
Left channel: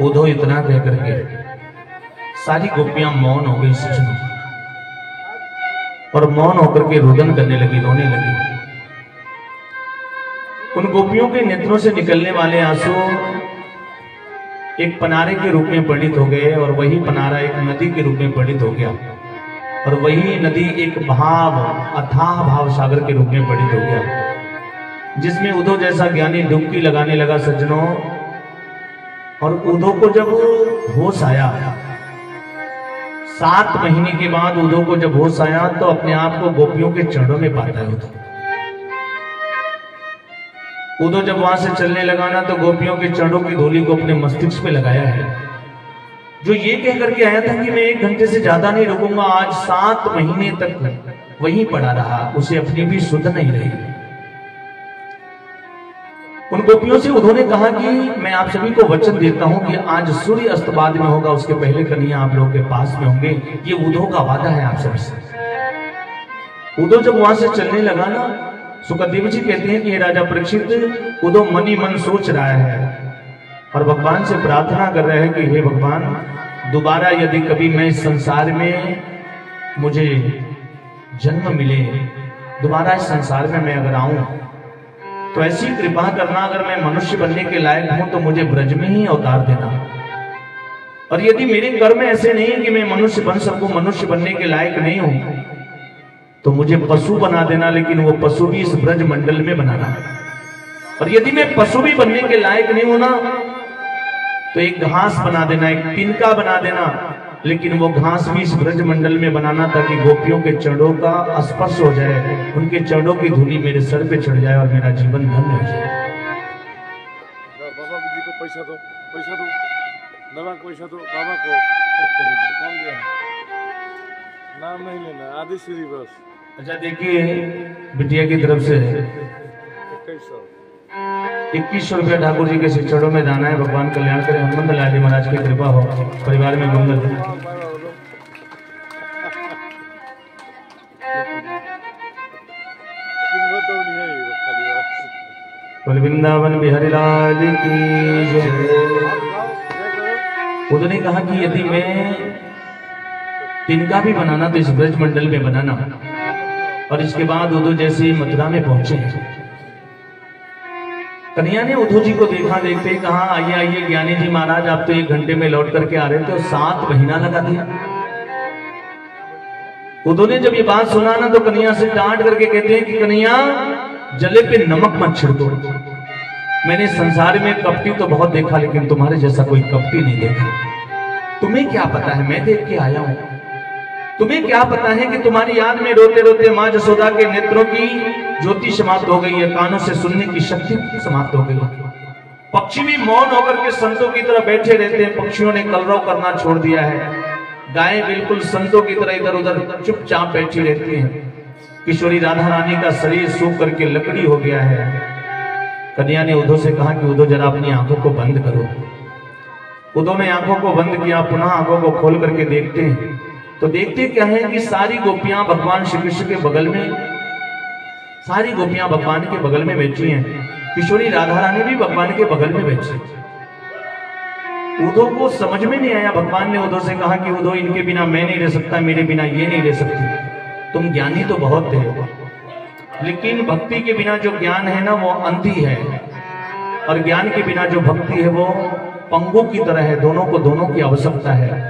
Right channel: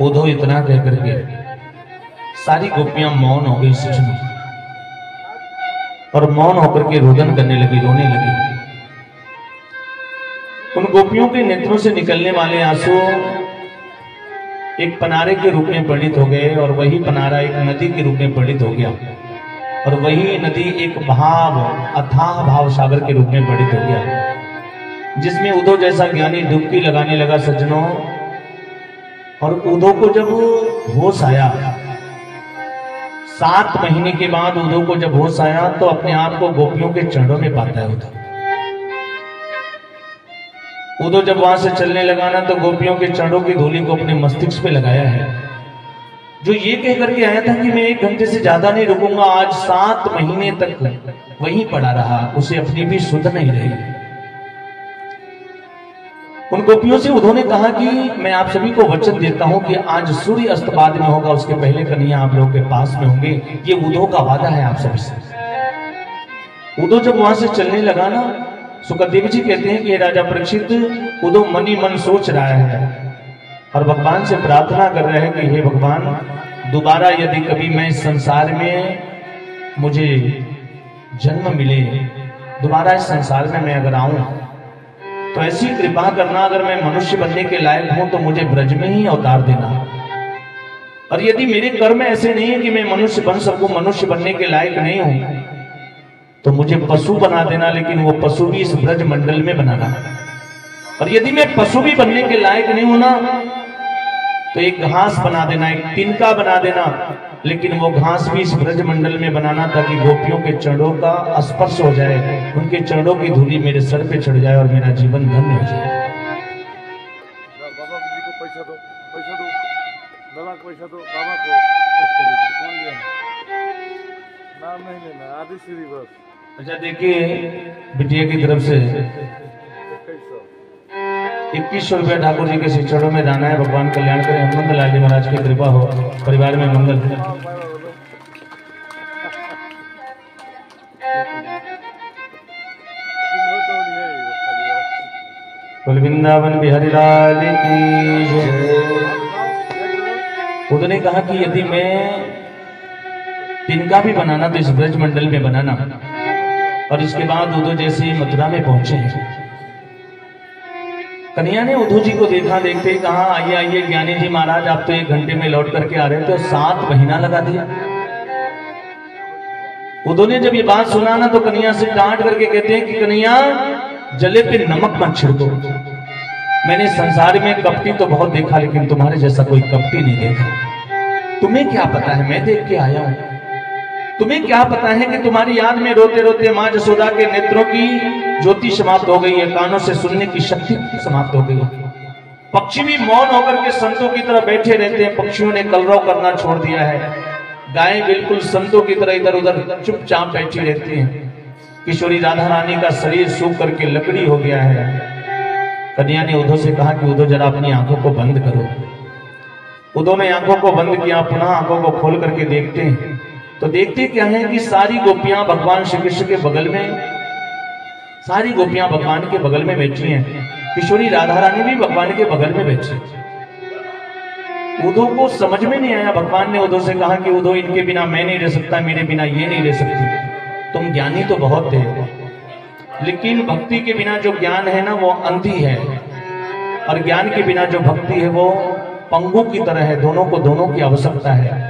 उधो इतना कह करके सारी गोपियां मौन हो गई सज्जनों, और मौन होकर के रुदन करने लगी, रोने लगी। उन गोपियों के नेत्रों से निकलने वाले आंसू एक पनारे के रूप में परिणित हो गए, और वही पनारा एक नदी के रूप में परिणित हो गया, और वही नदी एक भाव अथाह भाव सागर के रूप में परिणित हो गया, जिसमें उद्धव जैसा ज्ञानी डुबकी लगाने लगा सज्जनों। और उद्धव को जब होश आया, 7 महीने के बाद उद्धव को जब होश आया, तो अपने आप को गोपियों के चरणों में पाता है उद्धव जब वहां से चलने लगा ना, तो गोपियों के चरणों की धूली को अपने मस्तिष्क पे लगाया है, जो ये कह करके आया था कि मैं 1 घंटे से ज्यादा नहीं रुकूंगा। आज 7 महीने तक वहीं पड़ा रहा, उसे अपनी भी सुध नहीं रही। उन गोपियों से उद्धव ने कहा कि मैं आप सभी को वचन देता हूं कि आज सूर्य अस्त बाद में होगा, उसके पहले कन्हैया आप लोगों के पास में होंगे। ये उद्धव का वादा है आप सभी से। उद्धव जब वहां से चलने लगा ना, सुखदेव जी कहते हैं कि राजा परीक्षित, उद्धव मनी मन सोच रहा है और भगवान से प्रार्थना कर रहे हैं कि हे भगवान, दोबारा यदि कभी मैं इस संसार में मुझे जन्म मिले, दोबारा इस संसार में मैं अगर आऊं, तो ऐसी कृपा करना, अगर मैं मनुष्य बनने के लायक हूं तो मुझे ब्रज में ही अवतार देना, और यदि मेरे कर्म ऐसे नहीं है कि मैं मनुष्य बन सकूं, मनुष्य बनने के लायक नहीं हूं, तो मुझे पशु बना देना, लेकिन वो पशु भी इस ब्रज मंडल में बनाना। और यदि मैं पशु भी बनने के लायक नहीं हूं ना, तो एक घास बना देना, एक तिनका बना देना, लेकिन वो घास भी इस ब्रज मंडल में बनाना, ताकि गोपियों के चरणों का स्पर्श हो जाए, उनके चरणों की धूली मेरे सर पे चढ़ जाए और मेरा जीवन धन्य हो जाए। बाबा जी को पैसा दो, पैसा दो, दादा को पैसा दो, बाबा को कौन दिया है? नाम नहीं लेना, आदि श्री बस। अच्छा देखिए, बिटिया की तरफ से 2100 रुपया ठाकुर जी के श्री चरणों में दाना है। भगवान कल्याण करे, हनुमंत लाल जी महाराज की कृपा हो, परिवार में मंगल हो। वृंदावन बिहारी लाल की जय। उन्होंने कहा कि यदि मैं तिनका भी बनाना तो इस ब्रज मंडल में बनाना। और इसके बाद उद्धव जैसे मथुरा में पहुंचे, कन्हैया ने उद्धव जी को देखा, देखते ही कहा आइए आइए ज्ञानी जी महाराज, आप तो 1 घंटे में लौट करके आ रहे थे और 7 महीना लगा दिया। उद्धव ने जब ये बात सुना ना, तो कन्हैया से डांट करके कहते हैं कि कन्हैया, जले पे नमक मत छिड़को। मैंने संसार में कपटी तो बहुत देखा, लेकिन तुम्हारे जैसा कोई कपटी नहीं देखा। तुम्हें क्या पता है, मैं देख के आया हूं। तुम्हें क्या पता है कि तुम्हारी याद में रोते रोते माँ जसोदा के नेत्रों की ज्योति समाप्त हो गई है, कानों से सुनने की शक्ति समाप्त हो गई है। पक्षी भी मौन होकर के संतों की तरह बैठे रहते हैं, पक्षियों ने कलरव करना छोड़ दिया है। गायें बिल्कुल संतों की तरह इधर उधर चुपचाप बैठी रहती हैं। किशोरी राधा रानी का शरीर सूख करके लकड़ी हो गया है। कन्या ने उद्धव से कहा कि उद्धव जरा अपनी आंखों को बंद करो। उद्धव ने आंखों को बंद किया, पुनः आंखों को खोल करके देखते हैं तो देखते क्या है कि सारी गोपियां भगवान श्री कृष्ण के बगल में, सारी गोपियां भगवान के बगल में बैठी हैं। किशोरी राधा रानी भी भगवान के बगल में बैठी। उद्धव को समझ में नहीं आया। भगवान ने उद्धव से कहा कि उद्धव इनके बिना मैं नहीं रह सकता, मेरे बिना ये नहीं रह सकती। तुम ज्ञानी तो बहुत थे, लेकिन भक्ति के बिना जो ज्ञान है ना वो अंधी है, और ज्ञान के बिना जो भक्ति है वो पंगु की तरह है। दोनों को दोनों की आवश्यकता है।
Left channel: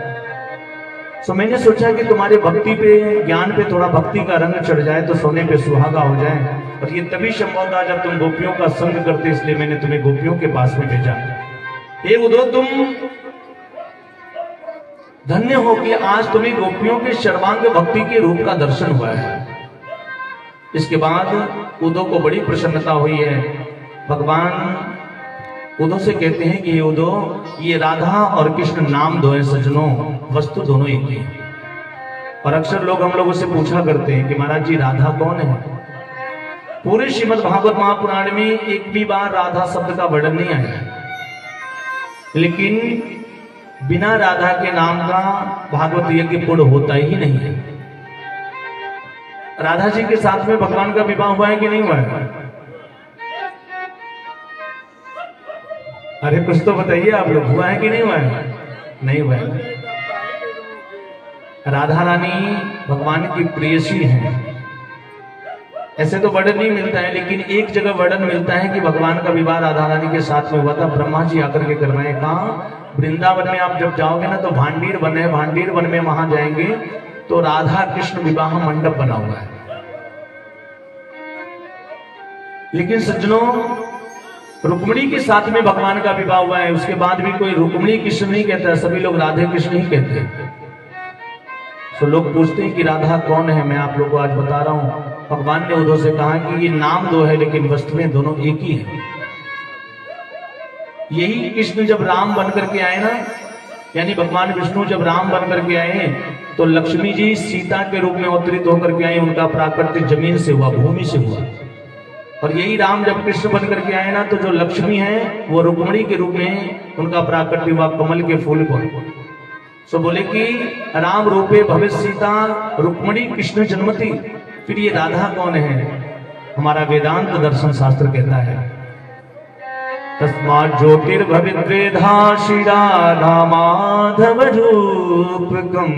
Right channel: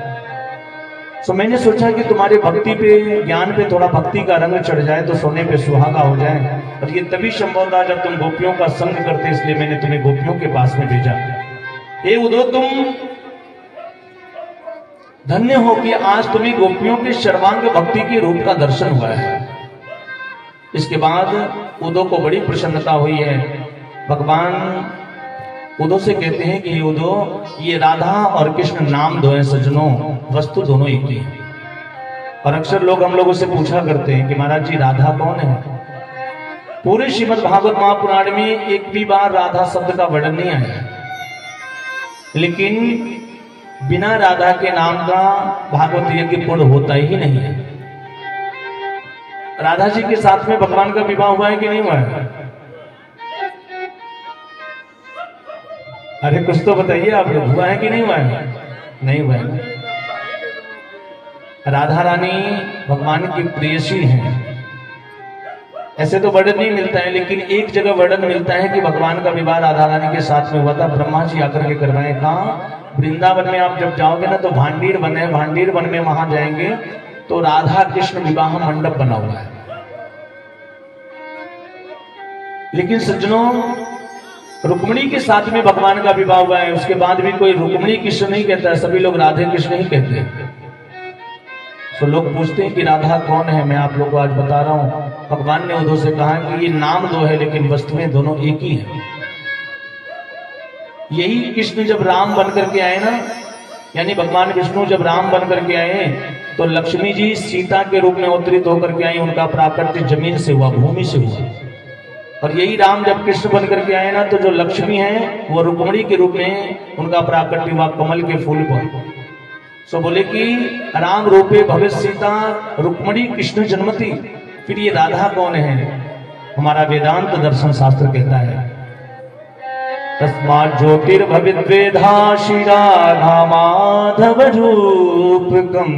तो मैंने सोचा कि तुम्हारे भक्ति पे, ज्ञान पे थोड़ा भक्ति का रंग चढ़ जाए तो सोने पे सुहागा हो जाए। और ये तभी संभव था जब तुम गोपियों का संग करते, इसलिए मैंने तुम्हें गोपियों के पास में भेजा। हे उद्धव, तुम धन्य हो कि आज तुम्हें गोपियों के सर्वांग भक्ति के रूप का दर्शन हुआ है। इसके बाद उद्धव को बड़ी प्रसन्नता हुई है। भगवान उद्धव से कहते हैं कि उद्धव, ये राधा और कृष्ण नाम दो है सज्जनों, वस्तु दोनों एक ही है। और अक्सर लोग हम लोगों से पूछा करते हैं कि महाराज जी राधा कौन है। पूरे श्रीमद् भागवत महापुराण में एक भी बार राधा शब्द का वर्णन नहीं आया, लेकिन बिना राधा के नाम का भागवत यज्ञ पूर्ण होता ही नहीं है। राधा जी के साथ में भगवान का विवाह हुआ है कि नहीं हुआ है? अरे कुछ तो बताइए आप लोग, हुआ है कि नहीं हुआ है? नहीं हुआ है। राधा रानी भगवान की प्रेयसी हैं। ऐसे तो वर्णन नहीं मिलता है, लेकिन एक जगह वर्णन मिलता है कि भगवान का विवाह राधा रानी के साथ में हुआ था। ब्रह्मा जी आकर के करवाए। कहा? वृंदावन में आप जब जाओगे ना तो भांडीर वन है, भांडीर वन में वहां जाएंगे तो राधा कृष्ण विवाह मंडप बना हुआ है। लेकिन सज्जनों, रुक्मिणी के साथ में भगवान का विवाह हुआ है। उसके बाद भी कोई रुक्मिणी कृष्ण नहीं कहता है, सभी लोग राधे कृष्ण ही कहते हैं। तो लोग पूछते हैं कि राधा कौन है। मैं आप लोग को आज बता रहा हूं। भगवान ने उद्धव से कहा कि ये नाम दो है, लेकिन वस्तु में दोनों एक ही है। यही कृष्ण जब राम बन करके आए ना, यानी भगवान विष्णु जब राम बन करके आए तो लक्ष्मी जी सीता के रूप में अवतरित होकर के आई। उनका प्राकट्य जमीन से हुआ, भूमि से हुआ। और यही राम जब कृष्ण बन करके आए ना तो जो लक्ष्मी है वो रुक्मिणी के रूप में उनका प्राकट्य हुआ, कमल के फूल पर। सो बोले कि राम रूपे भविष्य सीता रुक्मिणी कृष्ण जन्मति। फिर ये राधा कौन है? हमारा वेदांत दर्शन शास्त्र कहता है तस्मात् ज्योतिर्भविद्वेधा शिरा नामाधव रूपकम।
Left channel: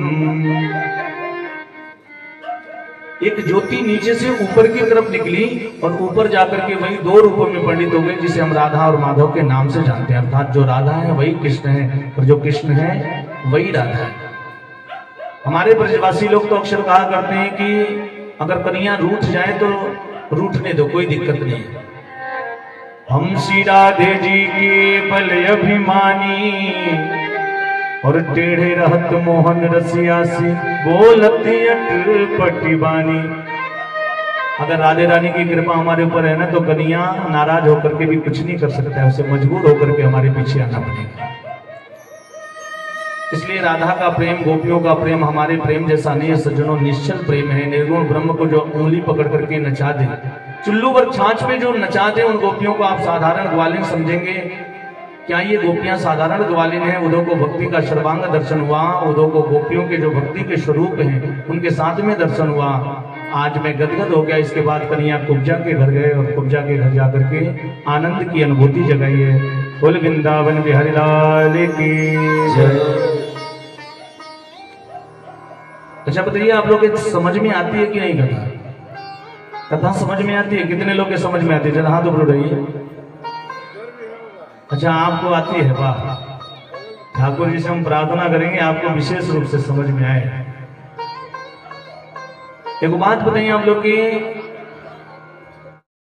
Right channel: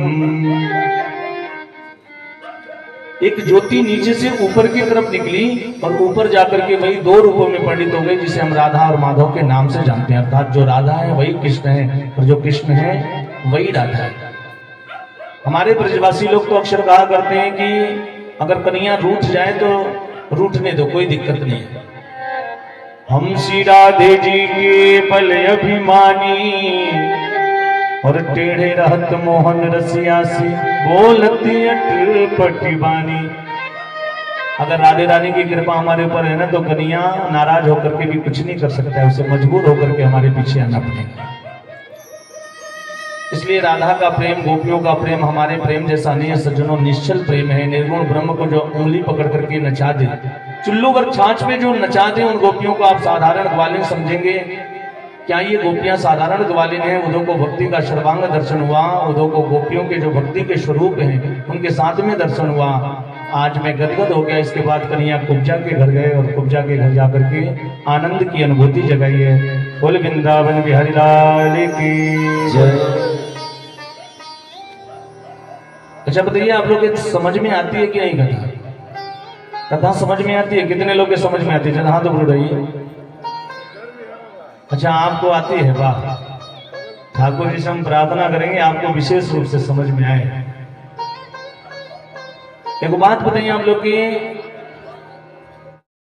एक ज्योति नीचे से ऊपर की तरफ निकली और ऊपर जाकर के वही दो रूपों में परिणित हो गई, जिसे हम राधा और माधव के नाम से जानते हैं। अर्थात जो राधा है वही कृष्ण है, और जो कृष्ण है वही राधा है। हमारे ब्रजवासी लोग तो अक्सर कहा करते हैं कि अगर कन्हैया रूठ जाए तो रूठने दो, कोई दिक्कत नहीं है। हम श्री राधे जी के बल अभिमानी और टेढ़े रहत मोहन रसिया से बोलत अटपटी बानी। अगर राधे रानी की कृपा हमारे ऊपर है ना तो कन्हैया नाराज होकर के भी कुछ नहीं कर सकता है, उसे मजबूर होकर के हमारे पीछे आना पड़ेगा। इसलिए राधा का प्रेम, गोपियों का प्रेम हमारे प्रेम जैसा नहीं है सज्जनों, निश्चल प्रेम है। निर्गुण ब्रह्म को जो उंगली पकड़ करके नचा दे, चुल्लू पर छाछ में जो नचा दे, उन गोपियों को आप साधारण ग्वालिन समझेंगे। क्या ये गोपियां साधारण ग्वालिन है? उद्धव को भक्ति का सर्वांग दर्शन हुआ। उद्धव को गोपियों के जो भक्ति के स्वरूप हैं उनके साथ में दर्शन हुआ। आज मैं गदगद हो गया। इसके बाद कन्हैया कुब्जा के घर गए और कुब्जा के घर जाकर के आनंद की अनुभूति जगाई है। बोल वृंदावन बिहारी लाल की जय। अच्छा बताइए, आप लोग समझ में आती है कि नहीं कथा? कथा समझ में आती है? कितने लोग के समझ में आती है? जरा हाथ ऊपर उठाइए। अच्छा, आपको आती है? वाह। ठाकुर जी से हम प्रार्थना करेंगे आपको विशेष रूप से समझ में आए। एक बात बताइए आप लोग की,